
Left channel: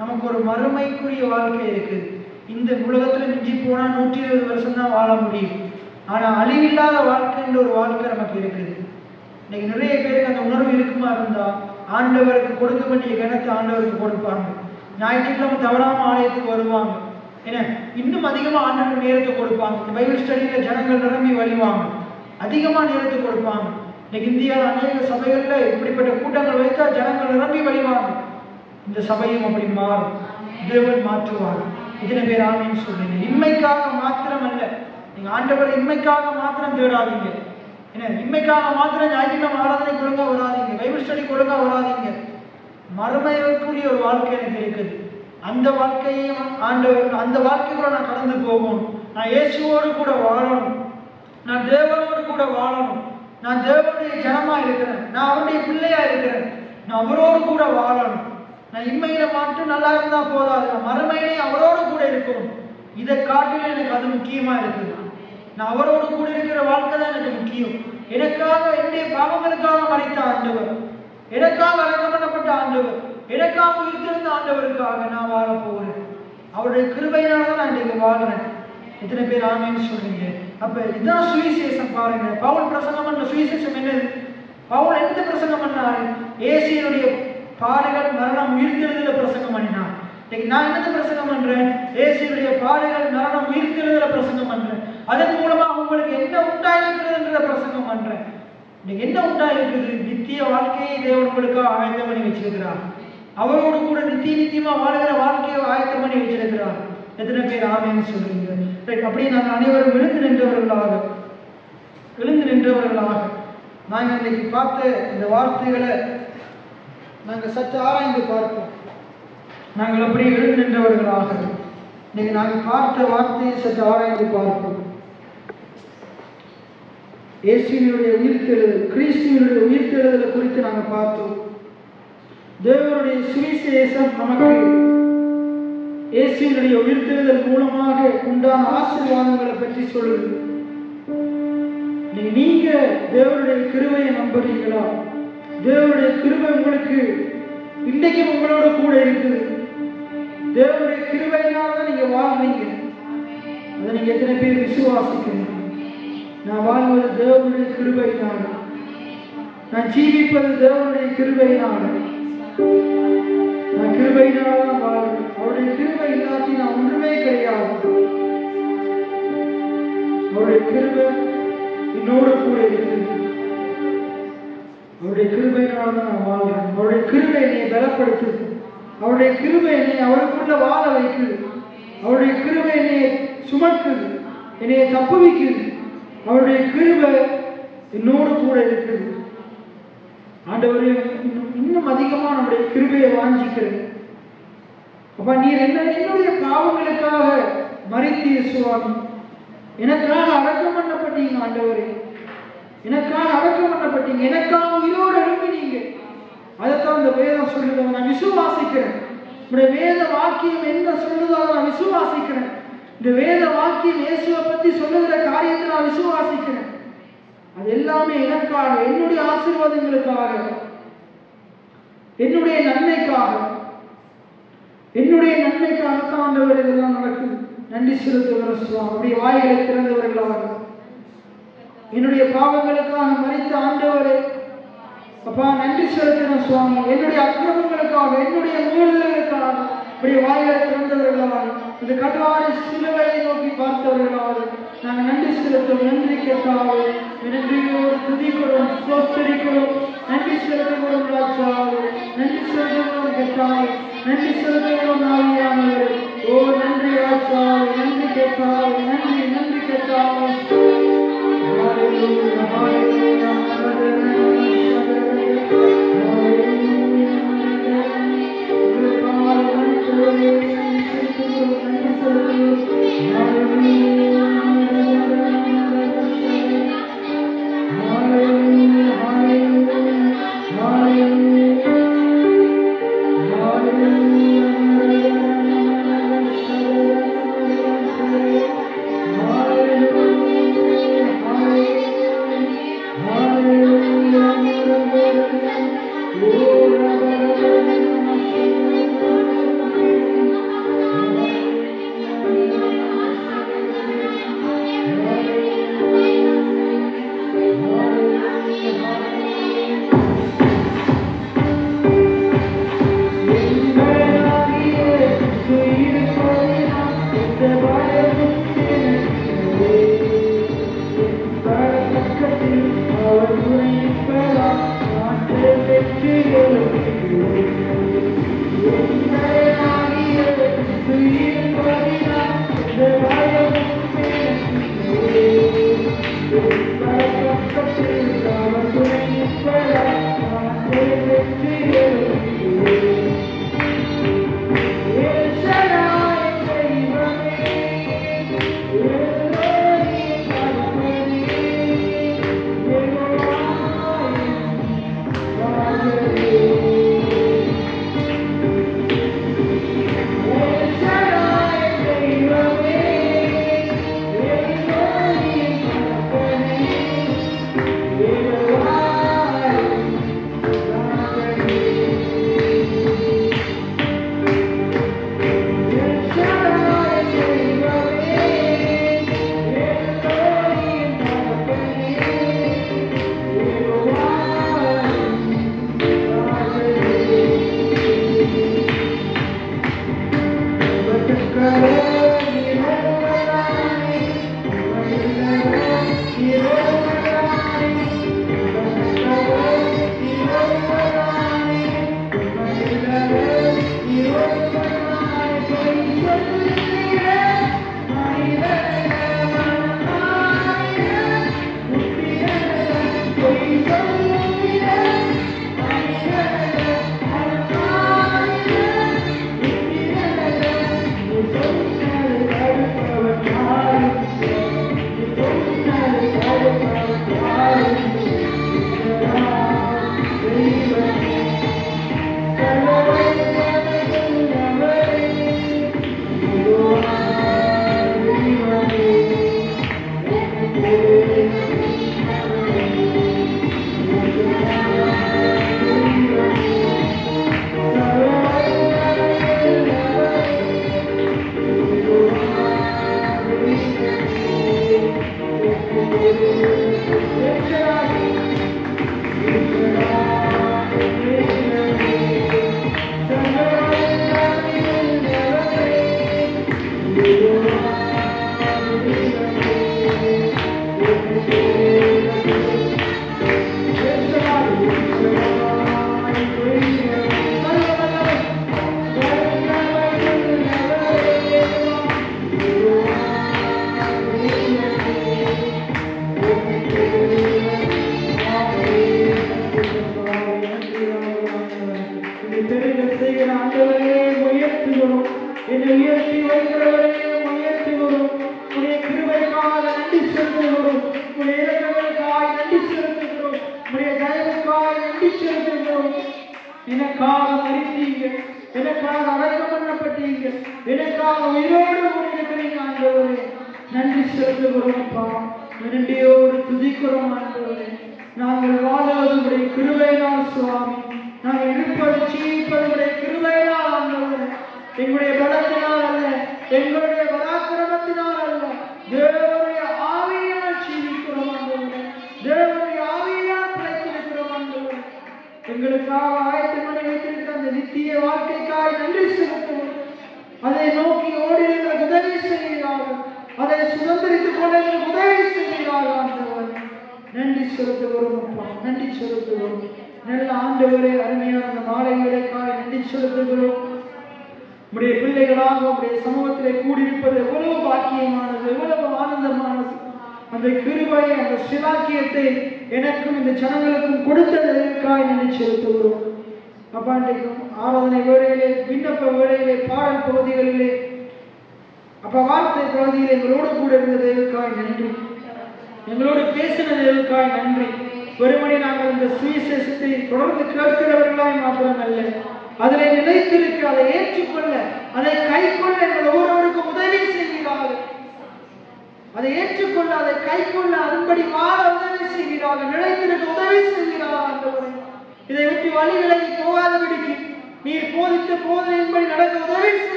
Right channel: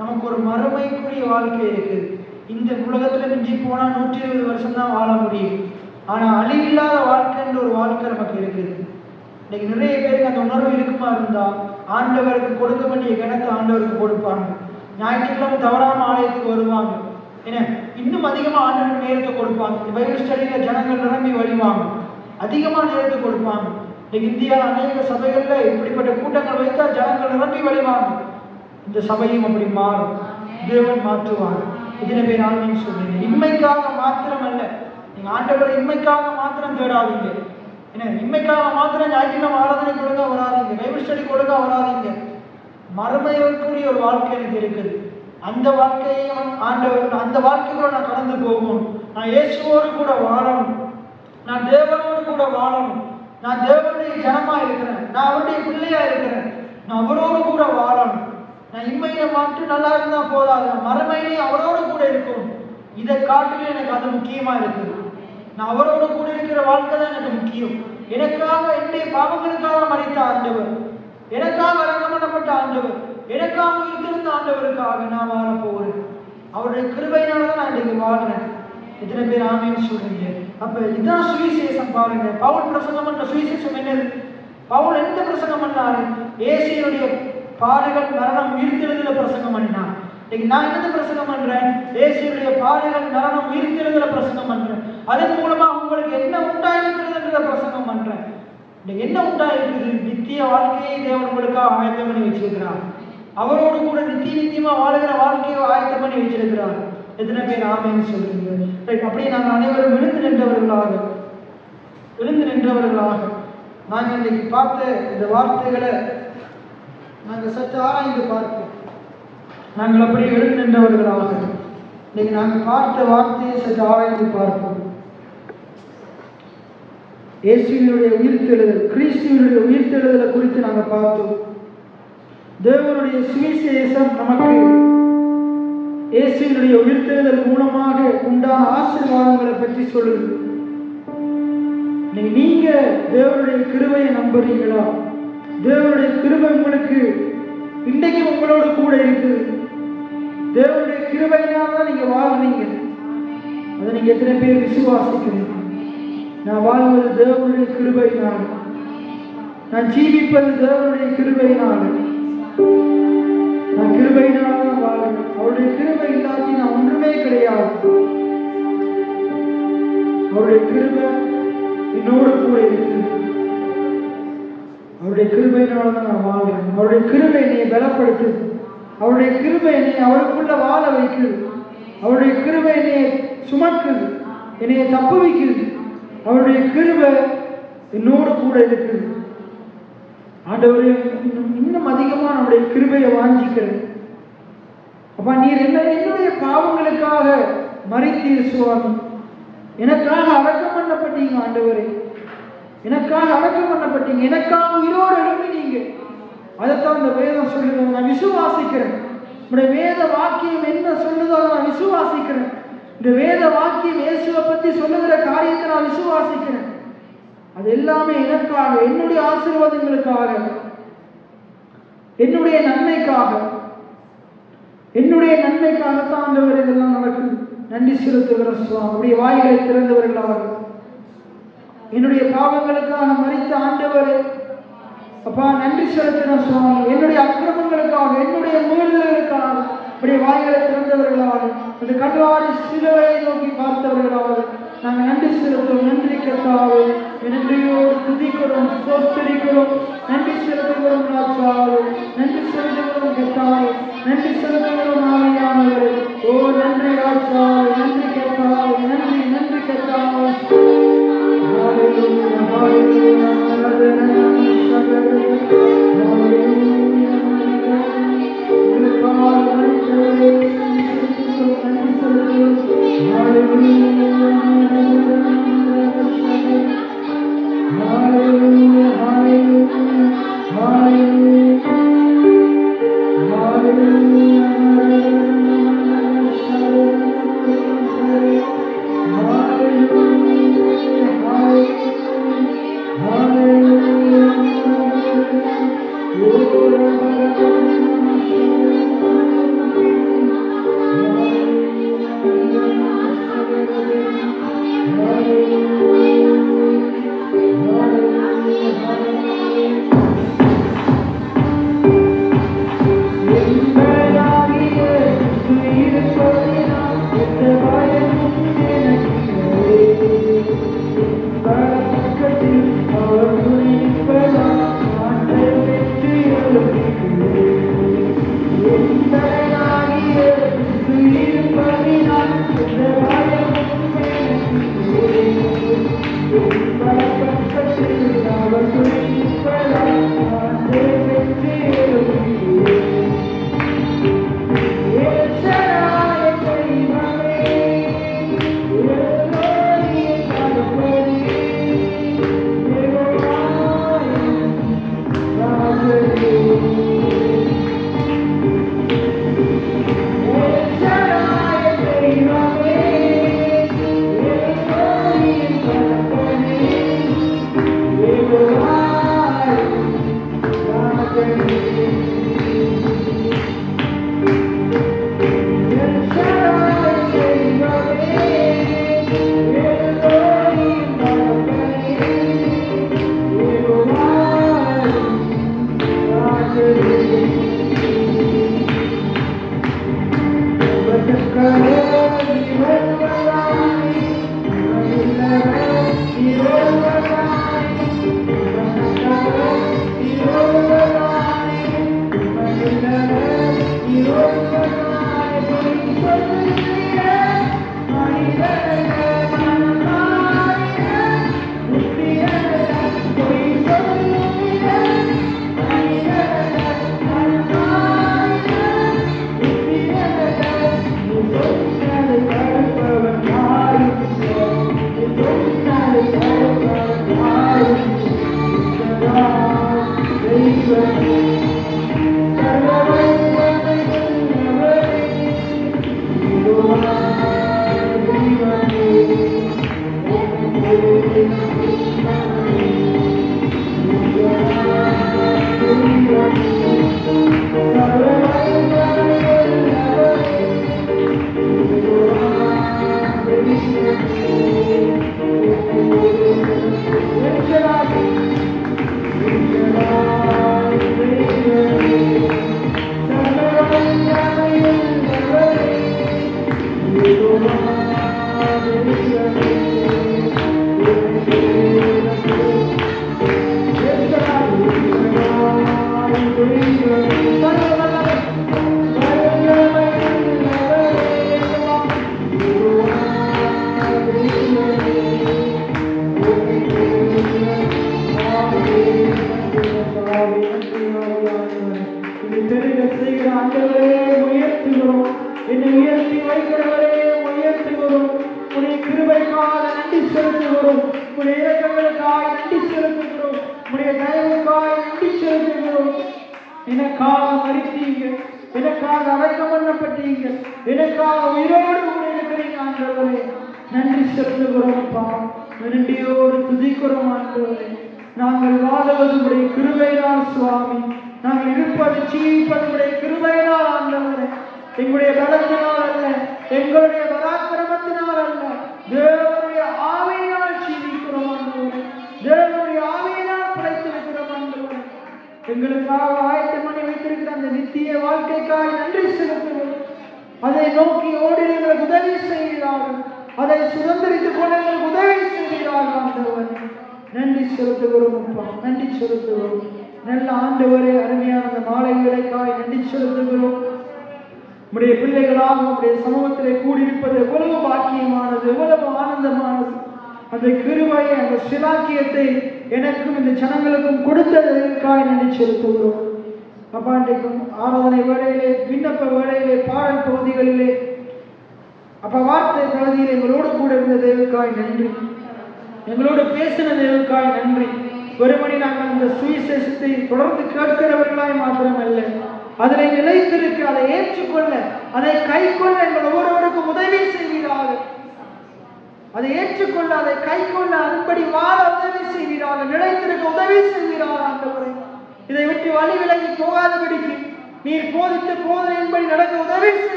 நமக்கு ஒரு மறுமைக்குரிய வாழ்க்கை இருக்குது. இந்த உலகத்துல மிஞ்சி போனா 120 வருஷம் தான் வாழ முடியும். ஆனா அழிவில்லாத வாழ்க்கைன்ற ஒரு வாழ்க்கை நமக்கு இருக்குது. இன்னைக்கு நிறைய பேருக்கு அந்த உணர்வு இருக்குமா இருந்தா இருந்தா ஆண்டவருக்கு கொடுக்க வேண்டிய கிணத்தை ஆண்டவருக்கு கொடுப்பாங்க. ஞாயிற்றுக்கிழமை தவறாம ஆலயத்துக்கு வருவாங்க. ஏன்னா இன்னும் அதிகமா ஆண்டவருக்கு நேரத்தை கொடுப்பாங்க. பைபிள் ஸ்டடியில ஜனங்கள் நிரம்பி வழிவாங்க, அதிகமா நேரத்தை கொடுப்பாங்க. இன்னைக்கு இந்தியாவில் அநேக சபைகள்ல இப்படிப்பட்ட கூட்டங்கள் வைத்தா ஜனங்கள் நிரம்பி வழிவாங்க. இந்த சபையும் அப்படி மாறும், தேவன் மாற்றுவார். இதனை பேர் ஆமீன் சொல்லுங்க. இன்மைக்காக மாத்திரம் அல்ல, நீங்க ஆண்டவரை இன்மைக்காக மாத்திரம் தேடாதீங்க. ஏன்னா இன்மைக்காக மாத்திரம் ஞாயிற்றுக்கிழமை ஆராதனை கொடுக்க வராதிங்க, பைபிள் ஸ்டடி கொடுக்க வராதிங்க. மறுமைக்குரிய ஒரு வாழ்க்கை எனக்கு இருக்குது. அந்த வாழ்க்கையும் ஆண்டவர், அந்த வாழ்க்கையோட நான் கடந்து போகணும். நான் இயேசுவோடு கூட வாழணும், நான் தேவனோடு கூட வாழணும், நான் தேவனுடைய ஜனமா இருக்கிறேன், நான் அவருடைய பிள்ளையா இருக்கிறேன், நான் அவரோடு கூட வாழணும். நான் இம்மையில மட்டும் நல்லா இருந்தா போதாது, நான் மறுமையிலே அவரோடு கூட இருக்கணும். இதை காட்டிலும் எனக்கு அது முக்கியமா இருக்குது. நான் அவரோடு கூட இருக்கிற வாழ்க்கை தான் எனக்கு முக்கியம். எனக்காக, என்னுடைய பாவங்களுக்காக மரித்த ஆண்டவர், எனக்காக அடக்கம் பண்ணப்பட்ட ஆண்டவர், எனக்காக உயிர்த்திருந்த ஆண்டவருக்காக நான் வாழ போகிறேன். அவருடைய கிருபையினால தான் நான் இன்னைக்கு வாழ்றேன். இத்தனை பேர் ஆமேன்னு சொல்றீங்க. அப்ப இதுதான் சுவிசேஷம். பாருங்க, பவுல் பிரசங்கம் பண்ண சுவிசேஷம் என்னது? பவுல் எந்த பிரசங்கம் பண்ணாரு? இயேசுவினுடைய பாடுகள், மரணம், உயிர்த்தெழுதல பிரசங்கம் பண்ணினான். நான் என்ன பிரசங்கம் பண்றேன்? இயேசுவினுடைய பாடுகள், மரணம், உயிர்த்தெழுதல பிரசங்கம் பண்றேன். அதன் மூலமா உங்களுக்கு என்ன உண்டாயிருக்கிறதுன்றத பிரசங்கம் பண்றேன். இன்னைக்கு என்ன உண்டாயிருக்குது? நித்திய வாழ்க்கையை தேவன் உங்களுக்காக ஆயத்தம் பண்ணி வச்சிருக்கிறார். அவரோடு கூட நித்தியமா வாழ்கிற வாழ்க்கையை ஆயத்தம் பண்ணி வச்சிருக்கிறார். எத்தனை பேர் ஆமேன்னு சொல்றீங்க? அப்படியே நாங்கள் அனைவரும் எழுந்து நின்றவர்களாக நாங்கள் இன்னைக்கு பார்த்த இந்த வார்த்தைகளை நாங்கள் சற்று ஆராய்ந்து பார்ப்போம். நாங்கள் அப்படியே எழுந்து நின்றவர்களாக இன்னைக்கு நாங்கள் பார்த்த வார்த்தையை சற்று ஆராய்ந்து பார்ப்போம். இயேசுவினுடைய உயிர்த்தெழுதல், கிறிஸ்துவினுடைய உயிர்த்தெழுதலை குறித்து நாங்கள் பார்த்தோம். தேவனுடைய சுவிசேஷம் நமக்கு இயேசுவினுடைய உயிர்த்தெழுதல் மூலமாக உண்டான ஆசீர்வாதங்களை பற்றி சொல்லுது. நீங்க தேவனுடைய கிருபையை நம்புறீங்களா? தேவனுடைய கிருபை உங்களுக்கு இன்றைக்கு உங்களோட கூட இருக்குது. தேவனுடைய கிருபையினால தான் நீங்க வாழ்றீங்க. அதை நீங்க எத்தனை பேர் விசுவாசிக்கணும்? நான் வாழ்வது தேவனுடைய கிருபையினால, நான் ஜீவிப்பது தேவனுடைய கிருபையினால, நான் கிருபையினால தான் வாழ்றேன். அவருடைய கிருபை இல்லாட்டி நான் ஒன்றுமே கிடையாது. அவருடைய கிருபை என்னோடு கூட இருக்குது. அவருடைய கிருபையினால தான் நான் வாழ்றேன். அவருடைய கிருபை என்னை பலப்படுத்துது. அவருடைய கிருபை என்னை அவருக்குள்ள வாழ வைக்குது. அவருடைய கிருபை என்னை சுமக்குது, என்னை தப்புவிக்குது. அவருடைய கிருபை என்னோடு கூட இருக்குது. ஆண்டவரே, இன்னும் அதிகமா நம்முடைய கிருபையை வாஞ்சிக்கிறேன். அப்ப நீர் என்னுடைய பாவங்களுக்காக மரித்தீர் சுவாமி, எனக்காக அடக்கம் பண்ணப்பட்டீங்க. ஆண்டவரே, எனக்காக அடக்கம் பண்ணப்பட்டீங்க, எனக்காக உயிரோடு எழுப்பினீங்க. அதைத்தான் இந்த வேதம் சொல்லுதோ நான் விசுவாசிக்கிறேன். உடைய வேத வாக்கியம் என்ன சொல்லுதோ நான் விசுவாசிக்கிறேன். இந்த வேத வாக்கியம் இயேசுவை பத்தி சொல்லுகிற காரியத்தை நான் விசுவாசிக்கிறேன். அது எல்லாமே எனக்காக, என்னுடைய ஆசீர்வாதங்களுக்காக, என்னுடைய நன்மைக்காகத்தான் ஆண்டவர் இதெல்லாம் நடக்குது. நன்றி செலுத்துகிற சுவாமி. அப்படியே வாய்களை திறந்தவர்களாக என்னுடைய பாவங்களுக்காக மரித்த ஆண்டவரே, அப்பா நன்றி செலுத்தின சுவாமி. என்னுடைய அக்கிரமங்களுக்காக, என்னுடைய மீறுதல்களுக்காக இப்படி வாய்களை திறந்தவர்களாக, இந்த கல்வாரி சிலுவையை நோக்கி பார்த்தவர்களாக நாங்கள் நன்றி செலுத்துவோம். நன்றி கர்த்தாவே, நன்றியோடு துதிக்கிறோம், ஸ்தோத்திரிக்கிறோம், நன்றி செலுத்துகிறோம் ராஜாவே, நன்றி செலுத்துகிறோம் கர்த்தாவே, நன்றி செலுத்துகிறோம் ஆவியானவரே. ஓ நன்றி ராஜாவே, நன்றி கர்த்தாவே, நன்றி நன்றி கர்த்தாவே. ஹalleluya ஹalleluya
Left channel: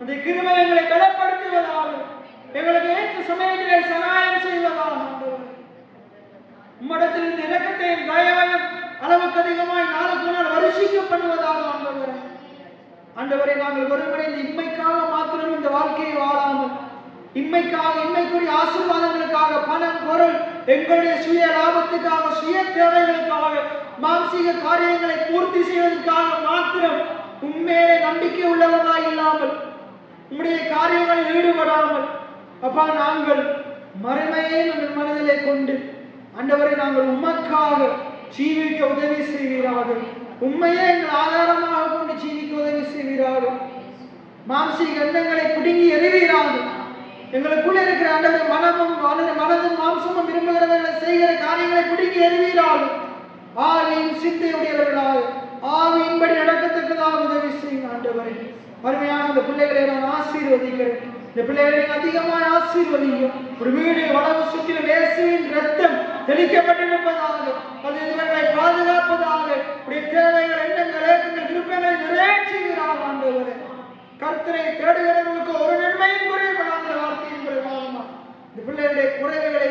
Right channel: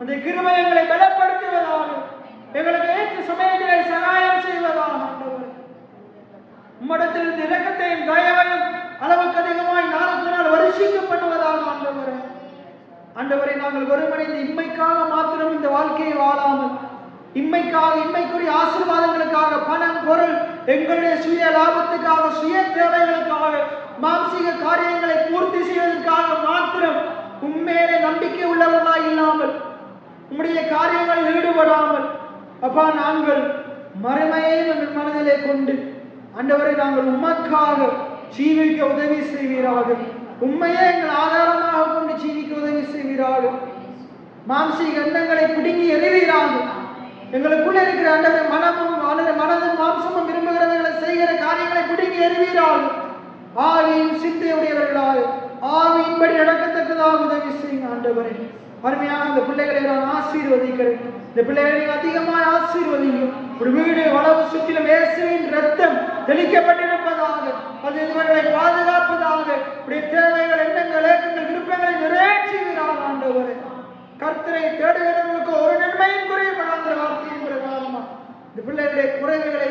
அந்த கிருபை எங்களை பலப்படுத்துவதாக, எங்களுக்கு ஏற்ற சமயத்திலே சகாயம் செய்வதாக ஆண்டவரே. உம்மிடத்தில் இந்த இரக்கத்தையும் தயவையும் அளவுக்கு அதிகமாய் நாளுக்கு நாள் வருஷிக்க பண்ணுவதாக ஆண்டவரே. ஆண்டவரை நாங்கள் ஒருமடைந்து இம்மைக்காக மாத்திரம் இந்த வாழ்க்கையை வாழாமல், இம்மைக்காக இம்மைக்குரிய ஆசீர்வாதங்களுக்காக, பணம் பொருள் எங்களுடைய சுய லாபத்துக்காக, சுய தேவைகளுக்காக, மாம்சீக காரியங்களை பூர்த்தி செய்வதற்காக மாத்திரம் உண்மையிலே நம்பிக்கை உள்ளவர்களாய் இல்லாமல், உம்முடைய காரியங்களில் ஈடுபடாமல், அப்பா நாங்கள் மறுமையை எங்கள் மனதிலே கொண்டு ஆண்டவரை நாங்கள் உமக்காக ஜீவிக்க உதவி செய்வீராக. உண்மையே எங்கள் ஆதாரமாக கொண்டு ஜீவிக்க உதவி செய்வீராக. மாம்சீக எண்ணங்களை பிடுங்கி எறிவீராக. எங்களுக்குள்ள இருக்கிற ஆண்டவரை மனதும் மாம்சமும் விரும்புகிறவர்களை செய்கிற காரியங்களை பிடுங்கி எறிவீராக. ஆவியின் சிந்தையுடையவர்களாக, ஆவியின்படி நடக்கத்தக்கதாக உதவி செய்யுங்க ஆண்டவரை. அருமையான இந்த பிள்ளைகளை நான் ஆசீர்வதிக்கிறேன். இந்த பிள்ளைகளை அதிகமாக ஆசீர்வதிக்கும். ஒரு வீடு வளவு சுற்றிலும் இயேசுவின் ரத்தம் தெளிக்கப்பட்டிருப்பதாக, அது இவர்களை பாதுகாப்பதாக, உடைய தேவைகள், எண்ணங்கள், ஏக்கங்கள், விருப்பங்களை நிறைவேற்றுகிறார் ஆண்டவரே. கர்த்தரை தேடுகிறவர்களுக்கு ஒரு நன்மையும் குறையப்படாத வார்த்தையின் பிரகாரமா இந்த பிள்ளைகளுடைய குறைவுகளை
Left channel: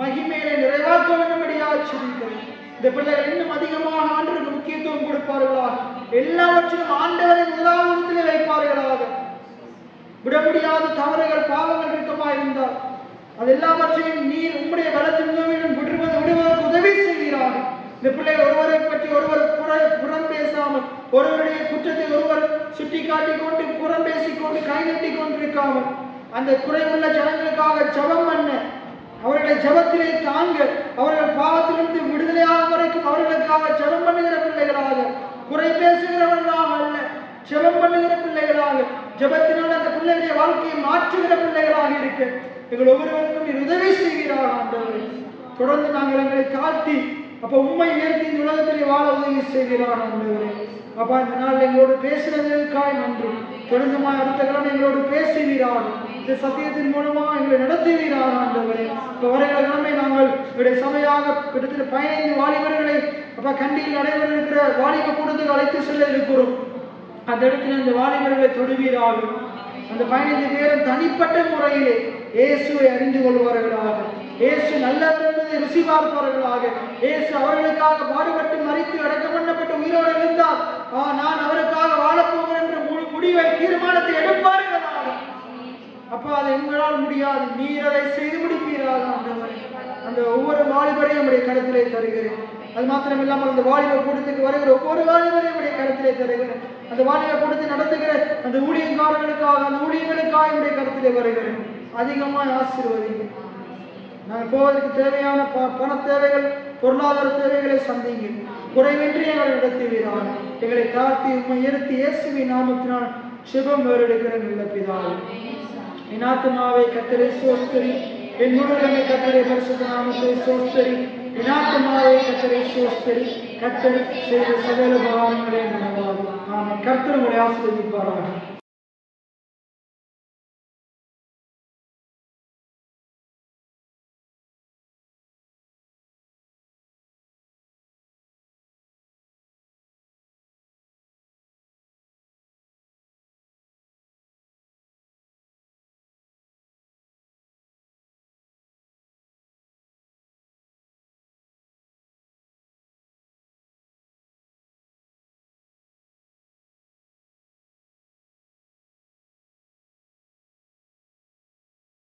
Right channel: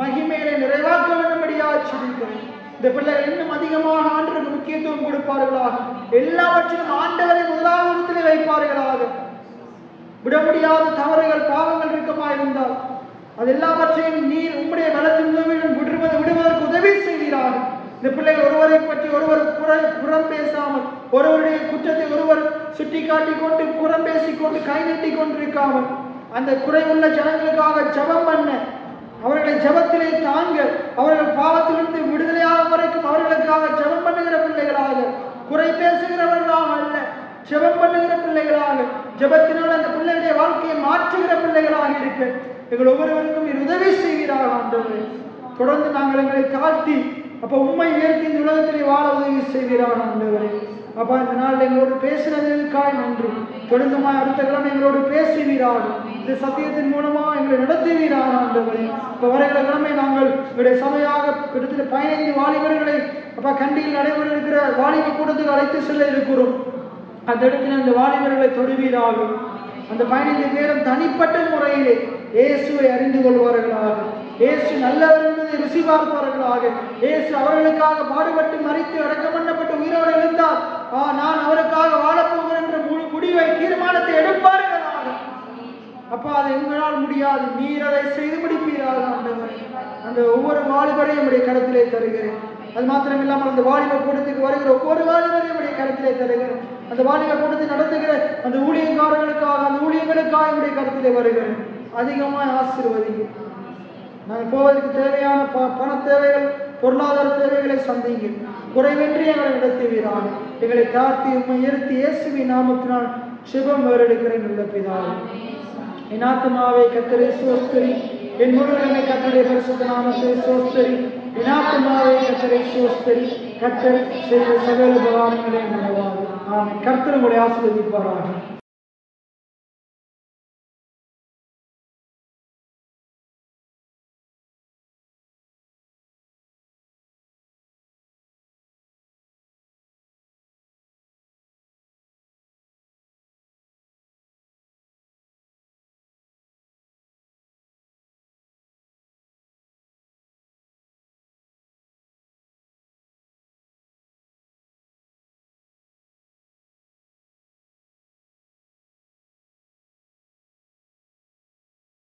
மகிமையிலே நிறைவாக்க வேண்டும்படியாக சொல்லிக்கிறேன். இந்த பிள்ளைகள் இன்னும் அதிகமாக ஆண்டவருக்கு முக்கியத்துவம் கொடுப்பார்களாக, எல்லாவற்றிலும் ஆண்டவரை முதலாவது வைப்பார்களாக. விட முடியாத தவறுகள், பாவங்கள் இருக்கமாக இருந்தால் அது எல்லாவற்றையும் நீர் உம்முடைய பலத்தின் உதவியுடன் விடுவதற்கு உதவி செய்வீராக. இந்த பிள்ளைகள் ஒருவரை பற்றி ஒருவர் புறம் பேசாமல், ஒருவருடைய குற்றத்தை ஒருவர் சுட்டி காட்டிக் கொண்டு புறம் பேசிக்கொண்டு கை நீட்டி கொண்டிருக்காமல், அந்த குறைவுள்ள ஜனங்களுக்காக ஜபம் பண்ண, அவர்களை ஜபத்திலே தாங்க, அவர்கள் பாவத்திலிருந்து விடுதலையாக வரைக்கும் அவர்களுக்காக ஜபம் பண்ணுகிற பிள்ளைகளாக, குறை பேசுகிறவர்களாக அல்ல, ஜபம் பண்ணுகிற பிள்ளைகளாக, ஜபத்தினால் அந்த பிள்ளைகளுடைய வாழ்க்கையை மாற்றுகிற பிள்ளைகளாக இருக்க எங்கள் ஒவ்வொருவருக்கும் உதவி செய்கிறார்கள் ஆண்டவரே. தொடர்ந்து நாங்கள் எங்களை தாழ்த்தி அப்ப உண்மை உயர்த்தி இந்த உலகத்திலே வாழ உதவி செய்கிறார்கள் ஆண்டவரே. அப்பா இந்த நாள் எங்களோடு பேசினதற்காக நன்றி. தொடர்ந்துமாய் அடுத்த கிழமை எங்களோடு பேசுவீராக, இந்த சத்தியத்தின் மூலமாக எங்களை நடத்துவீராக ஆண்டவரே. இப்ப வருகிற கிழமை நாங்கள் எங்களுடைய சமையாக கிட்டத்தட்ட 15 வாலிபர்களை அப்ப கண்டியில் நடைபெற இருக்கிற வாலிப கூட்டத்துக்கு அழைத்து செல்ல இருக்கிறோம். அந்த இடத்துல இந்த வாலிபர்களை தொடுவீராக. அந்த 15 பேரும் தனிப்பட்ட முறையிலே இயேசுவை அறிந்து கொள்வார்களாக, இயேசு நல்லவர் என்பதை ருசி பார்ப்பார்களாக, இயேசு அவர்களுக்காக பாடுபட்டு மரித்து அடக்கம் பண்ணப்பட்டு உயிரோடு எழுந்தார், நான் அவருக்காக வாழப்போகிறேன் என்ற முடிவை தீர்மானத்தை எடுப்பார்களாக. அப்ப அது எங்களால் முடியாது, நீர் அதை செய்து முடிப்பீராக ஆண்டவர். அந்த ஒவ்வொரு வாலிபரையும் நம்முடைய கருத்திலே தருகிறேன். அது மாத்திரம் இல்லாமல் அந்த வாலிப கூட்டத்துக்கு வருகிற ஒவ்வொரு வாலிபரையும் நம்முடைய கருத்திலே தருகிறேன். அந்த வாலிப கூட்டத்தை நடத்துகிற அந்த ஊழியக்காரர்களுக்காக, அந்த ஊழியர்களுக்காக நம்முடைய கருத்திலே வருகிறேன். அதிகமாக ஆசீர்வதிங்க. நாங்கள் போவதற்கு தேவையான பண தேவைகள், பொருளாதார தேவைகளை சந்திங்க. குறைவின்றி எங்களை நடத்துவீராக. எங்களை தாழ்த்தி உயர்த்தி இயேசுவின் நாமத்தினால் சிவம் வேறெடுக்கிறேன் உள்ள பிதாவே. என் ஆத்துமாவை கர்த்தரை ஸ்தோத்திரி, என் முழுவதுமே கர்த்தருடைய பரிசுத்த நாமத்தை ஸ்தோத்திரி. என் ஆத்துமாவை கர்த்தரை ஸ்தோத்திரி, கர்த்தர் செய்த சகல உபகாரங்களை நினைவாகும். ஆமென். கர்த்தர் உங்களை ஆசீர்வதிப்பாராக.